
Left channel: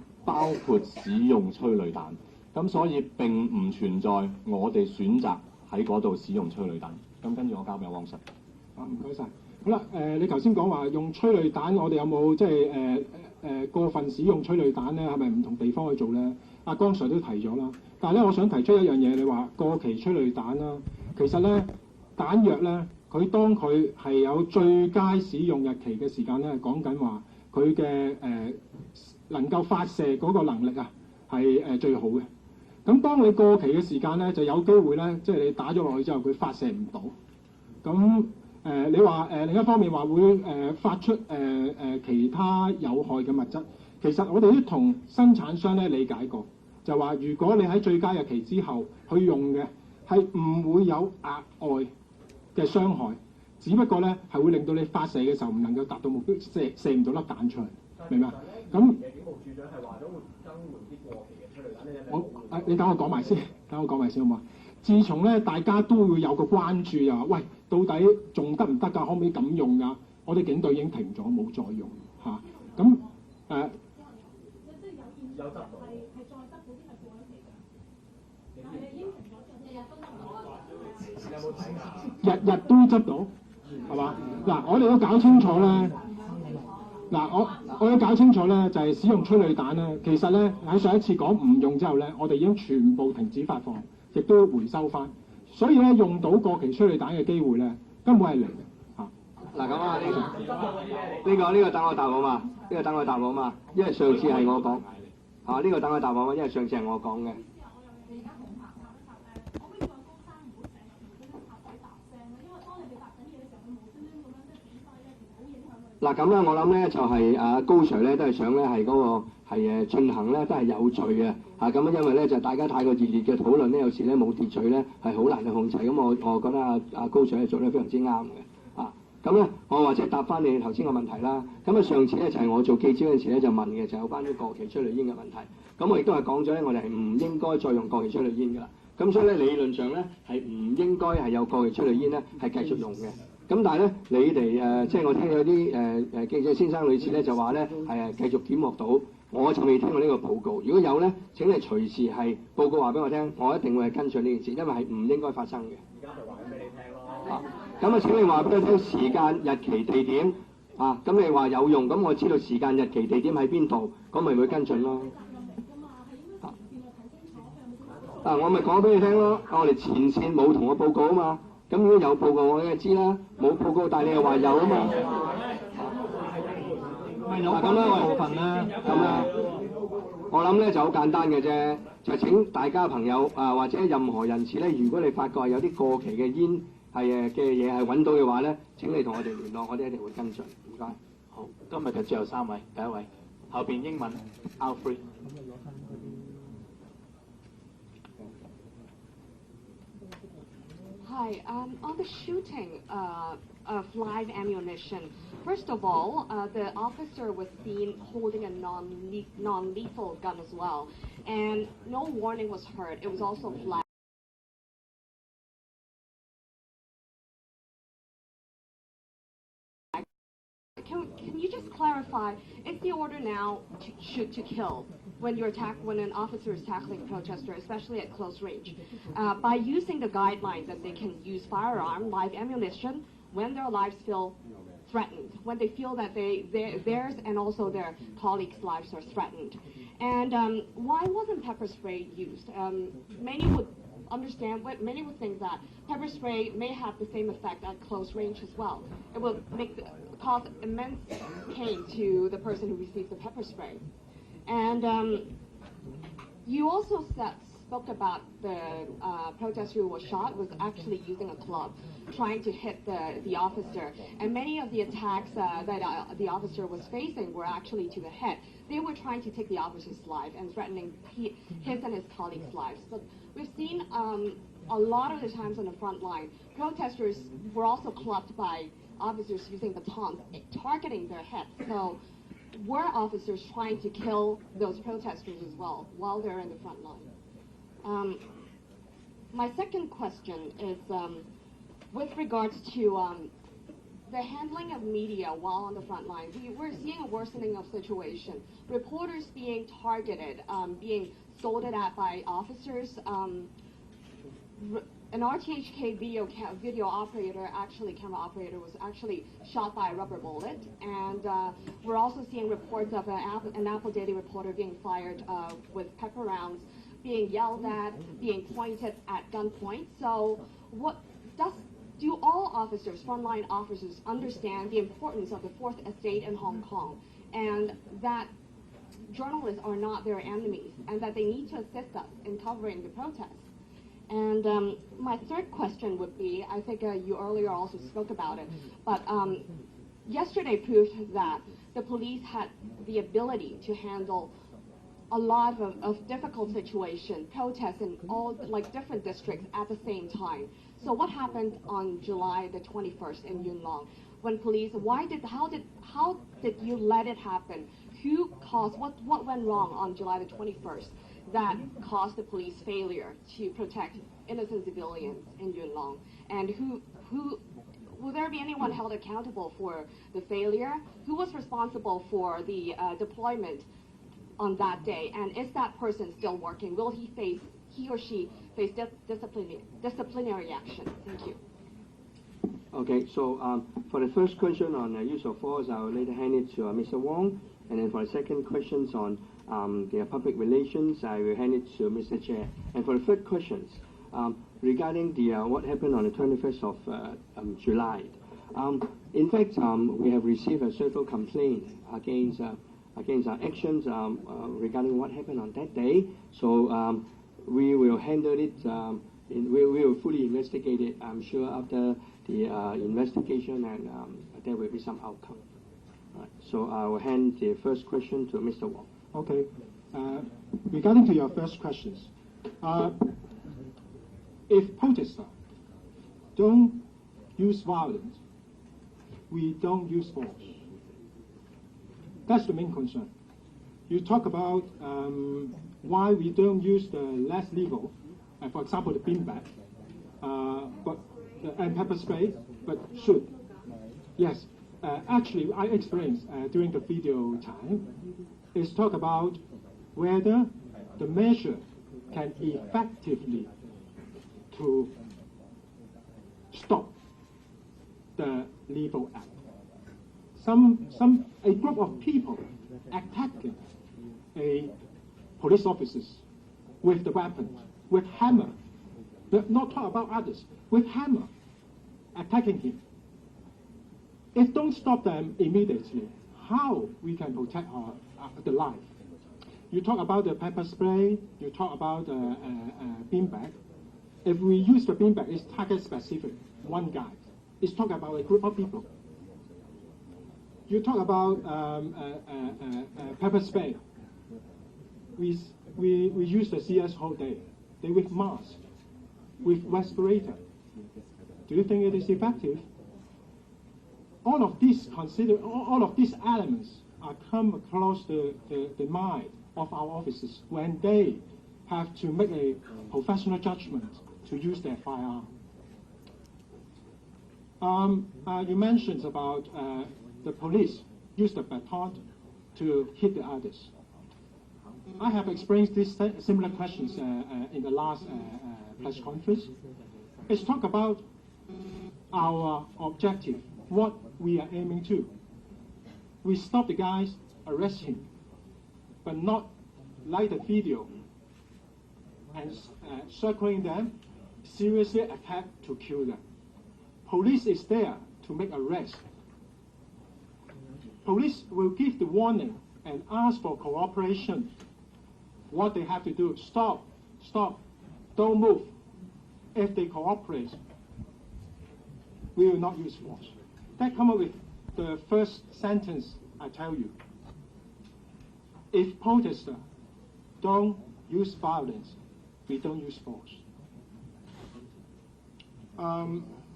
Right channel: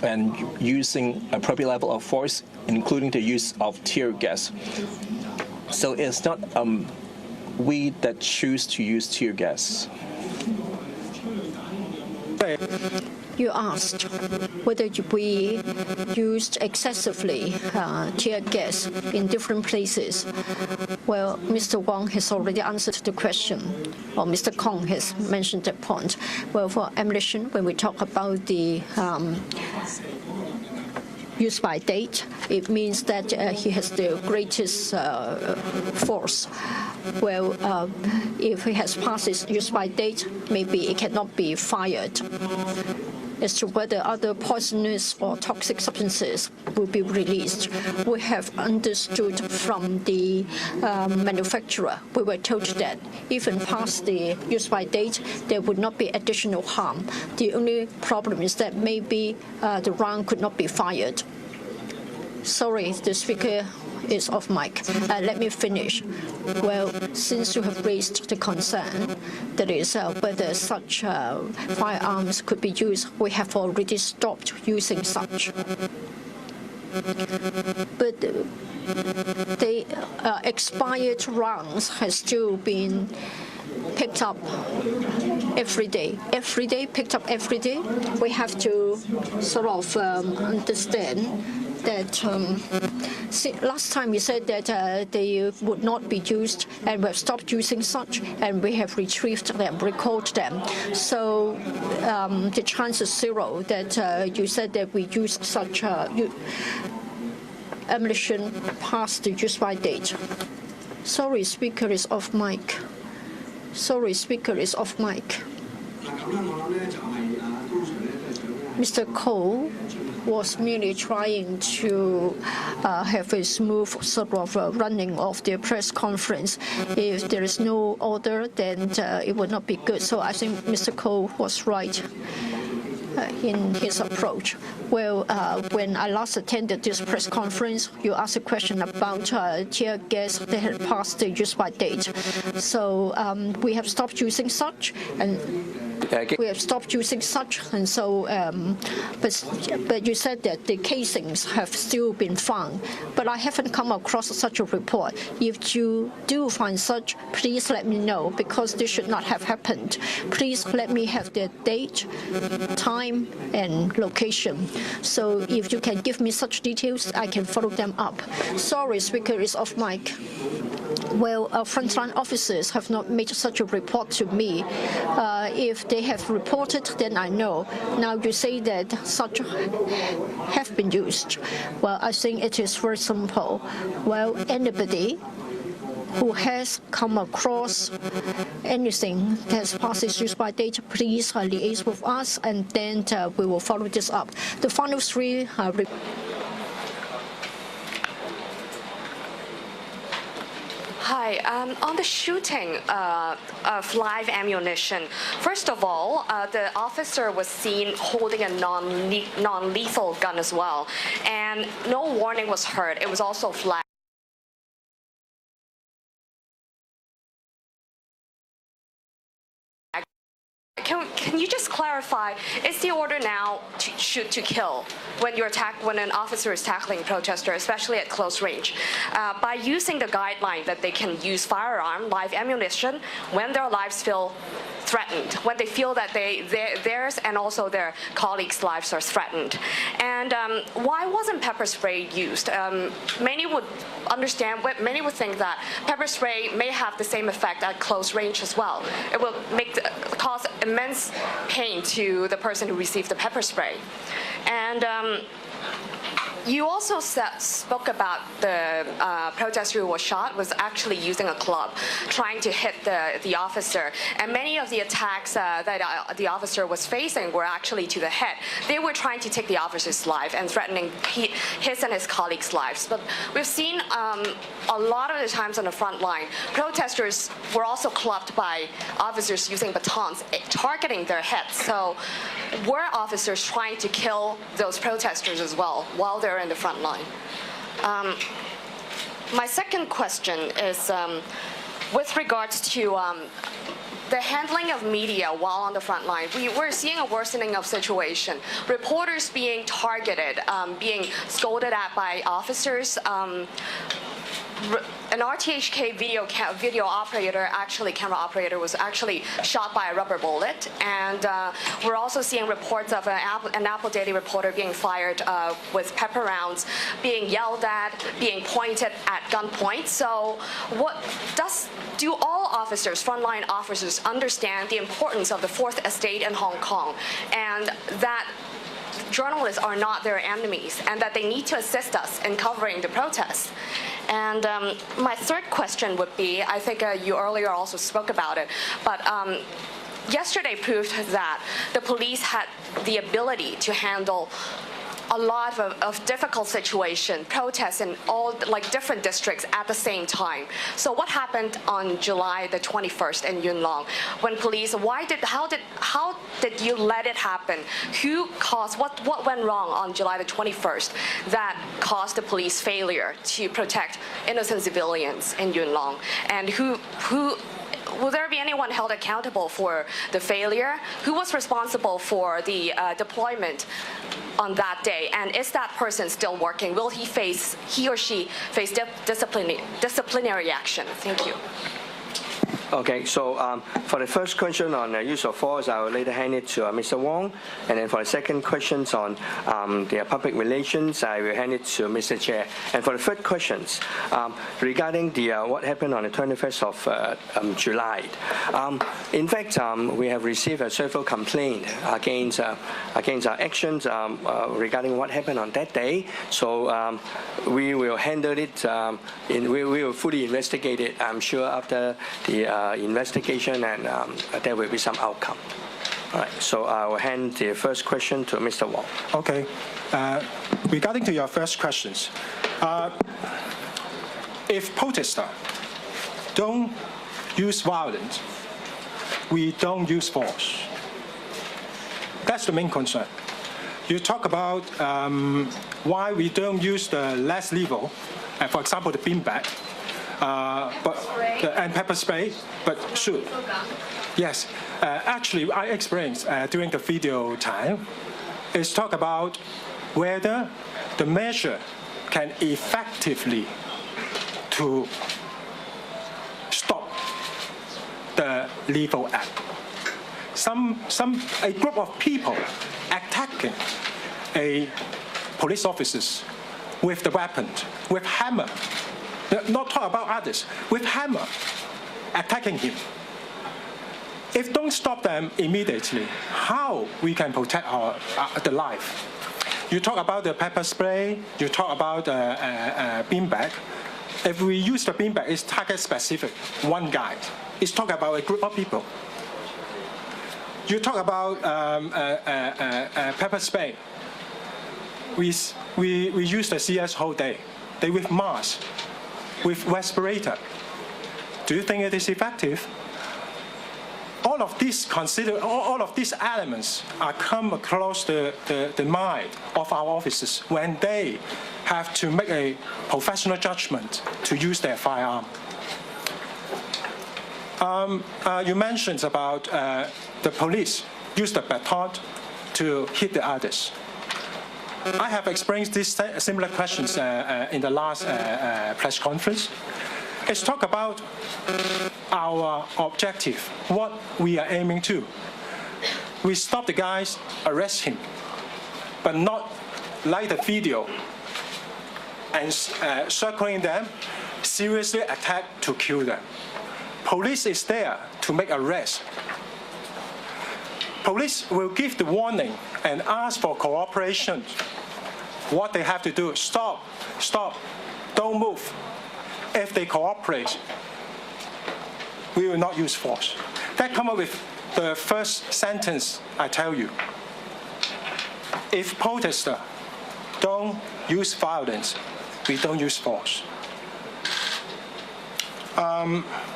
and using appropriate level of force, including the use of tear gas. So it's not we that choose to use tear gas. You asked whether we used excessively tear gas in different places. Well, Mr. Wang has already answered the question, or Mr. Kong has mentioned that point. Well, for ammunition, when we talk about the use by date, it means that he has the greatest force. Well, if he has passed his use by date, maybe it cannot be fired. As to whether other poisonous or toxic substances will be released, we have understood from the manufacturer. We were told that even past the use by date, there would not be additional harm. The only problem is that maybe the round could not be fired. Sorry, the speaker is off mic. Let me finish. Well, since you have raised the concern, that is whether such firearms could be used, we have already stopped using such. But the expired rounds has still been picked up every day. Every day, picked up every day. We have to sort of understand that last time we said that they would not be used, and we have stopped using such, and we have retrieved them, recalled them. So the chance is zero that you said that we used such ammunition past the use by date. Sorry, speaker is off mic. Sorry, speaker is off mic. 嗱咁咧，我諗咧就係高 Sir 咧都係想咧係嗰個進行咧 was merely trying to have a smooth sort of running of the press conference. If there is no order, then it would not be good. So I think Mr. Cole was right in his approach. Well, when I last attended this press conference, you asked a question about tear gas that had passed the use-by date. So we have stopped using such, and so, but you said that the casings have still been found, but I haven't come across such a report. If you do find such, please let me know, because this should not have happened. Please let me have the date, time, and location. So if you can give me such details, I can follow them up. Sorry, speaker is off mic. Well, frontline officers have not made such a report to me. If they have reported, then I know. Now you say that such have been used. Well, I think it is very simple. Well, anybody who has come across anything that has passed its use-by date, please liaise with us, and then we will follow this up. The final three Hi, on the shooting of live ammunition, first of all, the officer was seen holding a non-lethal gun as well, and no warning was heard. It was also flagged. Can you just clarify, is the order now to shoot to kill when an officer is tackling a protester, especially at close range, by using the guideline that they can use firearm, live ammunition, when their lives feel threatened, when they feel that theirs and also their colleagues' lives are threatened? And why wasn't pepper spray used? Many would think that pepper spray may have the same effect at close range as well. It will cause immense pain to the person who received the pepper spray. And you also spoke about the protester who was shot was actually using a club, trying to hit the officer. And many of the attacks that the officer was facing were actually to the head. They were trying to take the officer's life and threatening his and his colleagues' lives. But we've seen a lot of the times on the front line, protesters were also clubbed by officers using batons, targeting their heads. So were officers trying to kill those protesters as well while they're in the front line? My second question is with regards to the handling of media while on the front line. We're seeing a worsening of situation. Reporters being targeted, being scolded at by officers. An RTHK video operator, camera operator, was actually shot by a rubber bullet. And we're also seeing reports of an Apple Daily reporter being fired with pepper rounds, being yelled at, being pointed at gunpoint. So do all officers, frontline officers, understand the importance of the Fourth Estate in Hong Kong, and that journalists are not their enemies, and that they need to assist us in covering the protests? And my third question would be, I think you earlier also spoke about it, but yesterday proved that the police had the ability to handle a lot of difficult situations, protests in all different districts at the same time. So what happened on July the 21st in Yuen Long when police? How did you let it happen? Who caused what went wrong on July the 21st that caused the police failure to protect innocent civilians in Yuen Long? And will there be anyone held accountable for the failure? Who was responsible for the deployment on that day? And is that person still working? Will he or she face disciplinary action? Thank you. Okay, so for the first question on use of force, I will later hand it to Mr. Wong. And then for the second questions on the public relations, I will hand it to Mr. Chair. And for the third questions regarding the what happened on the 21st of July, in fact, we have received several complaints against our actions regarding what happened on that day. So we will handle it. We will fully investigate it, I'm sure, after the investigation, and there will be some outcome. All right, so I will hand the first question to Mr. Wong. Okay. Regarding to your first questions, if protesters don't use violence, we don't use force. That's the main concern. You talk about why we don't use the less lethal, for example, the beanbag, and pepper spray, but shoot. Yes, actually, I experienced during the video time, is talk about whether the measure can effectively to stop the lethal act. A group of people attacking a police officers with the weapon, with hammer, not talk about others, with hammer, attacking him. If don't stop them immediately, how we can protect the life? You talk about the pepper spray, you talk about the beanbag. If we use the beanbag, it's target specific, one guy. It's talk about a group of people. You talk about pepper spray. We use the CS whole day. They with mask, with respirator. Do you think it is effective? All of these elements are come across the mind of our officers when they have to make a professional judgment to use their firearm. You mentioned about the police use the baton to hit the others. I have experienced these similar questions in the last press conference. It's talk about our objective, what we are aiming to. We stop the guys, arrest him, but not like the video and circling them, seriously attack to kill them. Police is there to make arrests. Police will give the warning and ask for cooperation. What they have to do, stop, don't move. If they cooperate, we will not use force. That come up with the first sentence I tell you. If protesters don't use violence, we don't use force.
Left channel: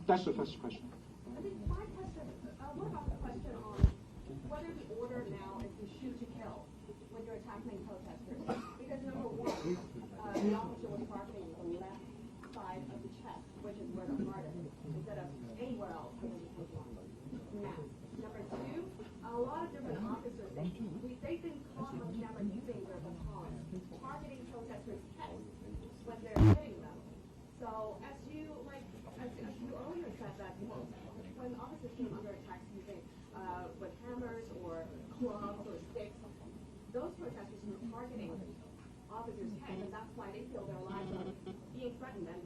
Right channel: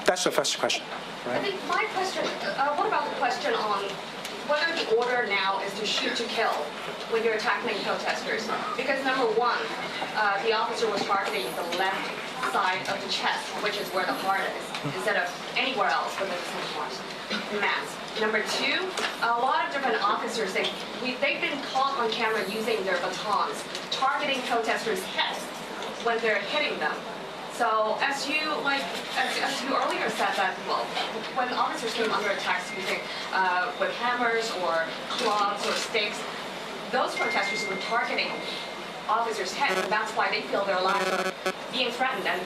That's the first question. Right? I think my question, what about the question on whether the order now is to shoot to kill when you're attacking protesters? Because number one, the officer was targeting the left side of the chest, which is where the heart is, instead of anywhere else within the mass. Number two, a lot of different officers, they've been caught on camera using their batons, targeting protesters' heads when they're hitting them. So as you earlier said that, well, when officers came under attack using with hammers or clubs or sticks, those protesters were targeting officers' heads, and that's why they feel their lives are being threatened. And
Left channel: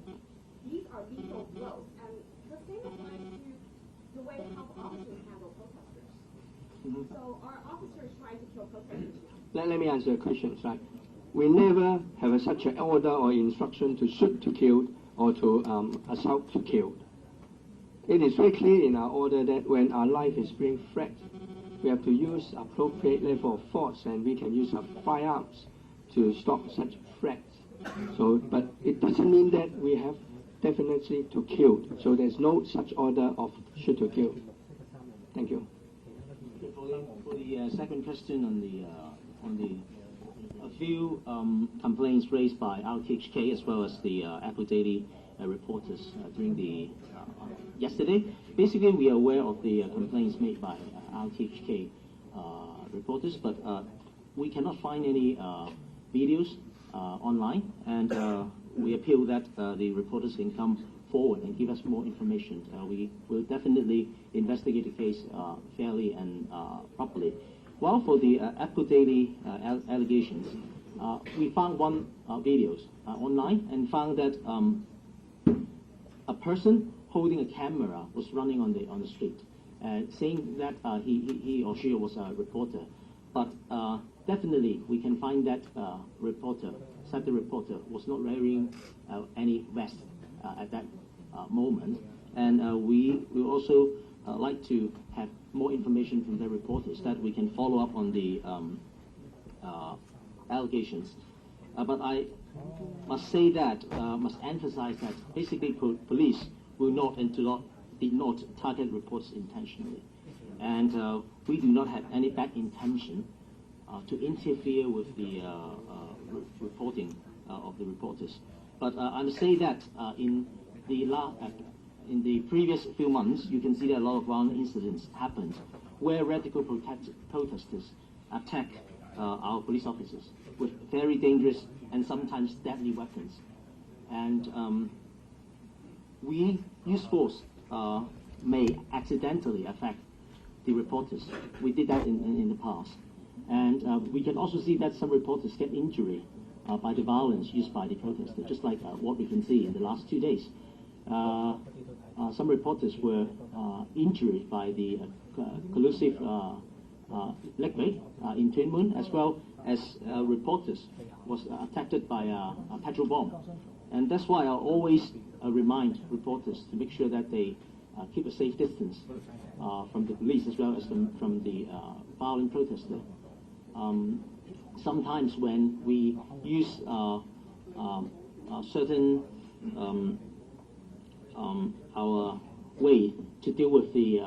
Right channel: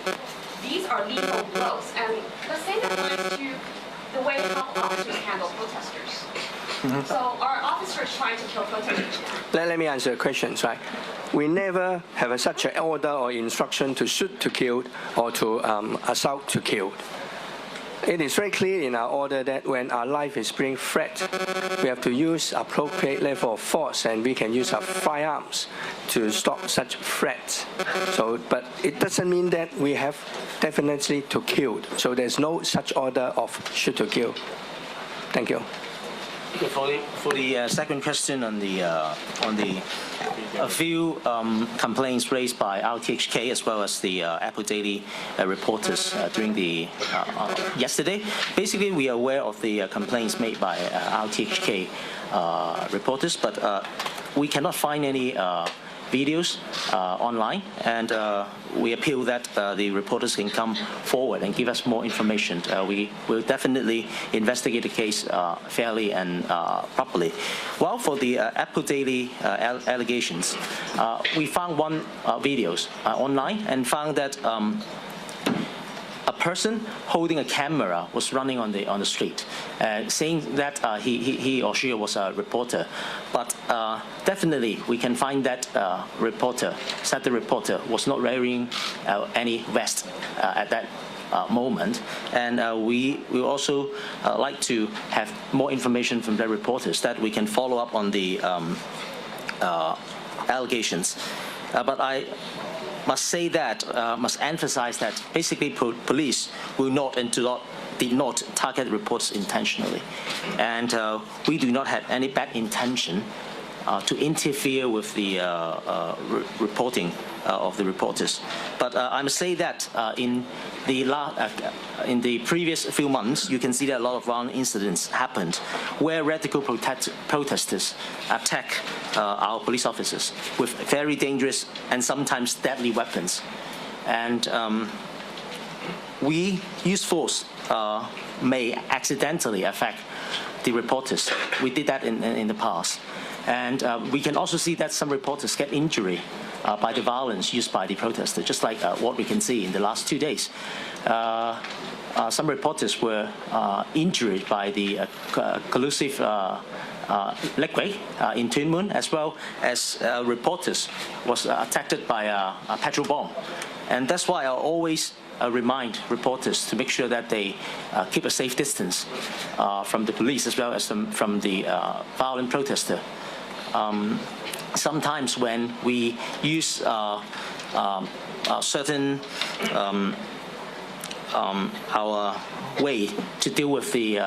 these are lethal blows. And the same applies to the way how officers handle protesters. Mm-hmm. So are officers trying to kill protesters now? Let me answer the questions, right? We never have such an order or instruction to shoot to kill or to assault to kill. It is very clear in our order that when our life is being threatened, we have to use appropriate level of force, and we can use our firearms to stop such threats. So, but it doesn't mean that we have definitely to kill. So there's no such order of shoot to kill. Thank you. For the second question on a few complaints raised by RTHK as well as the Apple Daily reporters during the yesterday. Basically, we are aware of the complaints made by RTHK reporters, but we cannot find any videos online, and we appeal that the reporters can come forward and give us more information. We will definitely investigate the case fairly and properly. While for the Apple Daily allegations, we found one videos online and found that a person holding a camera was running on the street, saying that he or she was a reporter. But definitely, we can find that reporter said the reporter was not wearing any vest at that moment. And we will also like to have more information from the reporters that we can follow up on the allegations. But I must say that, must emphasize that basically police will not and did not target reports intentionally. And we do not have any bad intention to interfere with the reporting of the reporters. But I must say that in the previous few months, you can see that a lot of violent incidents happened where radical protesters attack our police officers with very dangerous and sometimes deadly weapons. And we use force may accidentally affect the reporters. We did that in the past. And we can also see that some reporters get injury by the violence used by the protesters, just like what we can see in the last 2 days. Some reporters were injured by the collusive liquid in Tuen Mun, as well as reporters was attacked by a petrol bomb. And that's why I always remind reporters to make sure that they keep a safe distance from the police as well as from the violent protester. Sometimes when we use certain our way to deal with the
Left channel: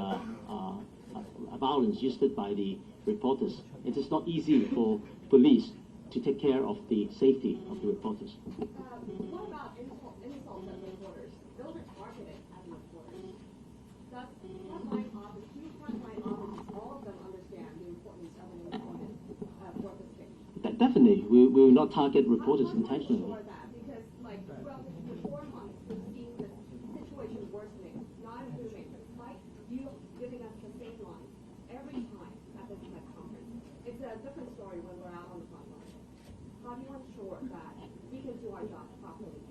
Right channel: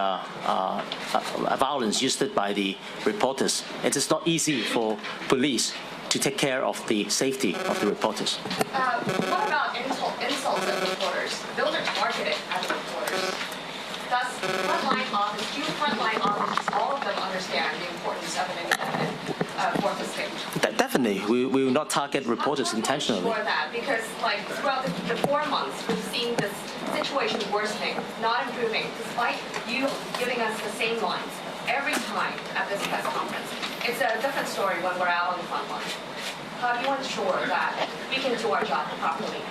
violence used by the reporters, it is not easy for police to take care of the safety of the reporters. What about insults at reporters? Those are targeted at the reporters. Does frontline officers, all of them understand the importance of an independent court system? Definitely, we will not target reporters intentionally. Sure that, because like throughout the 4 months, we've seen this situation worsening, not improving, despite you giving us the same lines every time at this press conference. It's a different story when we're out on the front line. How do you ensure that we can do our job properly?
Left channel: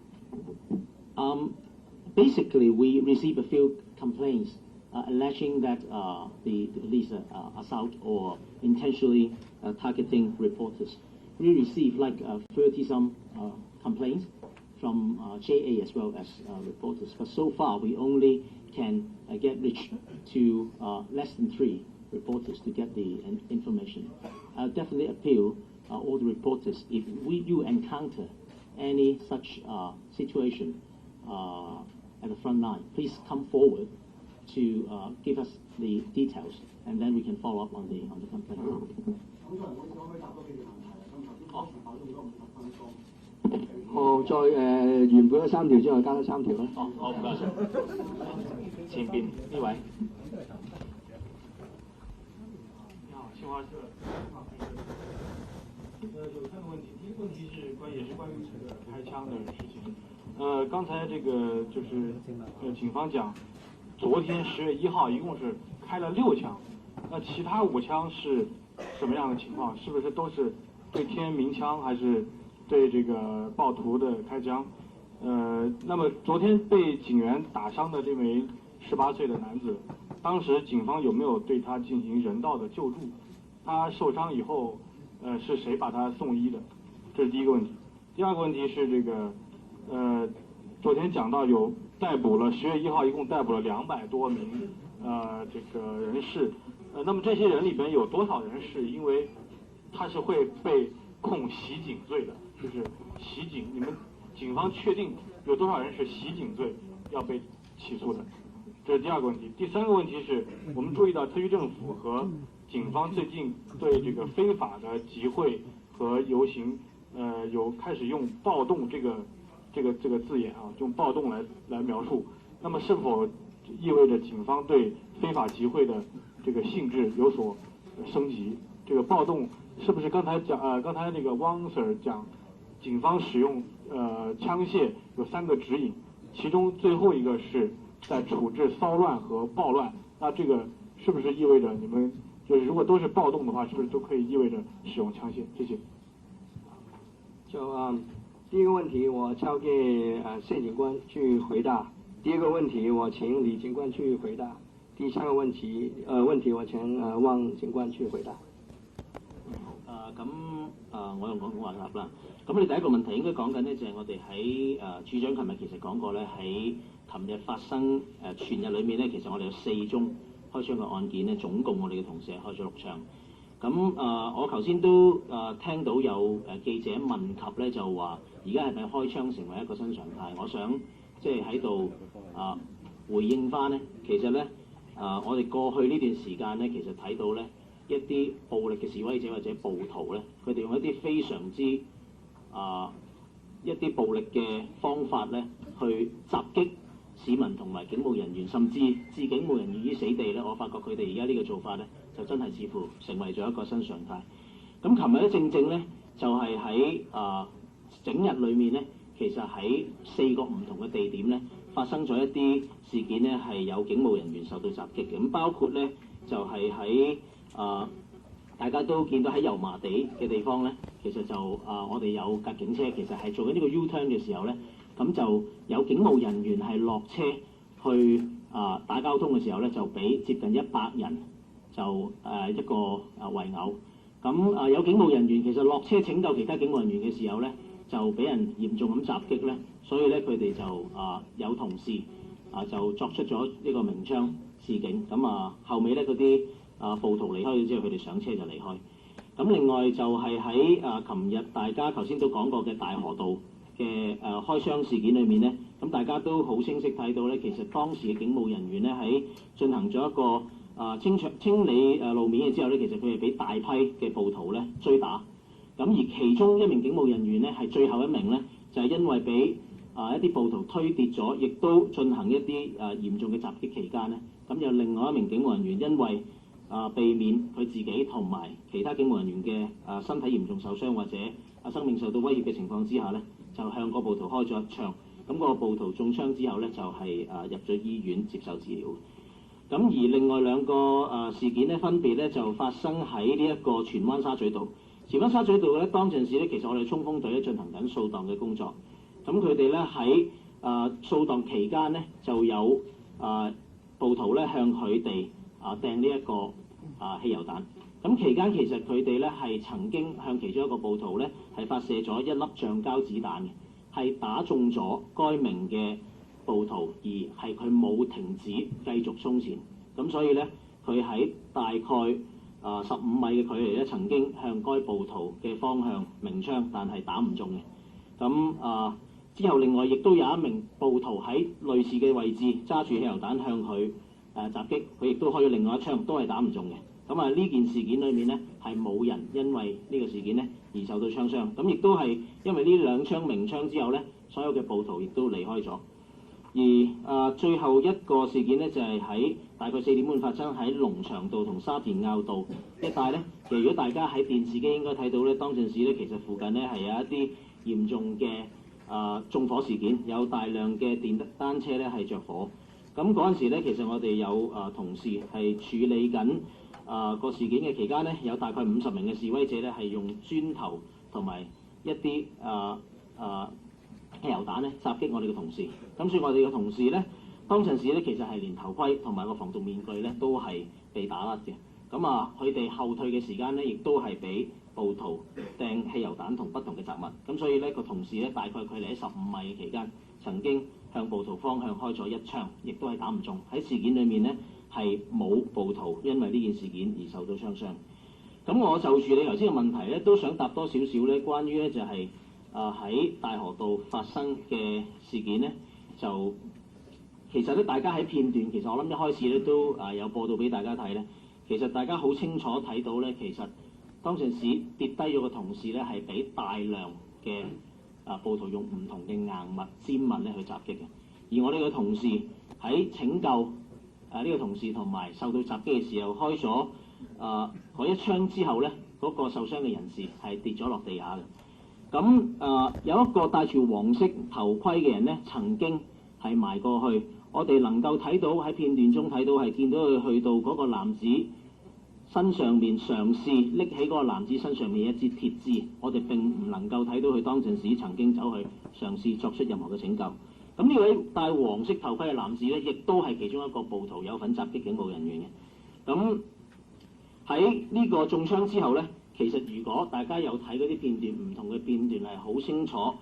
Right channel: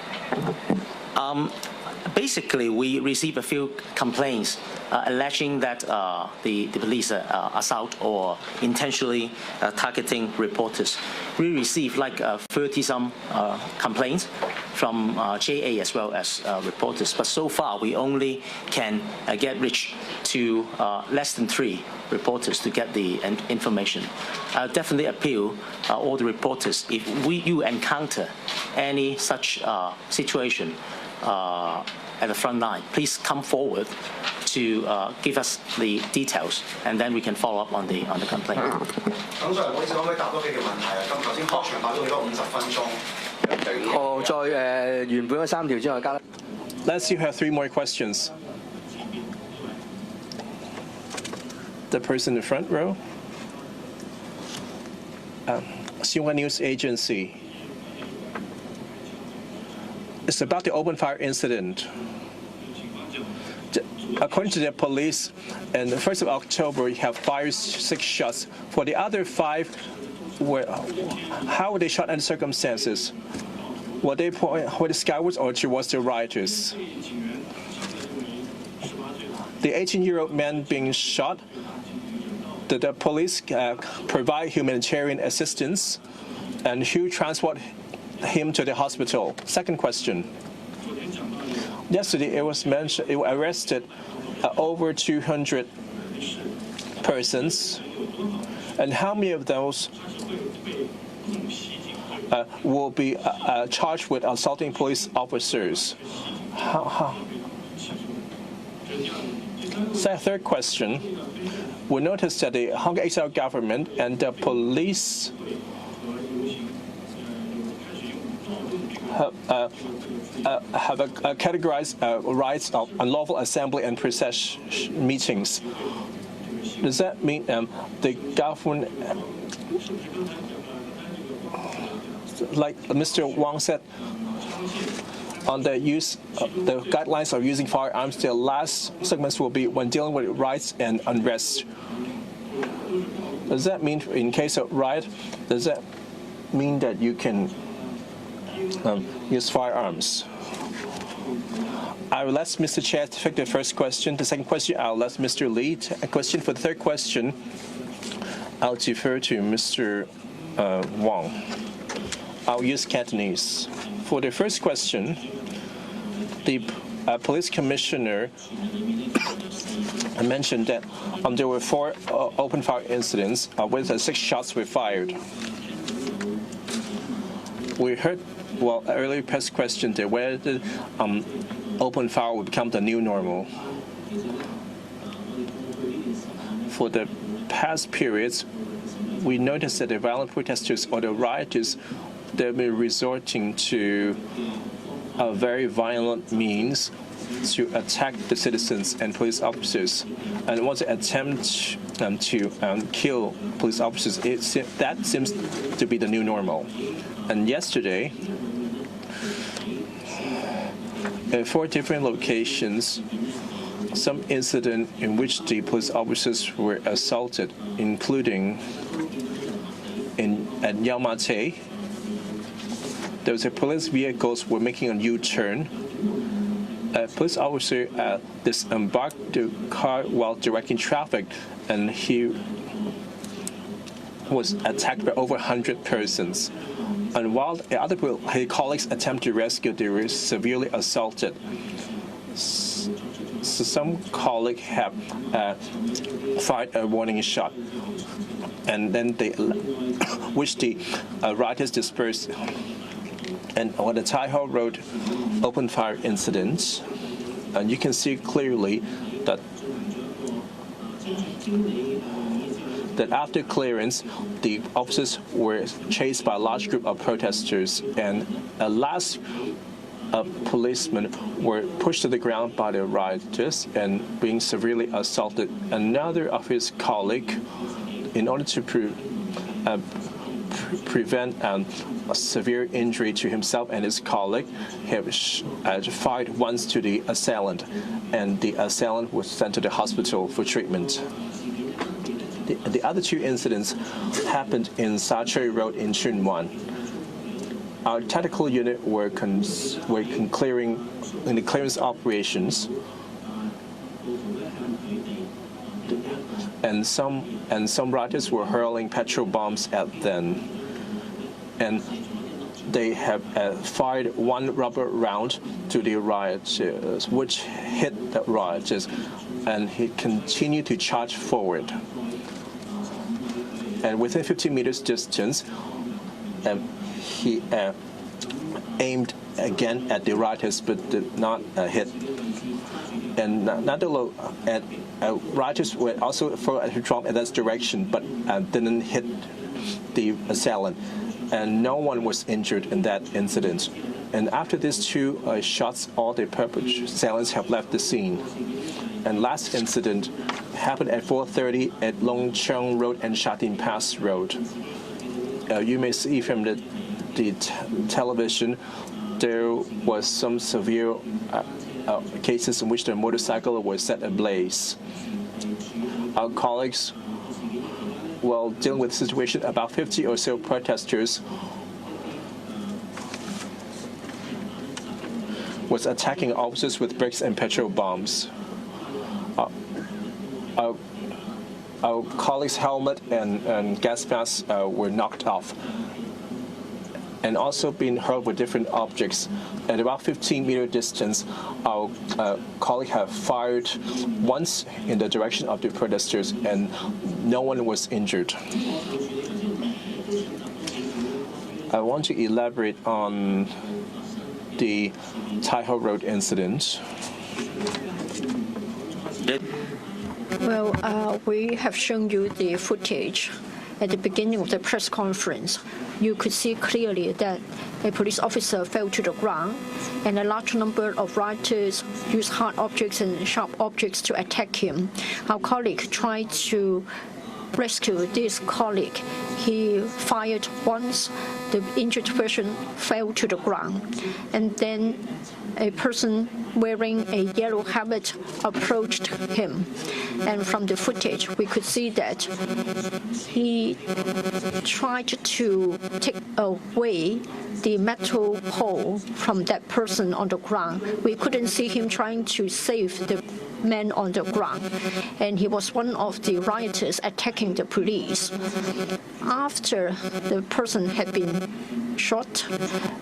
Basically, we receive a few complaints alleging that the police assault or intentionally targeting reporters. We receive like 30-some complaints from JA as well as reporters, but so far we only can get reach to less than 3 reporters to get the information. I'll definitely appeal all the reporters, if you encounter any such situation at the front line, please come forward to give us the details, and then we can follow up on the complaint. Let's see, you have 3 more questions. The person in the front row. Xinhua News Agency. It's about the open fire incident. According to the police, on the 1st of October, you have fired 6 shots. For the other 5, how were they shot and circumstances? Were they pointed skywards or towards the rioters? The 18-year-old man being shot, did the police provide humanitarian assistance, and who transported him to the hospital? Second question. Yesterday, it was mentioned they were arrested over 200 persons, and how many of those will be charged with assaulting police officers? Third question. We noticed that the Hong Kong government and the police have categorized rights of unlawful assembly and procession meetings. Does that mean the government, like Mr. Wang said, on the use of the guidelines of using firearms, the last segments will be when dealing with riots and unrest? Does that mean in case of riot, does that mean that you can use firearms? I will let Mr. Chen take the first question. The second question, I'll let Mr. Lee take a question. For the third question, I'll defer to Mr. Wang. I'll use Cantonese. For the first question, the police commissioner mentioned that there were 4 open fire incidents with 6 shots were fired. We heard earlier press question that whether open fire will become the new normal. For the past periods, we noticed that the violent protesters or the rioters, they've been resorting to very violent means to attack the citizens and police officers, and want to attempt to kill police officers. That seems to be the new normal. And yesterday, in 4 different locations, some incident in which the police officers were assaulted, including at Yau Ma Tei. There was a police vehicles were making a U-turn. A police officer disembarked the car while directing traffic, and he was attacked by over 100 persons. And while the other his colleagues attempted to rescue, they were severely assaulted. So some colleagues have fired a warning shot, and then which the rioters dispersed. And on the Tai Ho Road open fire incident, you can see clearly that after clearance, the officers were chased by a large group of protesters, and last policemen were pushed to the ground by the rioters and being severely assaulted. Another of his colleagues, in order to prevent a severe injury to himself and his colleague, have fired once to the assailant, and the assailant was sent to the hospital for treatment. The other 2 incidents happened in Sa Choi Road in Tsuen Wan. Our tactical unit were in the clearance operations, and some rioters were hurling petrol bombs at them, and they have fired 1 rubber round to the rioters, which hit the rioters, and he continued to charge forward. And within 15 meters distance, he aimed again at the rioters, but did not hit. And rioters were also thrown at Trump in that direction, but didn't hit the assailant. And no one was injured in that incident. And after these 2 shots, all the assailants have left the scene. And last incident happened at 4:30 at Long Cheong Road and Sha Tin Pass Road. You may see from the television, there was some severe cases in which the motorcycle was set ablaze. Our colleagues, while dealing with the situation, about 50 or so protesters was attacking officers with bricks and petrol bombs. Our colleagues' helmet and gas masks were knocked off, and also being hurled with different objects. At about 15-meter distance, our colleague had fired once in the direction of the protesters, and no one was injured. I want to elaborate on the Tai Ho Road incident. Well, we have shown you the footage. At the beginning of the press conference, you could see clearly that a police officer fell to the ground, and a large number of rioters used hard objects and sharp objects to attack him. Our colleague tried to rescue this colleague. He fired once, the injured person fell to the ground, and then a person wearing a yellow helmet approached him. And from the footage, we could see that he tried to take away the metal pole from that person on the ground. We couldn't see him trying to save the man on the ground, and he was one of the rioters attacking the police. After the person had been shot,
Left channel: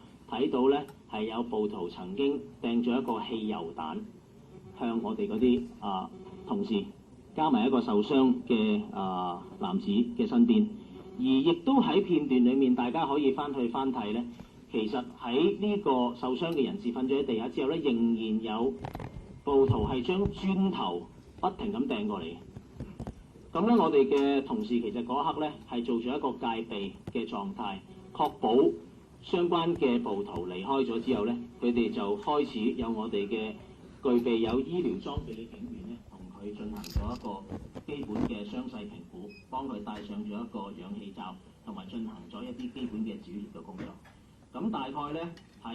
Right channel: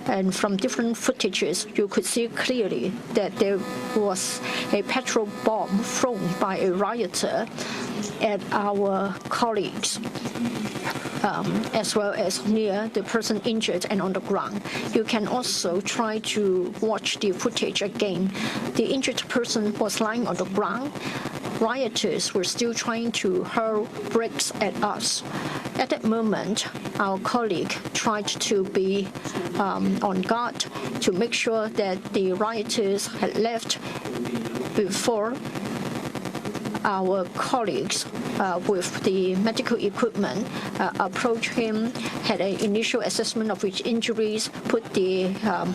and from different footages, you could see clearly that there was a petrol bomb thrown by a rioter at our colleagues, as well as near the person injured and on the ground. You can also try to watch the footage again. The injured person was lying on the ground. Rioters were still trying to hurl bricks at us. At that moment, our colleague tried to be on guard to make sure that the rioters had left before our colleagues with the medical equipment approached him, had an initial assessment of his injuries, put the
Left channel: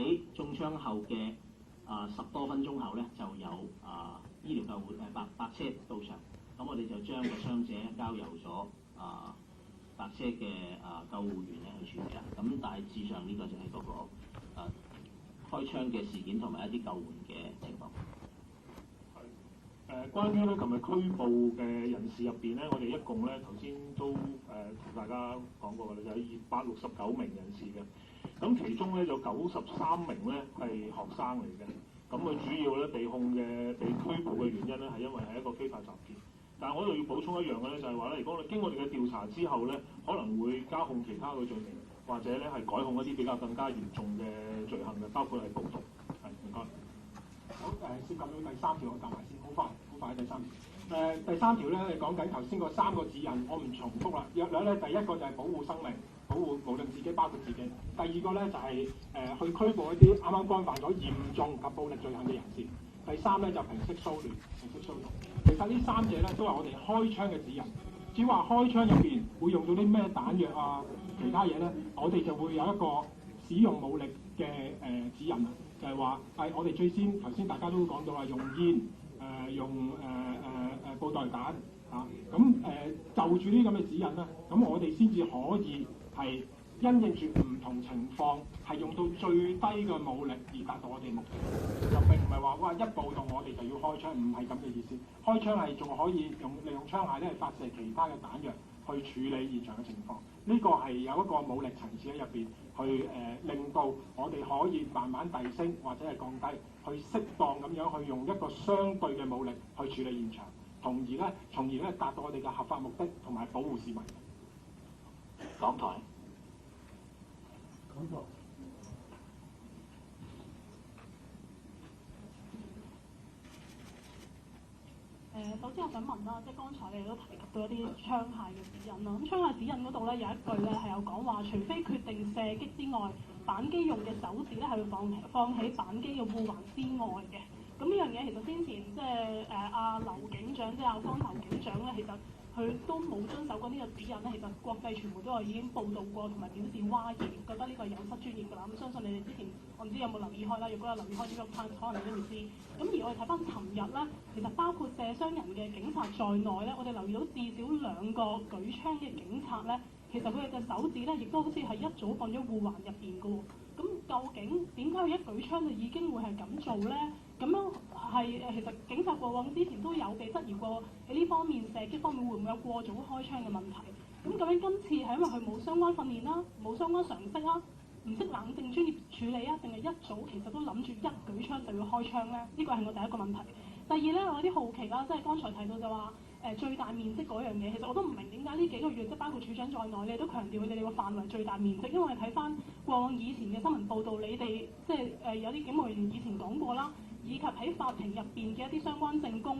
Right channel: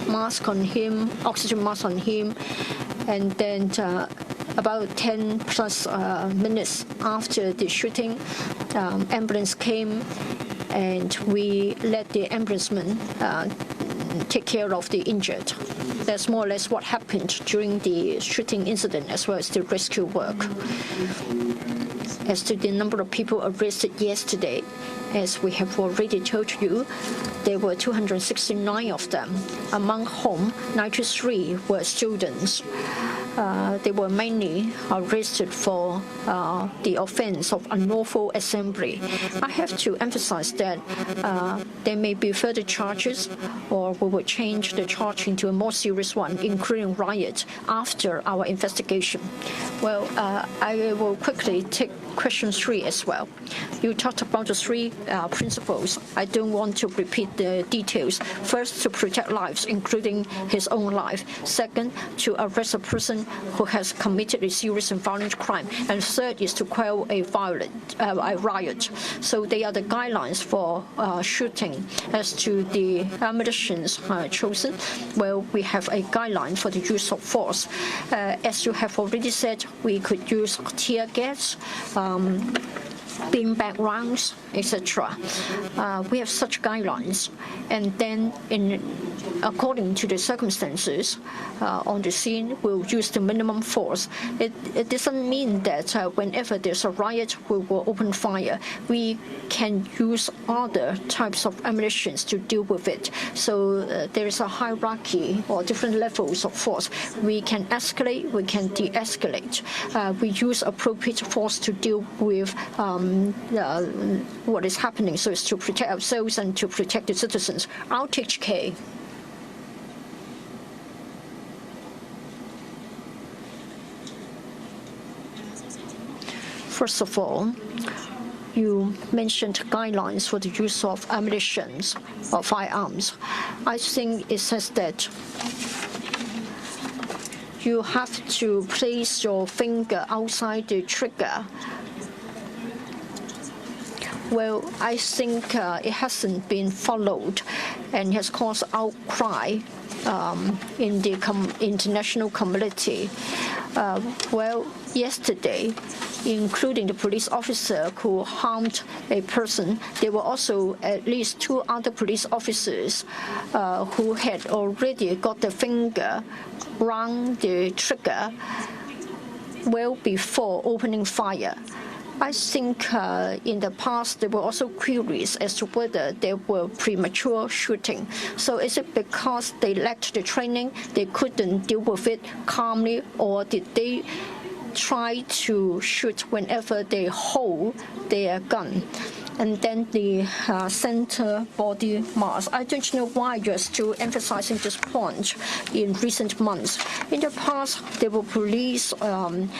mask on him, oxygen mask on him, and then about 10 plus minutes after the shooting, ambulance came, and we let the ambulanceman take care of the injured. That's more or less what happened during the shooting incident, as well as the rescue work. As to the number of people arrested yesterday, as we have already told you, there were 269 of them, among whom 93 were students. They were mainly arrested for the offense of unlawful assembly. I have to emphasize that there may be further charges, or we will change the charge into a more serious one, including riot, after our investigation. Well, I will quickly take question 3 as well. You talked about the 3 principles. I don't want to repeat the details. First, to protect lives, including his own life. Second, to arrest a person who has committed a serious and violent crime. And third is to quell a riot. So they are the guidelines for shooting. As to the ammunitions chosen, well, we have a guideline for the use of force. As you have already said, we could use tear gas, beanbag rounds, etc. We have such guidelines, and then, according to the circumstances on the scene, we'll use the minimum force. It doesn't mean that whenever there's a riot, we will open fire. We can use other types of ammunition to deal with it. So there is a hierarchy or different levels of force. We can escalate, we can de-escalate. We use appropriate force to deal with what is happening, so as to protect ourselves and to protect the citizens. RTHK. First of all, you mentioned guidelines for the use of ammunition or firearms. I think it says that you have to place your finger outside the trigger. Well, I think it hasn't been followed and has caused outcry in the international community. Well, yesterday, including the police officer who harmed a person, there were also at least 2 other police officers who had already got the finger around the trigger well before opening fire. I think in the past there were also queries as to whether there were premature shooting. So is it because they lacked the training, they couldn't deal with it calmly, or did they try to shoot whenever they hold their gun? And then the center body mask. I don't know why you're still emphasizing this point in recent months. In the past, there were police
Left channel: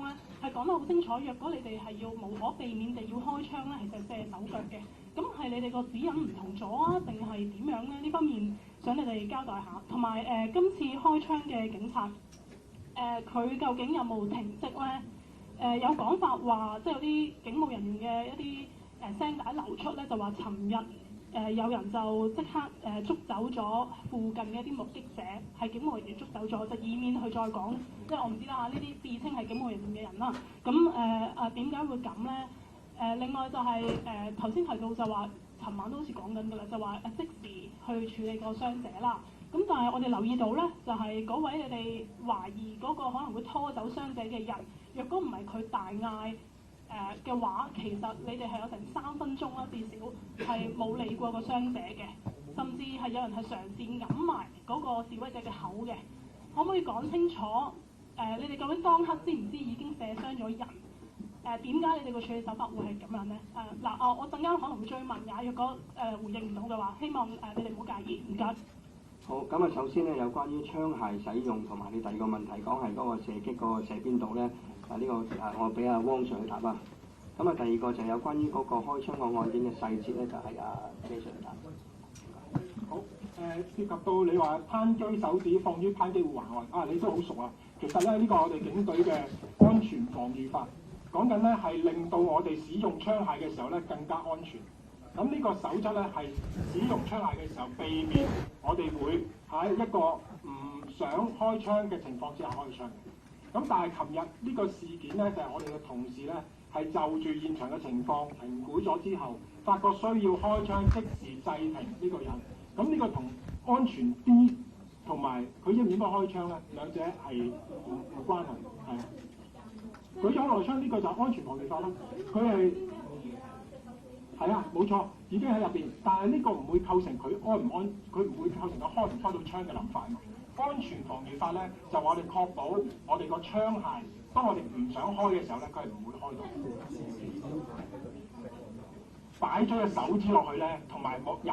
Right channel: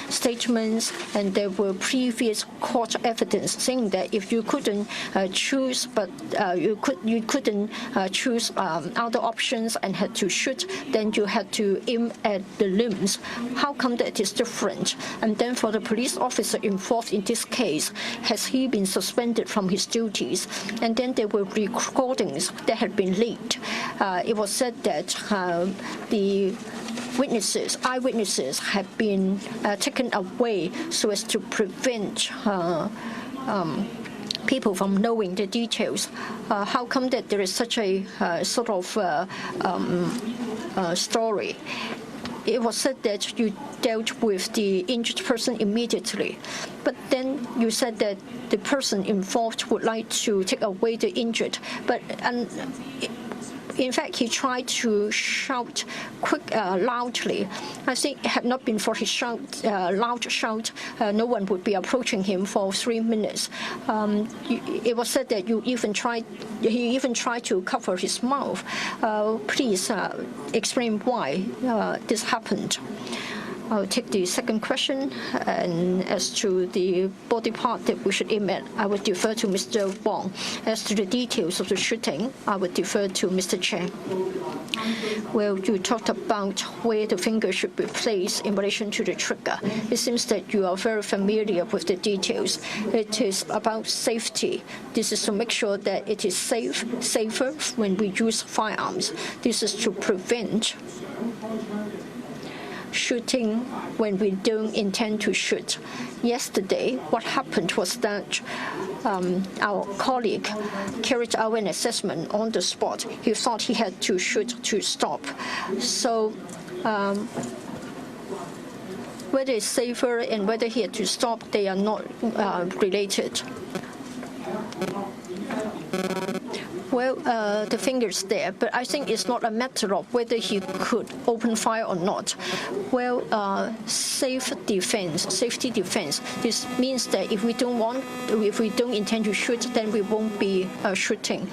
statements and there were previous court evidence saying that if you couldn't choose, but you couldn't choose other options and had to shoot, then you had to aim at the limbs. How come that is different? And then for the police officer involved in this case, has he been suspended from his duties? And then there were recordings that had been leaked. It was said that the eyewitnesses had been taken away so as to prevent people from knowing the details. How come that there is such a sort of story? It was said that you dealt with the injured person immediately, but then you said that the person involved would like to take away the injured. But In fact, he tried to shout loudly. I think had not been for his loud shout, no one would be approaching him for 3 minutes. It was said that he even tried to cover his mouth. Please explain why this happened. I'll take the second question, and as to the body part that we should aim at, I would defer to Mr. Wong. As to the details of the shooting, I would defer to Mr. Chen. Well, you talked about where the finger should be placed in relation to the trigger. It seems that you are very familiar with the details. It is about safety. This is to make sure that it is safer when we use firearms. This is to prevent shooting when we don't intend to shoot. Yesterday, what happened was that our colleague carried out an assessment on the spot. He thought he had to shoot to stop. So whether it's safer and whether he had to stop, they are not related. Well, the finger's there, but I think it's not a matter of whether he could open fire or not. Well, safety defense. This means that if we don't intend to shoot, then we won't be shooting.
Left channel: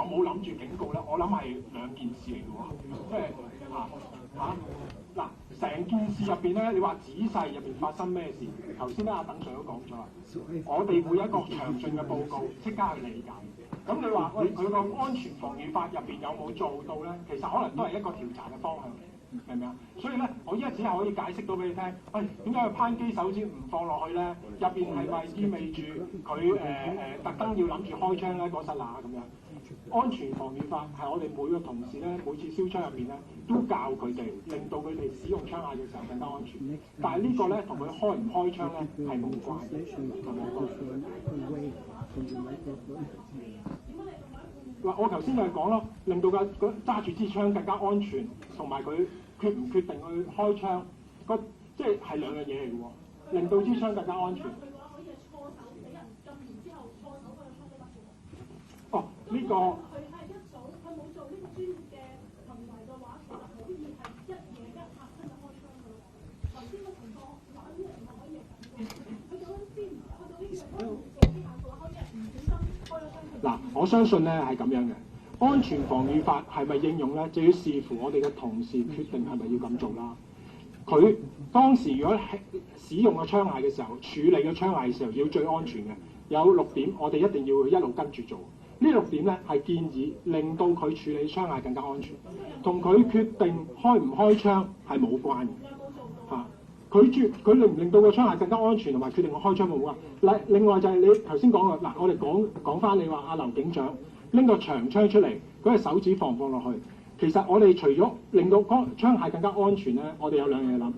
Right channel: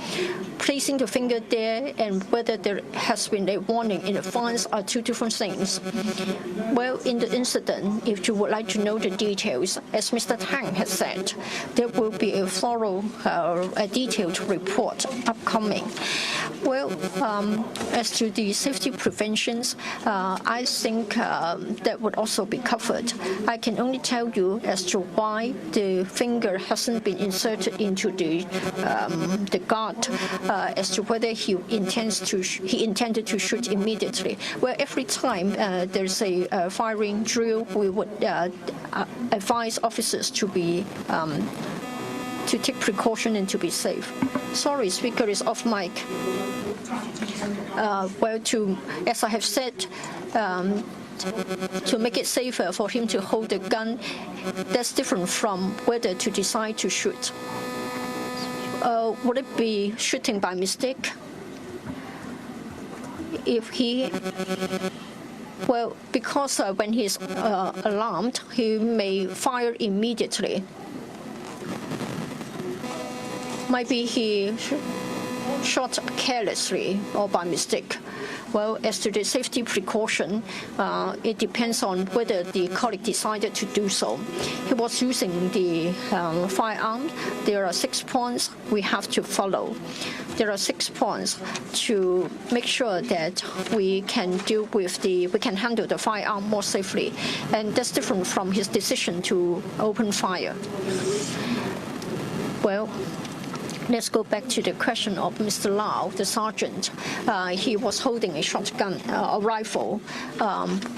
Placing the finger there and whether there has been a warning in advance are two different things. Well, in the incident, if you would like to know the details, as Mr. Tang has said, there will be a thorough, a detailed report upcoming. Well, as to the safety preventions, I think that would also be covered. I can only tell you as to why the finger hasn't been inserted into the guard, as to whether he intended to shoot immediately. Well, every time there's a firing drill, we would advise officers to be to take precaution and to be safe. Sorry, speaker is off mic. Well, as I have said, to make it safer for him to hold the gun, that's different from whether to decide to shoot. Would it be shooting by mistake? If he, well, because when he's alarmed, he may fire immediately. Maybe he shot carelessly or by mistake. Well, as to the safety precaution, it depends on whether the colleague decided to do so. He was using the firearm. There are 6 points we have to follow. There are 6 points to make sure that we can handle the firearm more safely, and that's different from his decision to open fire. Well, let's go back to the question of Mr. Lau, the sergeant. He was holding a shotgun, a rifle.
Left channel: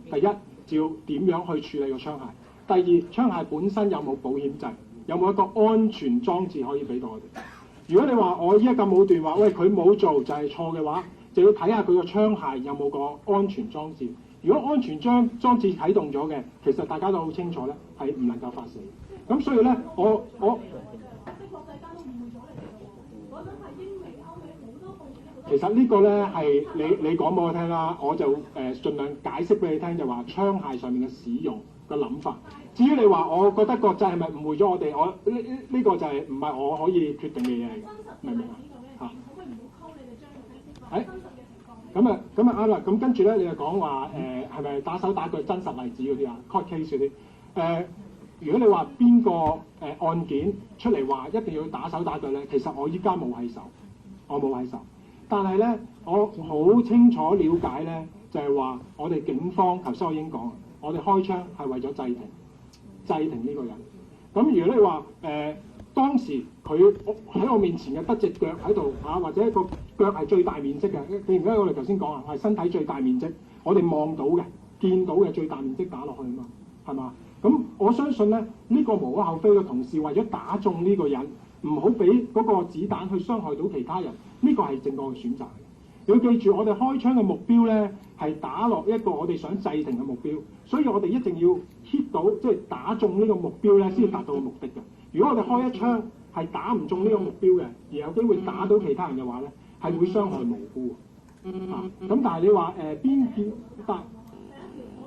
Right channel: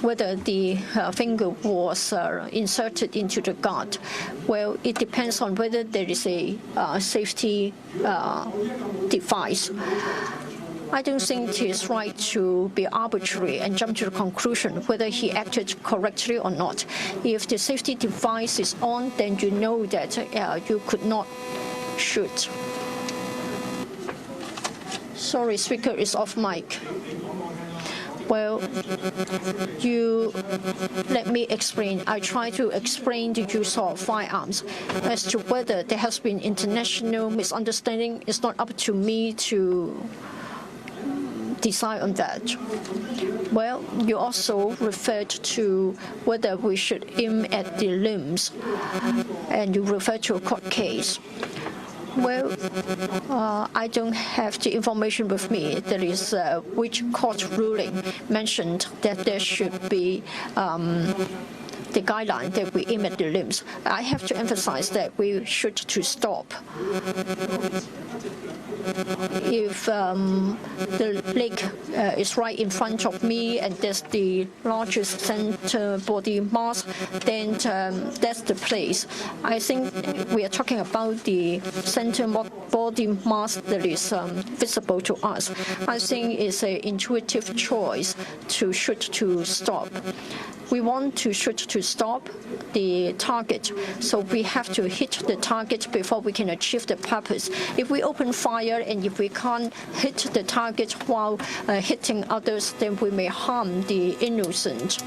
Whether the finger was inserted into the guard, well, it depends on whether there is a safety device. I don't think it is right to be arbitrary and jump to the conclusion whether he acted correctly or not. If the safety device is on, then you know that you could not shoot. Sorry, speaker is off mic. Well, you let me explain. I try to explain the use of firearms. As to whether there has been international misunderstanding, it's not up to me to decide on that. Well, you also referred to whether we should aim at the limbs, and you referred to a court case. Well, I don't have the information with me. There is which court ruling mentioned that there should be the guideline that we aim at the limbs. I have to emphasize that we should to stop. If the mic is right in front of me, and there's the largest center body mass, then that's the place. I think we are talking about the center body mass that is visible to us. I think it's an intuitive choice to shoot to stop. We want to shoot to stop the target, so we have to hit the target before we can achieve the purpose. If we open fire and if we can't hit the target while hitting others, then we may harm the innocent.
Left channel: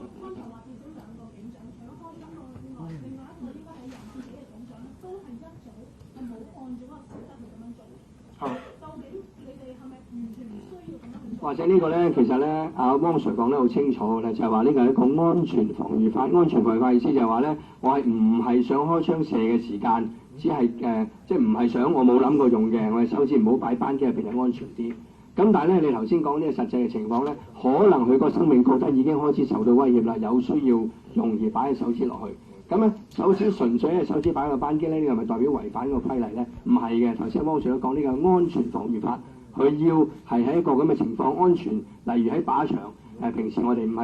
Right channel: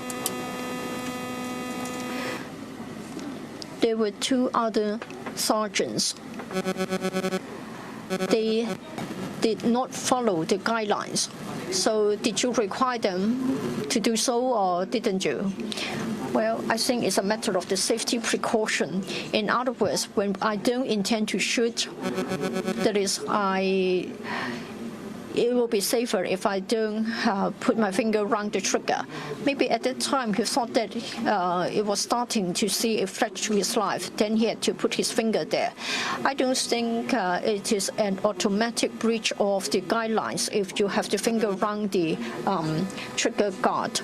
There were two other sergeants. They did not follow the guidelines. So did you require them to do so, or didn't you? Well, I think it's a matter of the safety precaution. In other words, when I don't intend to shoot, that is, it would be safer if I don't put my finger around the trigger. Maybe at that time he thought that it was starting to see a threat to his life, then he had to put his finger there. I don't think it is an automatic breach of the guidelines if you have the finger around the trigger guard.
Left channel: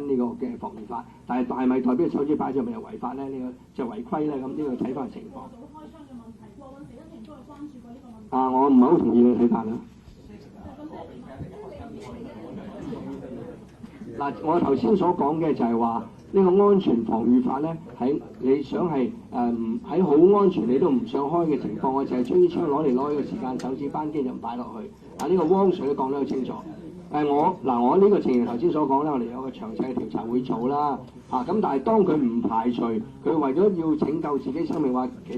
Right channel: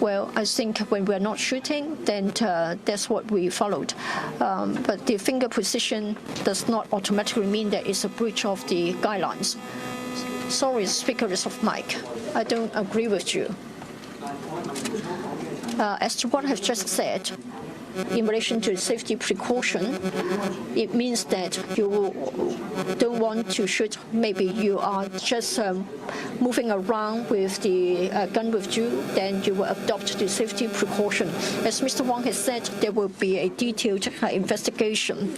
Well, I think when we're not shooting, then that's what we followed. But the finger position does not automatically mean that it's a breach of the guidelines. Sorry, speaker is off mic. I don't agree with you. As to what I've just said, in relation to safety precaution, it means that you don't want to shoot. Maybe you are just moving around with the gun with you, then you will adopt the safety precaution. As Mr. Wong has said, there will be a detailed investigation.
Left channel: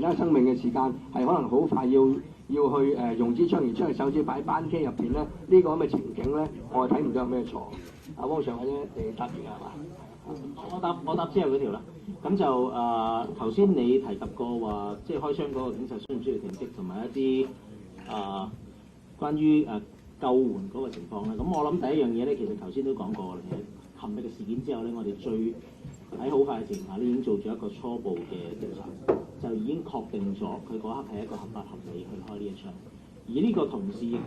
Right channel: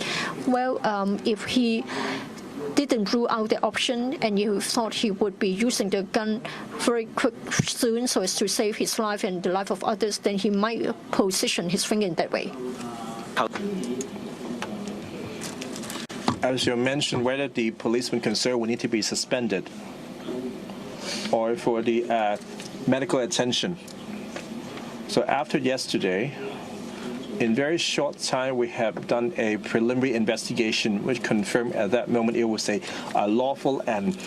Well, if he didn't rule out the option and you thought he would be using the gun very soon so as to save his life and the life of others, then he might position his finger in that way. As you mentioned, whether the policeman concerned will need to be suspended or for the medical attention. So after yesterday, in very short time, we have done a preliminary investigation which confirmed at that moment it was a lawful and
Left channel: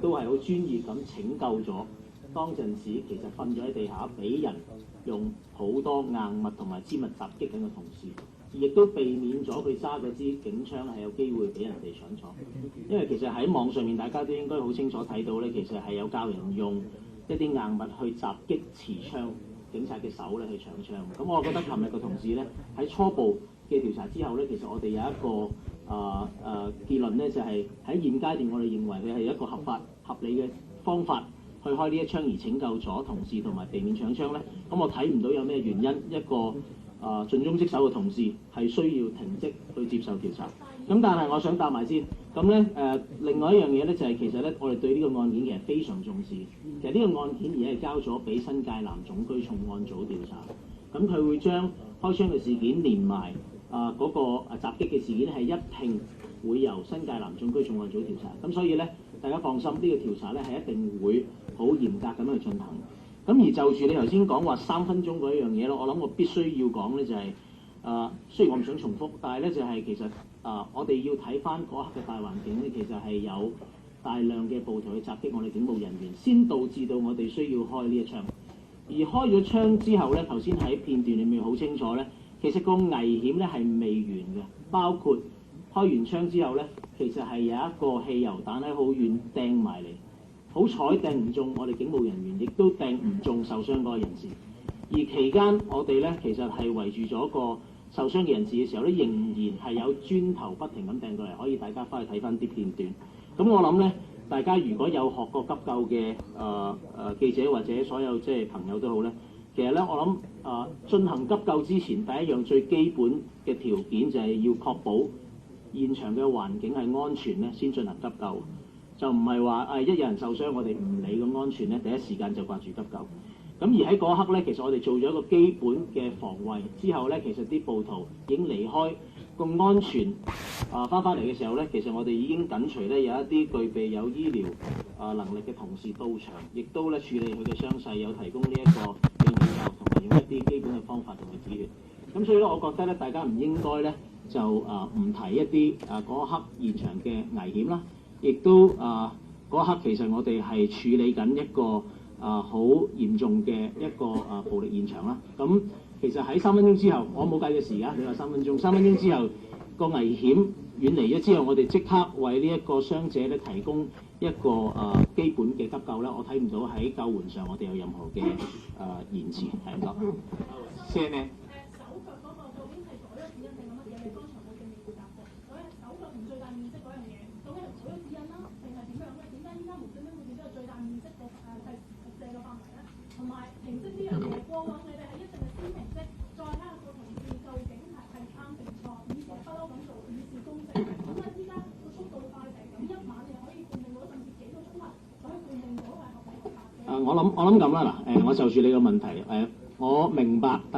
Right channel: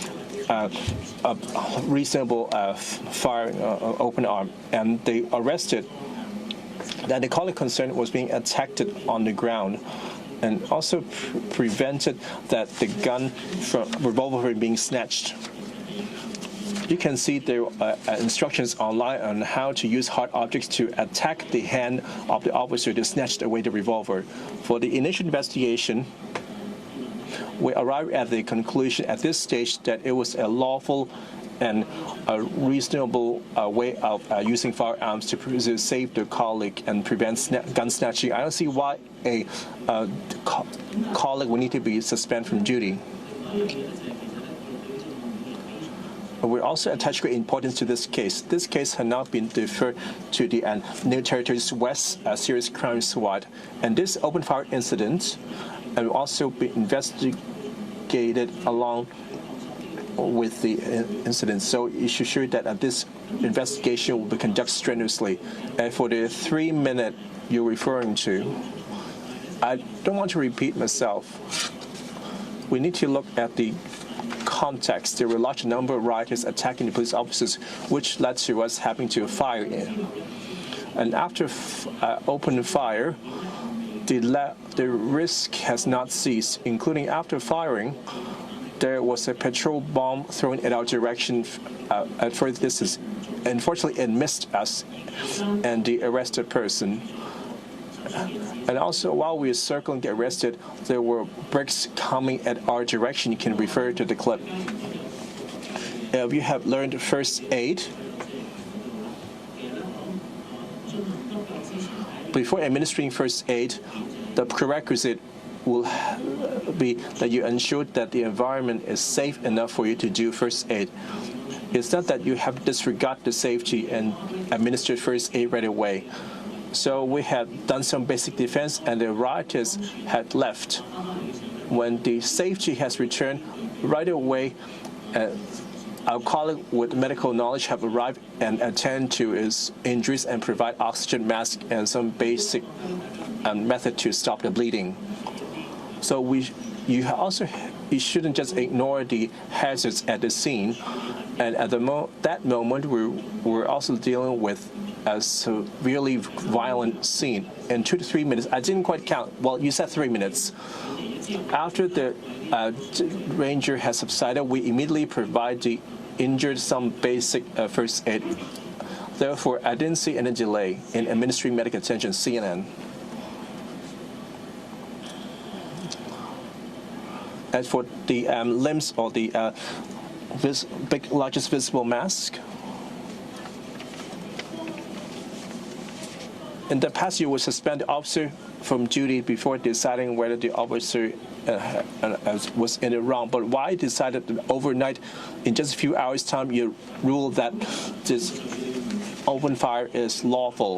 reasonable fire open arm, and they arrested that the colleague concerned was being attacked on the ground, and also prevented that the gun from revolver being snatched. You can see there are instructions online on how to use hard objects to attack the hand of the officer to snatch away the revolver. For the initial investigation, we arrived at the conclusion at this stage that it was a lawful and a reasonable way of using firearms to save the colleague and prevent gun snatching. I don't see why a colleague would need to be suspended from duty. We also attach great importance to this case. This case has now been deferred to the New Territories West Serious Crime Squad, and this open fire incident will also be investigated along with the incident. So you should ensure that this investigation will be conducted strenuously. And for the 3-minute you're referring to, I don't want to repeat myself. We need to look at the context. There were a large number of rioters attacking the police officers, which led to us having to fire in. And after open fire, the risk has not ceased, including after firing. There was a petrol bomb thrown in our direction at further distance. Unfortunately, it missed us and the arrested person. And also, while we were circling the arrested, there were bricks coming at our direction. You can refer to the clip. If you have learned first aid, before administering first aid, the prerequisite will be that you ensure that the environment is safe enough for you to do first aid. It's not that you have to disregard the safety and administer first aid right away. So we had done some basic defense, and the rioters had left. When the safety has returned, right away, our colleague with medical knowledge have arrived and attend to his injuries and provide oxygen mask and some basic method to stop the bleeding. So you shouldn't just ignore the hazards at the scene. And at that moment, we're also dealing with a severely violent scene. In 2 to 3 minutes, I didn't quite count. Well, you said 3 minutes. After the ranger has subsided, we immediately provide the injured some basic first aid. Therefore, I didn't see any delay in administering medical attention. CNN. As for the limbs or the largest visible mask, in the past, you would suspend the officer from duty before deciding whether the officer was in the wrong. But why decided that overnight, in just a few hours' time, you ruled that this open fire is lawful?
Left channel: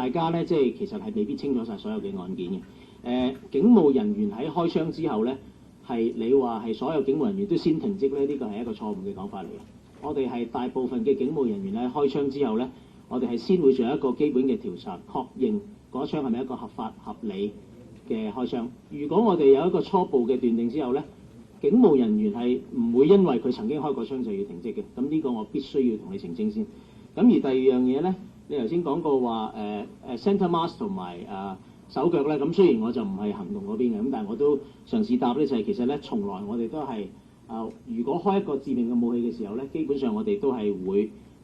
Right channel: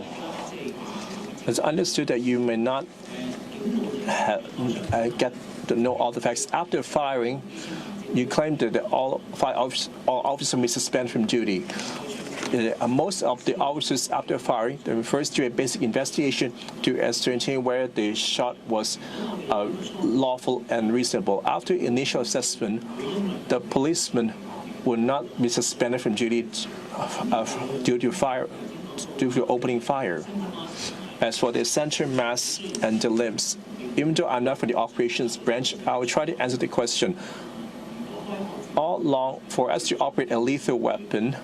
It's understood that you may not get to know all the facts. After firing, you claim that all officers may suspend from duty. Most of the officers after firing refers to a basic investigation to ascertain whether the shot was lawful and reasonable. After initial assessment, the policeman would not be suspended from duty due to opening fire. As for the center mass and the limbs, even though I'm not from the operations branch, I will try to answer the question. All along, for us to operate a lethal weapon,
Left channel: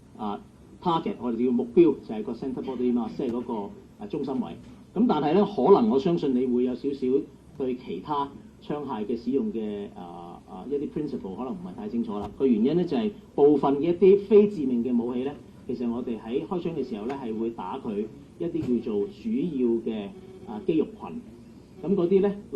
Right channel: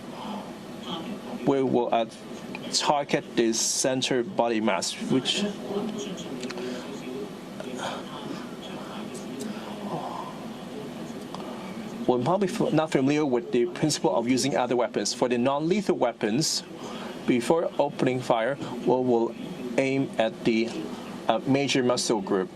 we will target the center body mass, which we're probably not familiar with the principle of using other weapons. For the non-lethal weapons, before opening fire, we will aim at the major muscle group.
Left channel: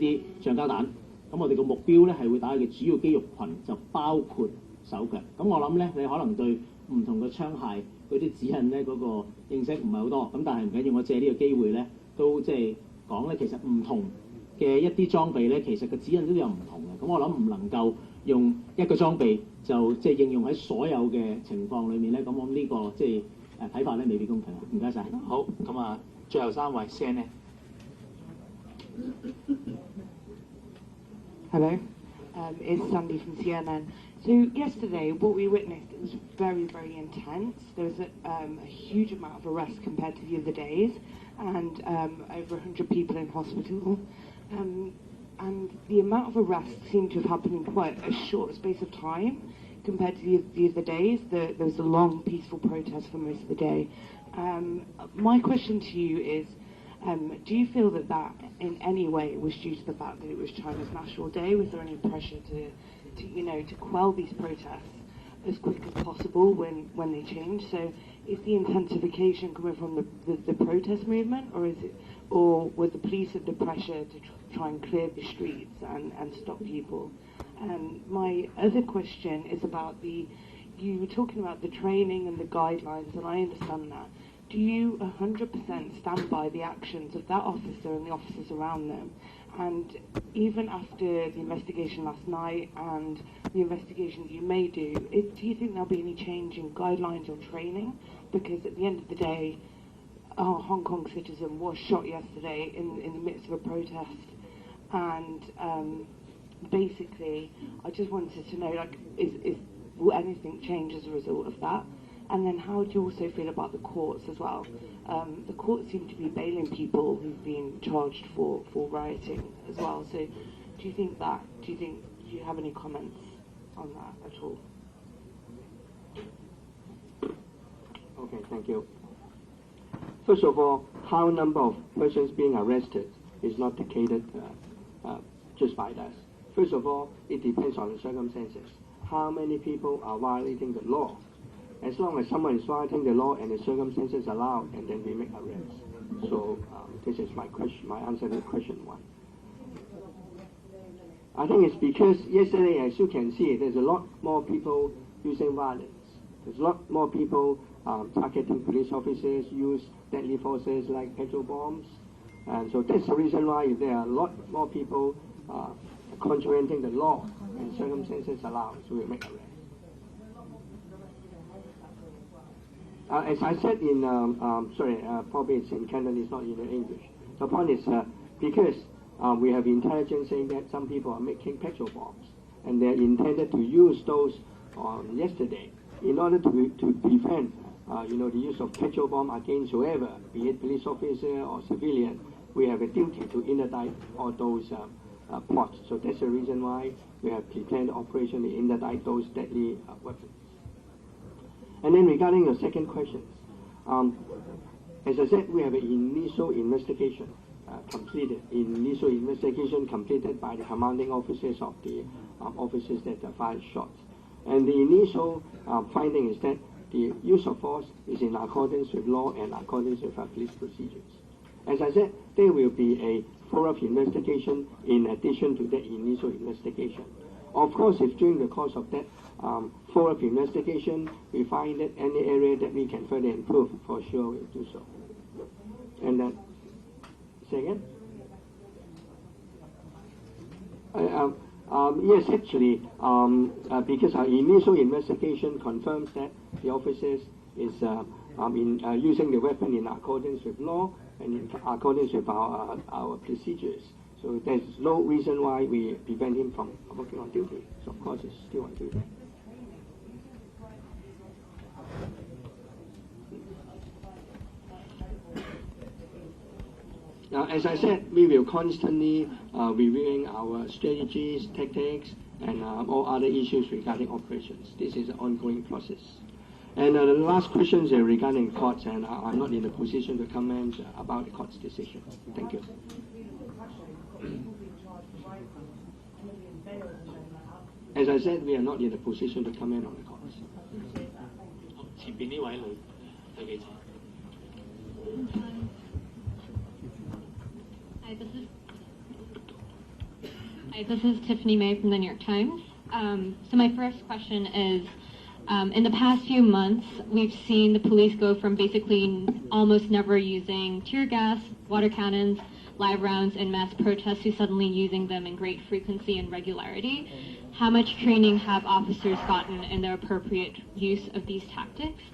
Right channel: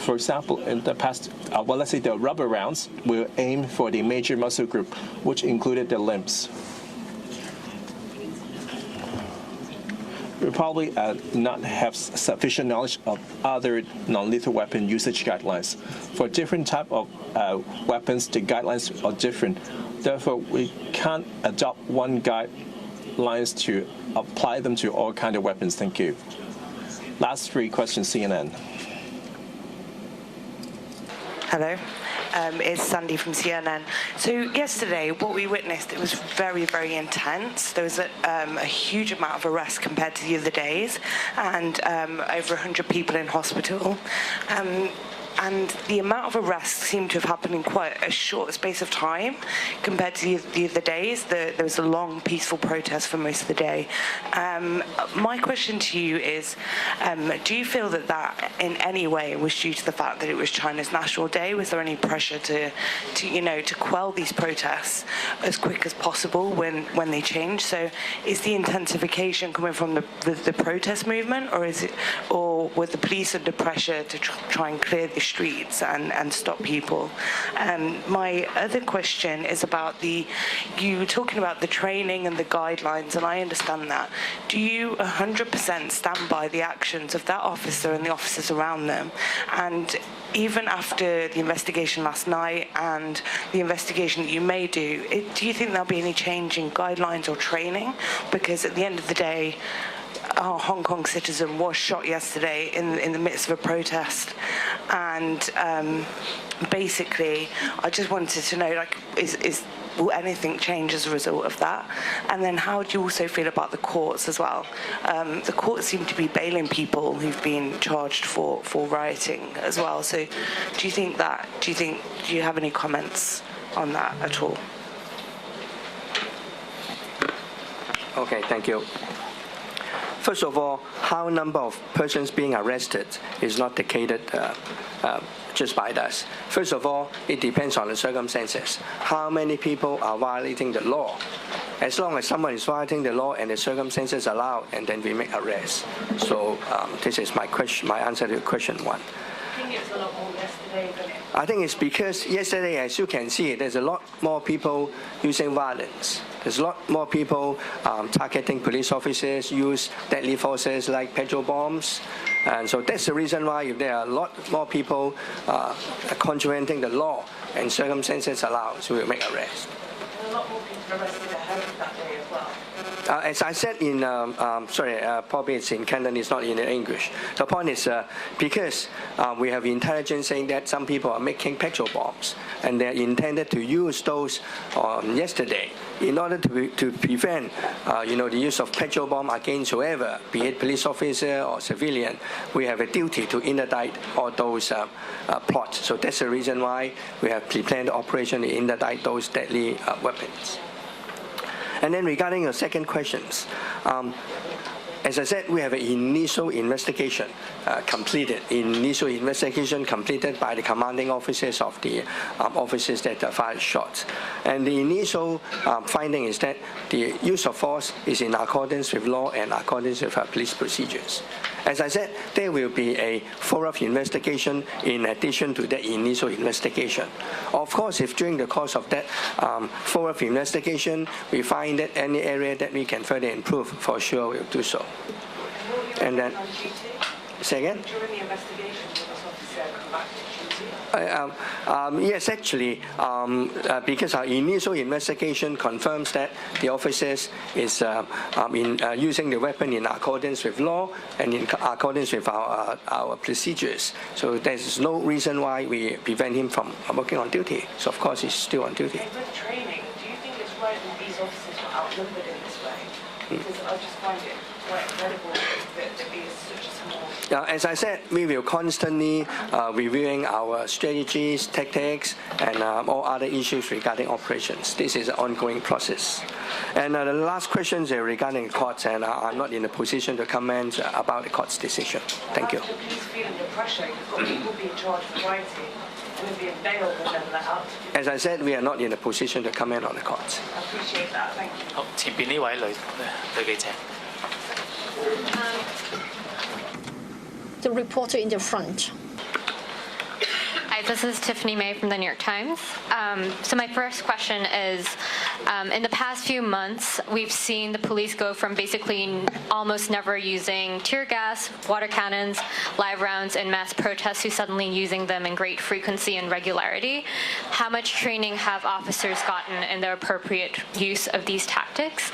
For example, in the past, let's say the rubber rounds, we'll aim for the major muscle group, which included the limbs. We probably not have sufficient knowledge of other non-lethal weapon usage guidelines. For different type of weapons, the guidelines are different. Therefore, we can't adopt one guidelines to apply them to all kinds of weapons. Thank you. Last 3 questions, CNN. Hello. It's Sandy from CNN. So yesterday, what we witnessed, it was very, very intense. There was a huge amount of arrests compared to the other days, and over 100 people in hospital. And the amount of arrests seemed to have happened in quite a short space of time compared to the other days. There was a long, peaceful protest for most of the day. My question to you is, do you feel that in any way was due to the fact that it was China's National Day? Was there any pressure to quell these protests as quick as possible when they change? So is the intensification coming from the protest movement, or was the police under pressure to try and clear the streets and stop people? My other question is about you were talking about the training and the guidelines, and I understand that. Do you 100% stand by the actions of that officer and the officers around them? And even after the investigation last night and the investigation that you may do you think there'll be any change in guidelines or training? Because at the end of the day, a Hong Kong citizen was shot yesterday in the midst of a protest, and basically I just wanted to know, will anything change as a result of that? And then how do you also feel about the courts as well? The courts seem to be bailing people who've been charged for rioting as well. So do you have any comments on that at all? Okay, thank you. First of all, how number of persons being arrested is not dictated just by us. First of all, it depends on the circumstances. How many people are violating the law? As long as someone is violating the law and the circumstances allow, and then we make arrests. So this is my answer to question 1. I think it's because yesterday, as you can see, there's a lot more people using violence. There's a lot more people targeting police officers, use deadly forces like petrol bombs, And so that's the reason why if there are a lot more people contravening the law and circumstances allow, so we'll make arrests. A lot more people arrested ahead of that day as well. As I said in, probably it's in Cantonese, not in English. The point is because we have intelligence saying that some people are making petrol bombs, and they're intended to use those yesterday in order to prevent, the use of petrol bomb against whoever, be it police officer or civilian. We have a duty to interdict all those plots. So that's the reason why we have planned the operation to interdict those deadly weapons. And then regarding your second questions, as I said, we have an initial investigation completed. Initial investigation completed by the commanding officers of the officers that fired shots. And the initial finding is that the use of force is in accordance with law and accordance with police procedures. As I said, there will be a follow-up investigation in addition to the initial investigation. Of course, if during the course of that follow-up investigation, we find that any area that we can further improve, for sure we'll do so. And then, say again? During the investigation, will this officer come back to duty? Yes, actually, because our initial investigation confirms that the officers is using the weapon in accordance with law and in accordance with our procedures. So there's no reason why we prevent him from working on duty. So of course he's still on duty. With training, do you think it's right that these officers were outnumbered in this way? Because I just find it quite incredible that there is such a small... As I said, we will constantly reviewing our strategies, tactics, and all other issues regarding operations. This is an ongoing process. And the last question is regarding courts, and I'm not in a position to comment about the court's decision. Thank you. The police feeling the pressure, you've got people being charged for rioting and then being bailed and then let out. As I said, we are not in a position to comment on the courts. I appreciate that. Thank you. 好，前邊呢位女記者。The reporter in the front. Hi, this is Tiffany May from the New York Times. So my first question is, in the past few months, we've seen the police go from basically almost never using tear gas, water cannons, live rounds in mass protests to suddenly using them in great frequency and regularity. How much training have officers gotten in the appropriate use of these tactics?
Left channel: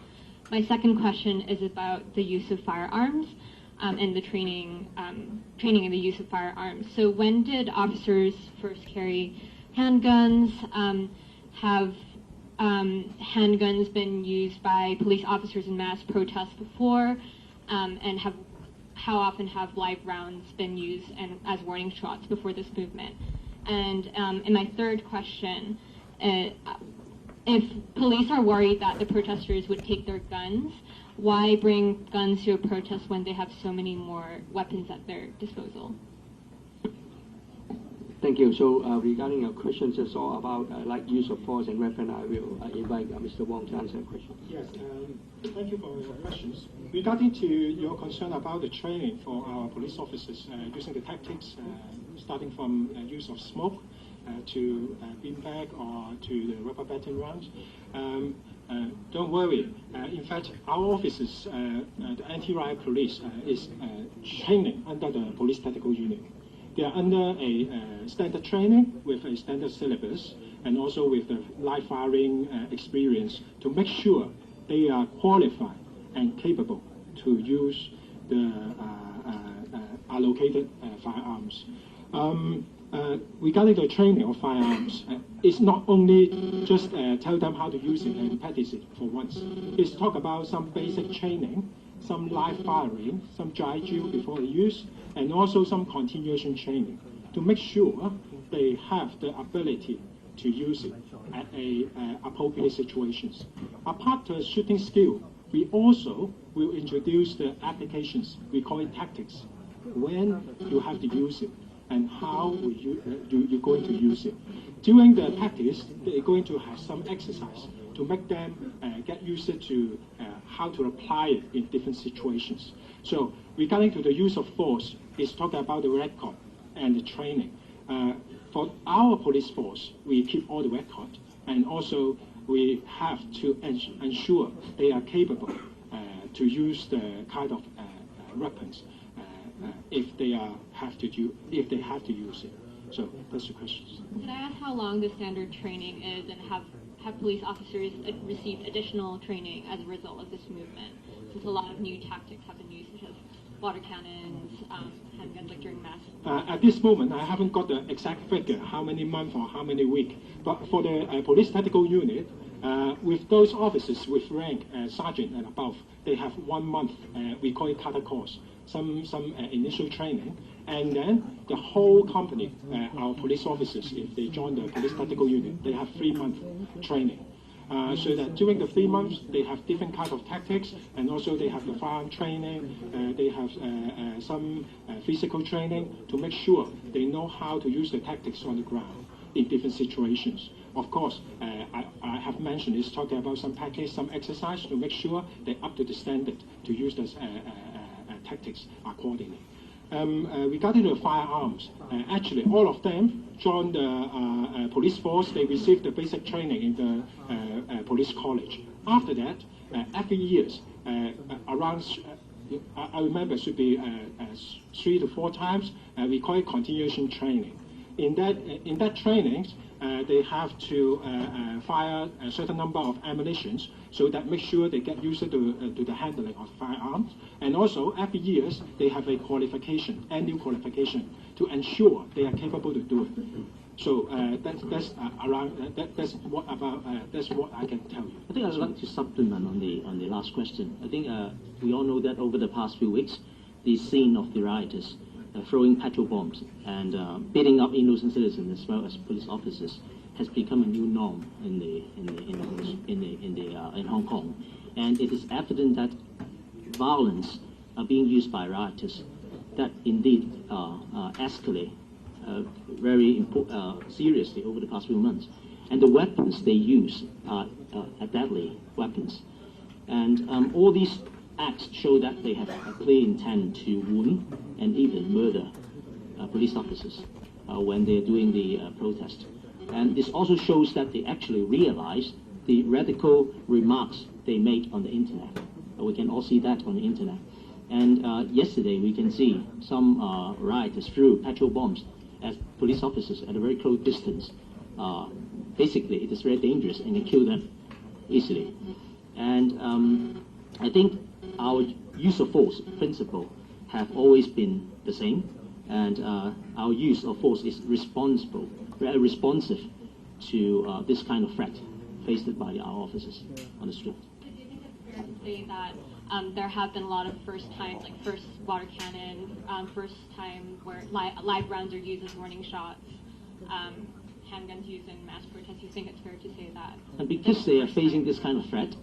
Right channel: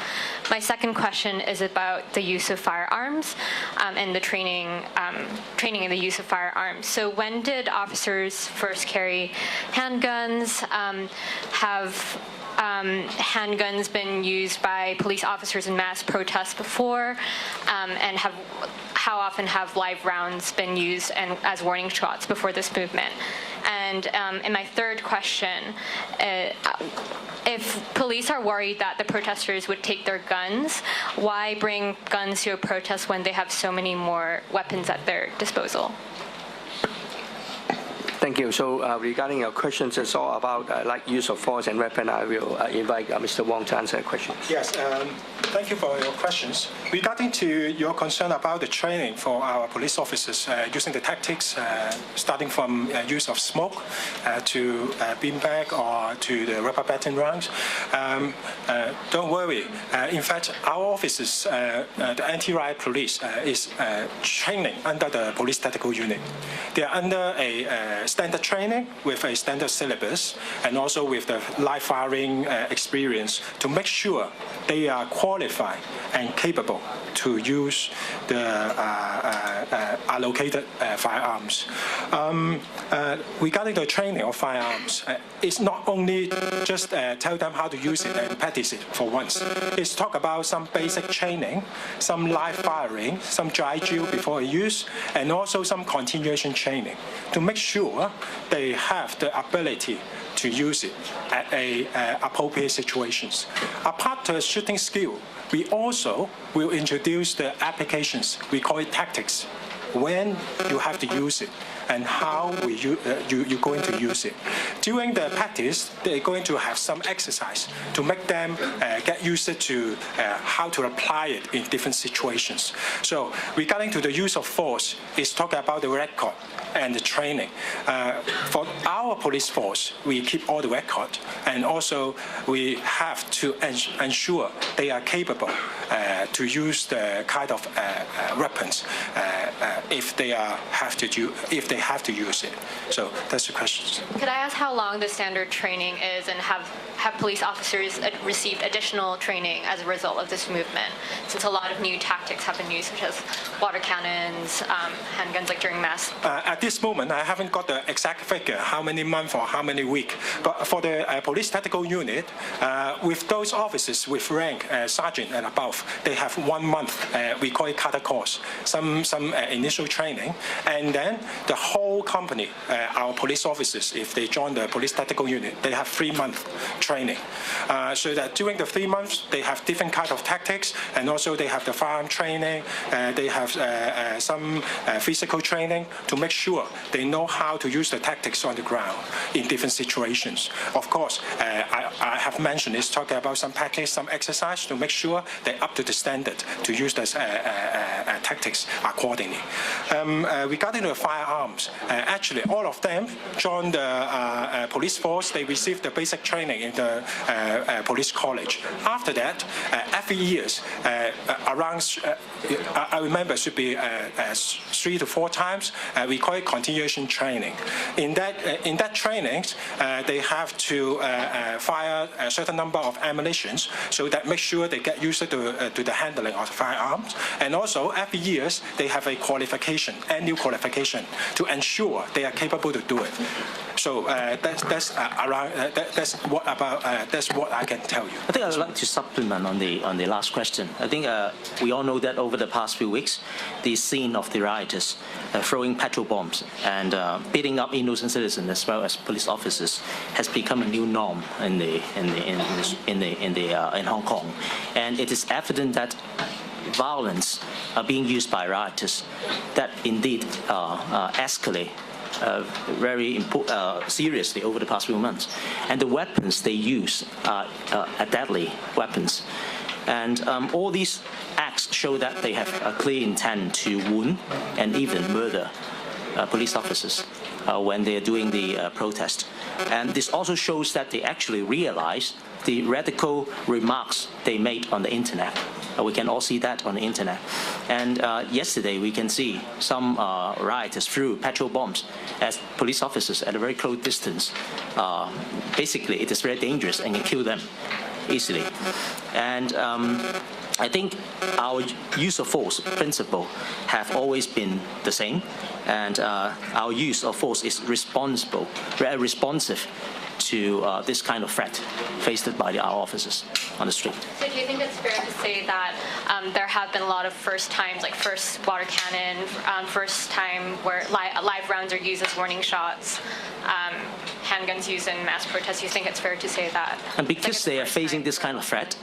My second question is about the use of firearms and the training in the use of firearms. So when did officers first carry handguns? Have handguns been used by police officers in mass protests before? And how often have live rounds been used as warning shots before this movement? And in my third question, if police are worried that the protesters would take their guns, why bring guns to a protest when they have so many more weapons at their disposal? Thank you. So regarding your questions, it's all about like use of force and weapon. I will invite Mr. Wong to answer questions. Yes, thank you for your questions. Regarding to your concern about the training for our police officers using the tactics, starting from use of smoke to beanbag or to the rubber batting rounds, don't worry. In fact, our officers, the anti-riot police, is training under the police tactical unit. They are under a standard training with a standard syllabus and also with the live firing experience to make sure they are qualified and capable to use the allocated firearms. Regarding the training of firearms, it's not only just tell them how to use it and practice it for once. It's talk about some basic training, some live firing, some dry drill before use, and also some continuation training to make sure they have the ability to use it at appropriate situations. Apart from shooting skill, we also will introduce the applications. We call it tactics. When you have to use it and how you're going to use it. During the practice, they're going to have some exercise to make them get used to how to apply it in different situations. So regarding to the use of force, it's talking about the record and the training. For our police force, we keep all the record, and also we have to ensure they are capable to use the kind of weapons if they have to use it. So that's the question. Could I ask how long the standard training is, and have police officers received additional training as a result of this movement? Since a lot of new tactics have been used, such as water cannons, handguns, like during mass. At this moment, I haven't got the exact figure, how many months or how many weeks. But for the police tactical unit, with those officers with rank sergeant and above, they have 1 month. We call it kata course, some initial training, and then the whole company, our police officers, if they join the police tactical unit, they have 3 months training. So that during the 3 months, they have different kind of tactics, and also they have the firearm training, they have some physical training to make sure they know how to use the tactics on the ground in different situations. Of course, I have mentioned it's talking about some package, some exercise to make sure they're up to the standard to use those tactics accordingly. Regarding the firearms, actually all of them joined the police force. They received the basic training in the police college. After that, every year, around I remember it should be 3 to 4 times. We call it continuation training. In that training, they have to fire a certain number of ammunitions, so that make sure they get used to the handling of firearms. And also every year they have a qualification, annual qualification, to ensure they are capable to do it. So that's what I can tell you. I think I'd like to supplement on the last question. I think we all know that over the past few weeks, the scene of the rioters throwing petrol bombs and beating up innocent citizens as well as police officers has become a new norm in Hong Kong, and it is evident that violence are being used by rioters that indeed escalate very seriously over the past few months. And the weapons they use are deadly weapons. And all these acts show that they have a clear intent to wound and even murder police officers when they are doing the protest. And this also shows that they actually realize the radical remarks they made on the internet. We can all see that on the internet. And yesterday we can see some rioters threw petrol bombs at police officers at a very close distance. Basically, it is very dangerous and can kill them easily. And I think our use of force principle have always been the same. And our use of force is very responsive to this kind of threat faced by our officers on the street. So do you think it's fair to say that there have been a lot of first times, like first water cannon, first time where live rounds are used as warning shots, handguns used in mass protests? You think it's fair to say that? And because they are facing this kind of threat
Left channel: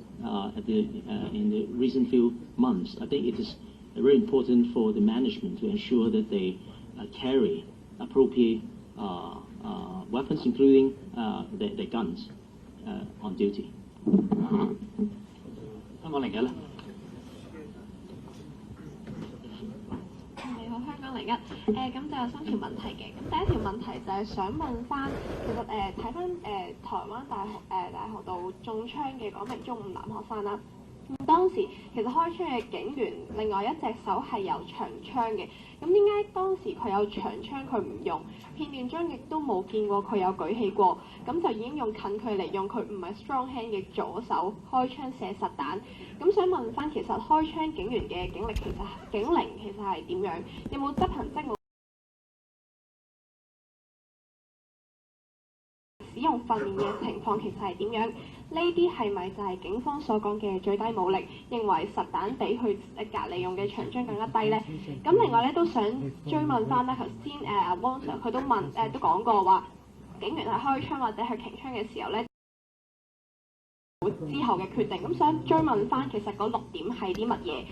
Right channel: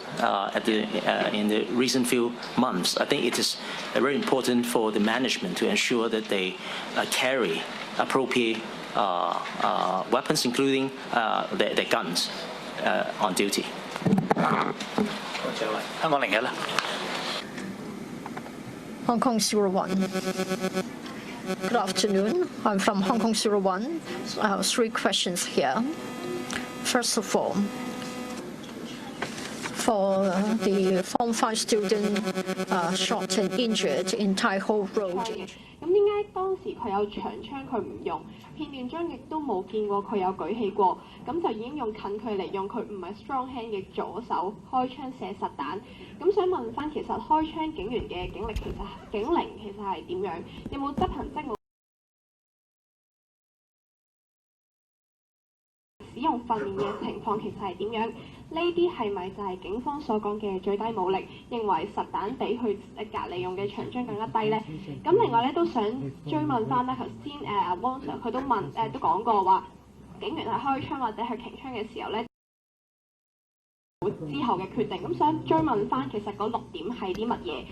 in the recent few months, I think it is very important for the management to ensure that they carry appropriate weapons, including their guns, on duty. Hong Kong 01. Good afternoon. I'm from Hong Kong 01. I have 3 questions here. First of all, for the Form 5 student shot and injured in Tai Ho Road. 咁點解當時佢有長槍佢唔用？片段中亦都冇見過佢有舉起過，咁就已經用近距離用佢唔係 strong hand 嘅左手開槍射實彈。咁想問翻，其實開槍警員嘅警齡其實係點樣？有冇執行職務？使用訓練嘅情況其實係點樣？呢啲係咪就係警方所講嘅最低武力？認為實彈比佢隔離用嘅長槍更加低呢？咁另外咧都想追問翻咧，頭先汪 Sir 佢都講過話，警員喺開槍或者係擎槍嘅時候咧，之後嘅決定。咁想追問翻，其實嗰6點係啲乜嘢？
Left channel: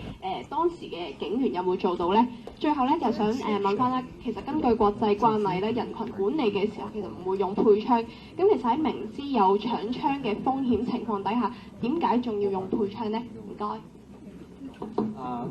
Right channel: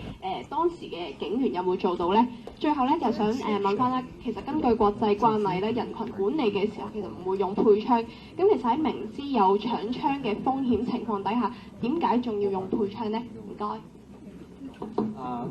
當時嘅警員有冇做到呢？最後咧就想問翻啦，其實根據國際慣例咧，人群管理嘅時候其實唔會用配槍。咁其實喺明知有搶槍嘅風險情況底下，點解仲要用配槍呢？唔該。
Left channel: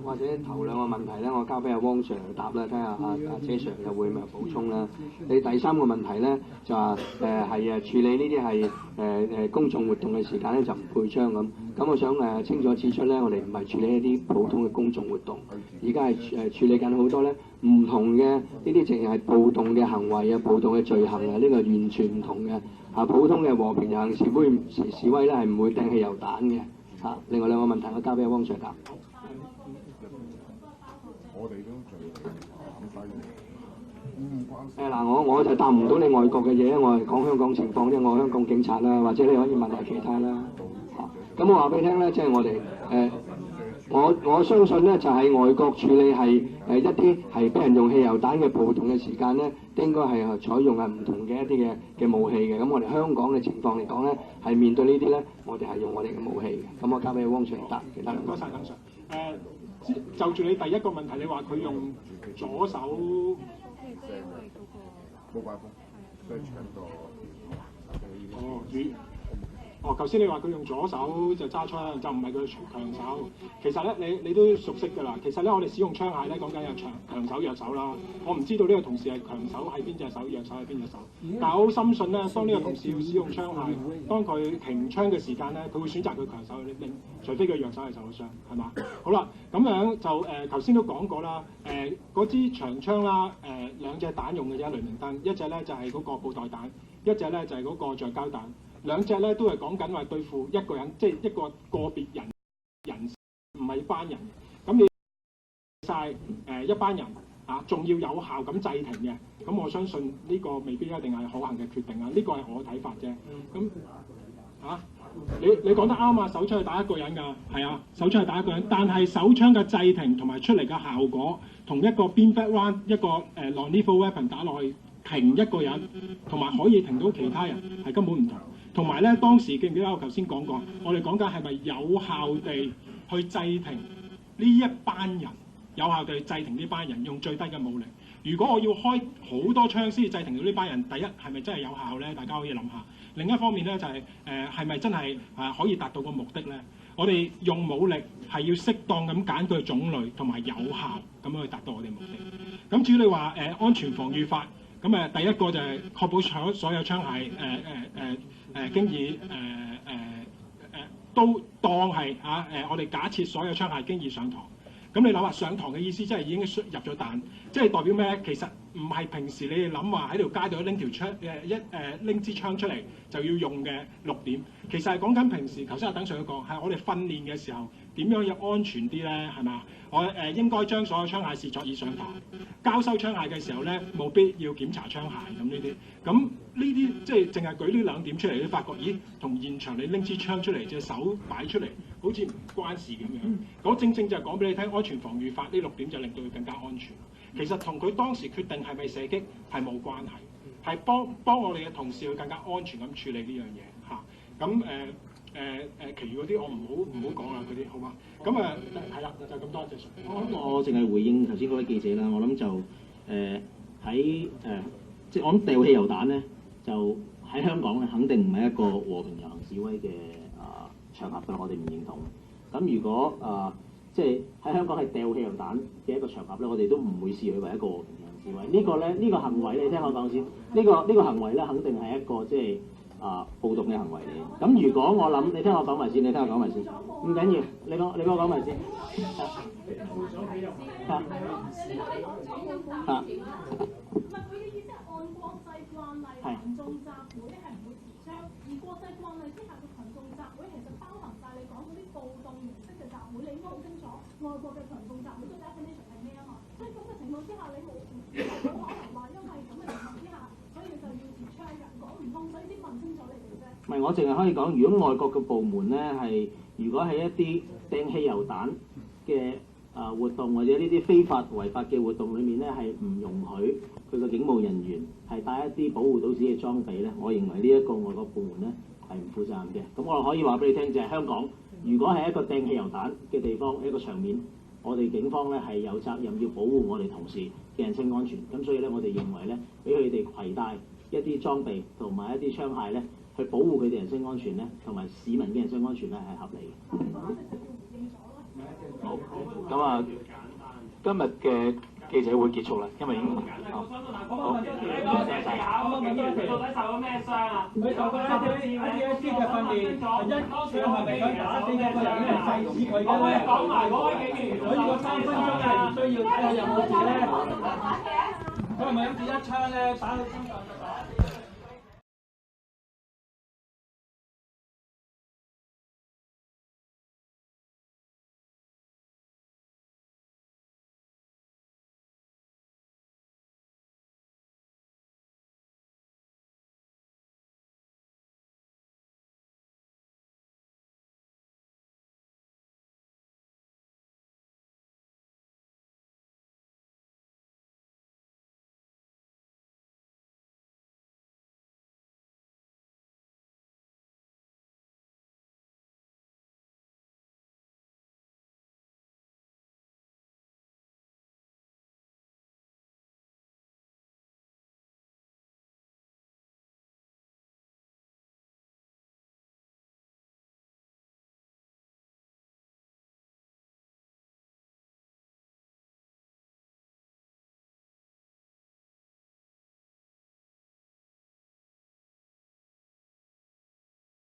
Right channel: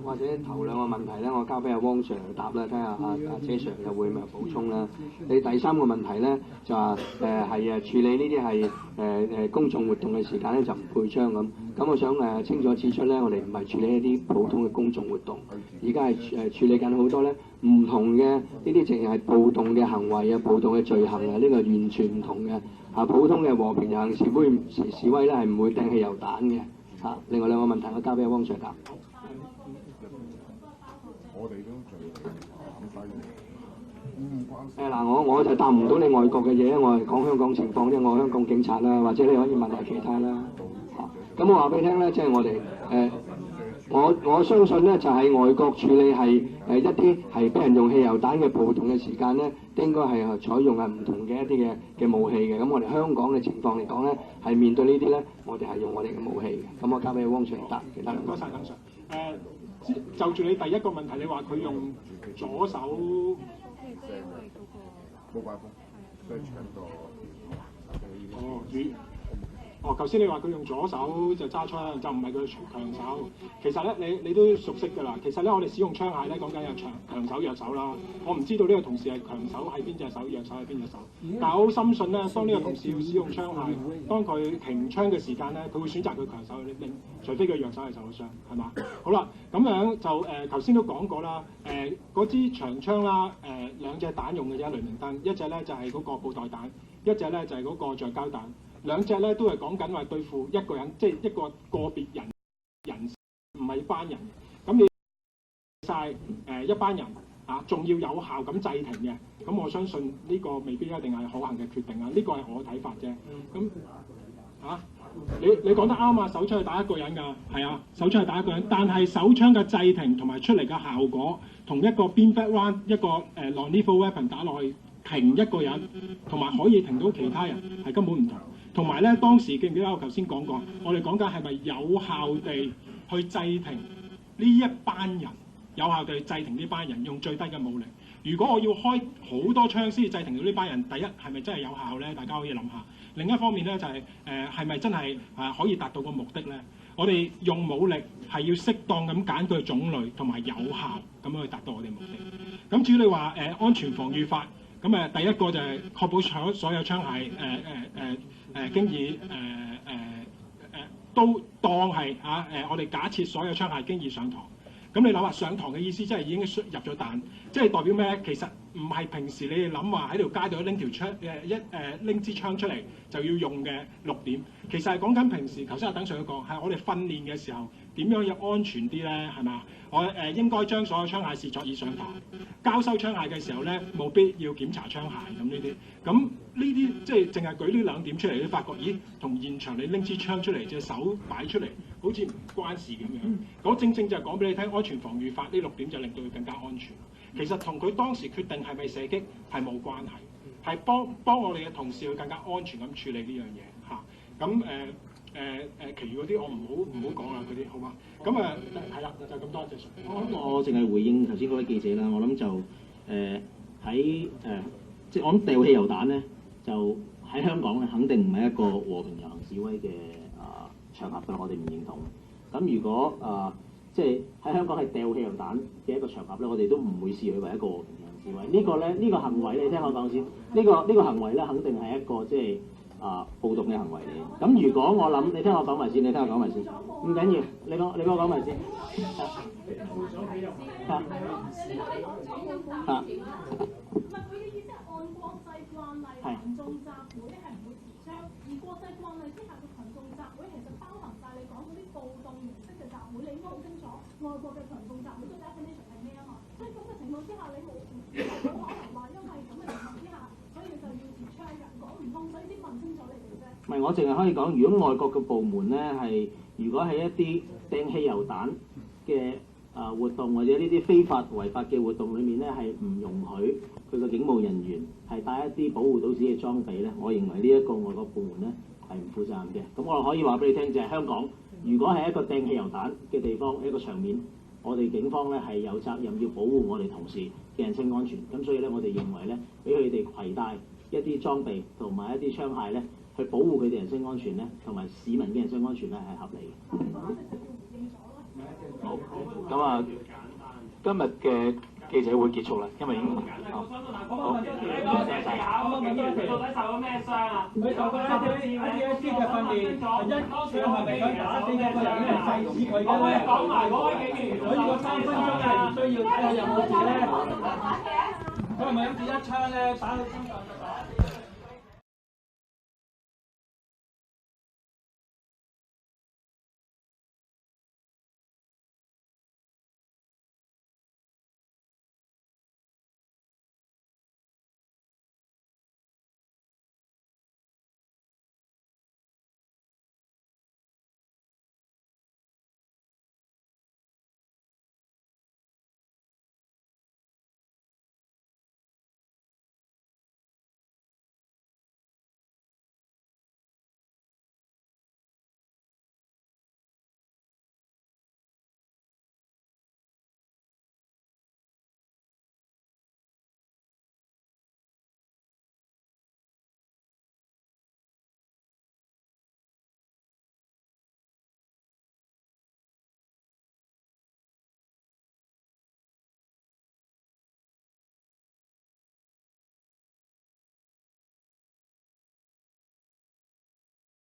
或者頭兩個問題咧，我交俾阿汪 Sir 答啦，睇下阿姐 Sir 又會唔會補充啦。你第三個問題咧就話係處理呢啲係公眾活動嘅時間咧就唔配槍咁。咁我想清楚指出咧，我哋唔係處理一啲普通嘅公眾活動，而家係處理緊好多咧唔同嘅呢啲淨係暴動嘅行為啊、暴動嘅罪行啊，呢個完全唔同嘅。普通嘅和平遊行示威咧係唔會掟汽油彈嘅。另外兩個問題我交俾阿汪 Sir 答。我哋都我就答唔到你外國嘅嘢，我係講香港情況啫，我係香港警察啦，或者你可以問下其他啦。咁我話俾你聽咧，即係我哋我相信咧就喺外國處理係一啲係俾人用汽油彈嘅暴動嘅時間咧，應該係採用係唔同嘅一啲嘅武器嘅。咁我哋香港嘅情況嚟講咧，係面對呢啲咧，我哋係用我哋嘅武器嘅。咁我交俾汪 Sir 答其他兩個。唔該曬，鄧 Sir。就住你第一個問題，你話佢用左手，冇辦法，都係搶到。頭先你話佢用左手就揸槍，就唔係佢強手。其實咧，你都熟悉㗎啦。其實咧，我哋使用槍械咧，講緊有強手、弱手啦。我唔知道呢個同事係強手喺邊隻手，弱手喺邊隻手。但係我好深信咧，當呢個同事要使用槍械，當佢停槍嘅時間咧，佢會選擇佢強手去拎，除非佢弱手係受咗傷，係嘛？好啦，咁樣就頭先都講過啦。嗰支長槍啦，兩隻彈用嘅啫，雷明燈，一隻咧就係嗰個布袋彈，一隻咧就係嗰個橡膠彈。兩隻咧都係講緊話對付一個人，即係一個別人，唔係班人。咁你晒一班人仲要有效咁制停嘅，咁我相信呢個未必一定係可行嘅決定啊。呢個係我睇法啫。咁你講得啱啊！手槍係打一個人㗎，係啊，手槍係打一個人，但係手槍嘅制停同埋出嚟嘅效果，同一個 bean back round 一個non-lethal weapon 打落去停一個人，同埋可以停到其他人係根本唔同。同埋咧，當時記唔記得我頭先講過，我哋講緊係咪有效地去制停呢一班人，有效地去制停呢班人用最低嘅武力。如果我要開好多槍先至制停到呢班人，第一係咪真係有效咧？大家可以諗下。另一方面咧就係係咪真係可以達到個目的咧？我哋用武力係要適當咁揀佢種類同埋有效咁樣去達到我哋目的。咁至於你話安全防禦法，咁第一個就係確保所有槍械經已都當係我哋假設所有槍械經已上膛。咁你諗下上膛嘅意思，即係已經入咗彈，即係代表咩？其實唔係平時你哋諗話喺條街度拎條槍拎支槍出嚟就要用嘅6點。其實係講緊平時頭先阿鄧 Sir 講係我哋訓練嘅時候點樣要安全啲咧？係嘛？我應該將所有槍械視作已上膛。交收槍械嘅時候咧，冇必要檢查槍械咁呢啲。咁呢啲即係淨係舉呢2點出嚟，你發覺咦，同現場你拎支槍出嚟隻手擺出嚟，好似唔關事咁樣。嗰正正就係講俾你聽，安全防禦法呢6點就令到佢更加安全。其實同佢當時決定係咪射擊係冇關係，係幫我哋嘅同事去更加安全咁處理呢樣嘢嚇。咁其餘嗰啲我唔好講啦，嗰啲好嘛？咁係啦，就咁多謝。我淨係回應頭先嗰位記者啦，我諗就即係我諗掉汽油彈咧，就喺香港咧肯定唔係一個和平遊行示威嘅場合㗎，我哋唔認同。咁如果即係喺香港係掉汽油彈嘅一個場合咧，我哋都唔會視佢為一個和平遊行示威。呢個行為你聽我講先，呢個行為咧肯定係一個即係暴動嘅行為嚟。咁如果我諗，你聽我講埋先，唔緊要，你幫我講埋先。係。群眾集會咧係唔會持槍，而國際慣例之下嘅群眾集會其實包含晒你講嗰啲暴動形式嘅集會，你應該好清楚外國嘅群眾集會嘅 definition 係咩啊嘛？所以咁嘅情況之下，你冇可能話因為咁嘅情況之下，所以就要持槍㗎，講唔通，所以先問清楚你哋啫。唔係，我淨係可以講，如果外國嘅部門咧如果係一啲掟汽油彈嘅活動或者呢啲非法違法嘅活動裏面咧，係唔容許佢個警務人員係帶一啲保護到自己嘅裝備咧，我認為呢一個外國部門咧係唔負責任嘅。咁我可以話俾你聽，就係香港，如果係一個掟汽油彈嘅地方，一個場面，我哋警方咧係有責任要保護我哋同事嘅人身安全。咁所以咧，我哋認為咧，俾佢哋攜帶一啲裝備同埋一啲槍械咧，去保護佢哋人身安全咧，同埋市民嘅人身安全咧係合理嘅。好，咁啊，今日嘅記者會結束啦，因為已經好，好，到底受咗咩傷啊？佢受過1D 嘅訓練，佢係咪想打死一個人咧？細子佢嘅咧，講埋嗰位警員，所以個3分鐘係唔需要睇下有冇事咧。佢係咪諗住一槍咧打到身上？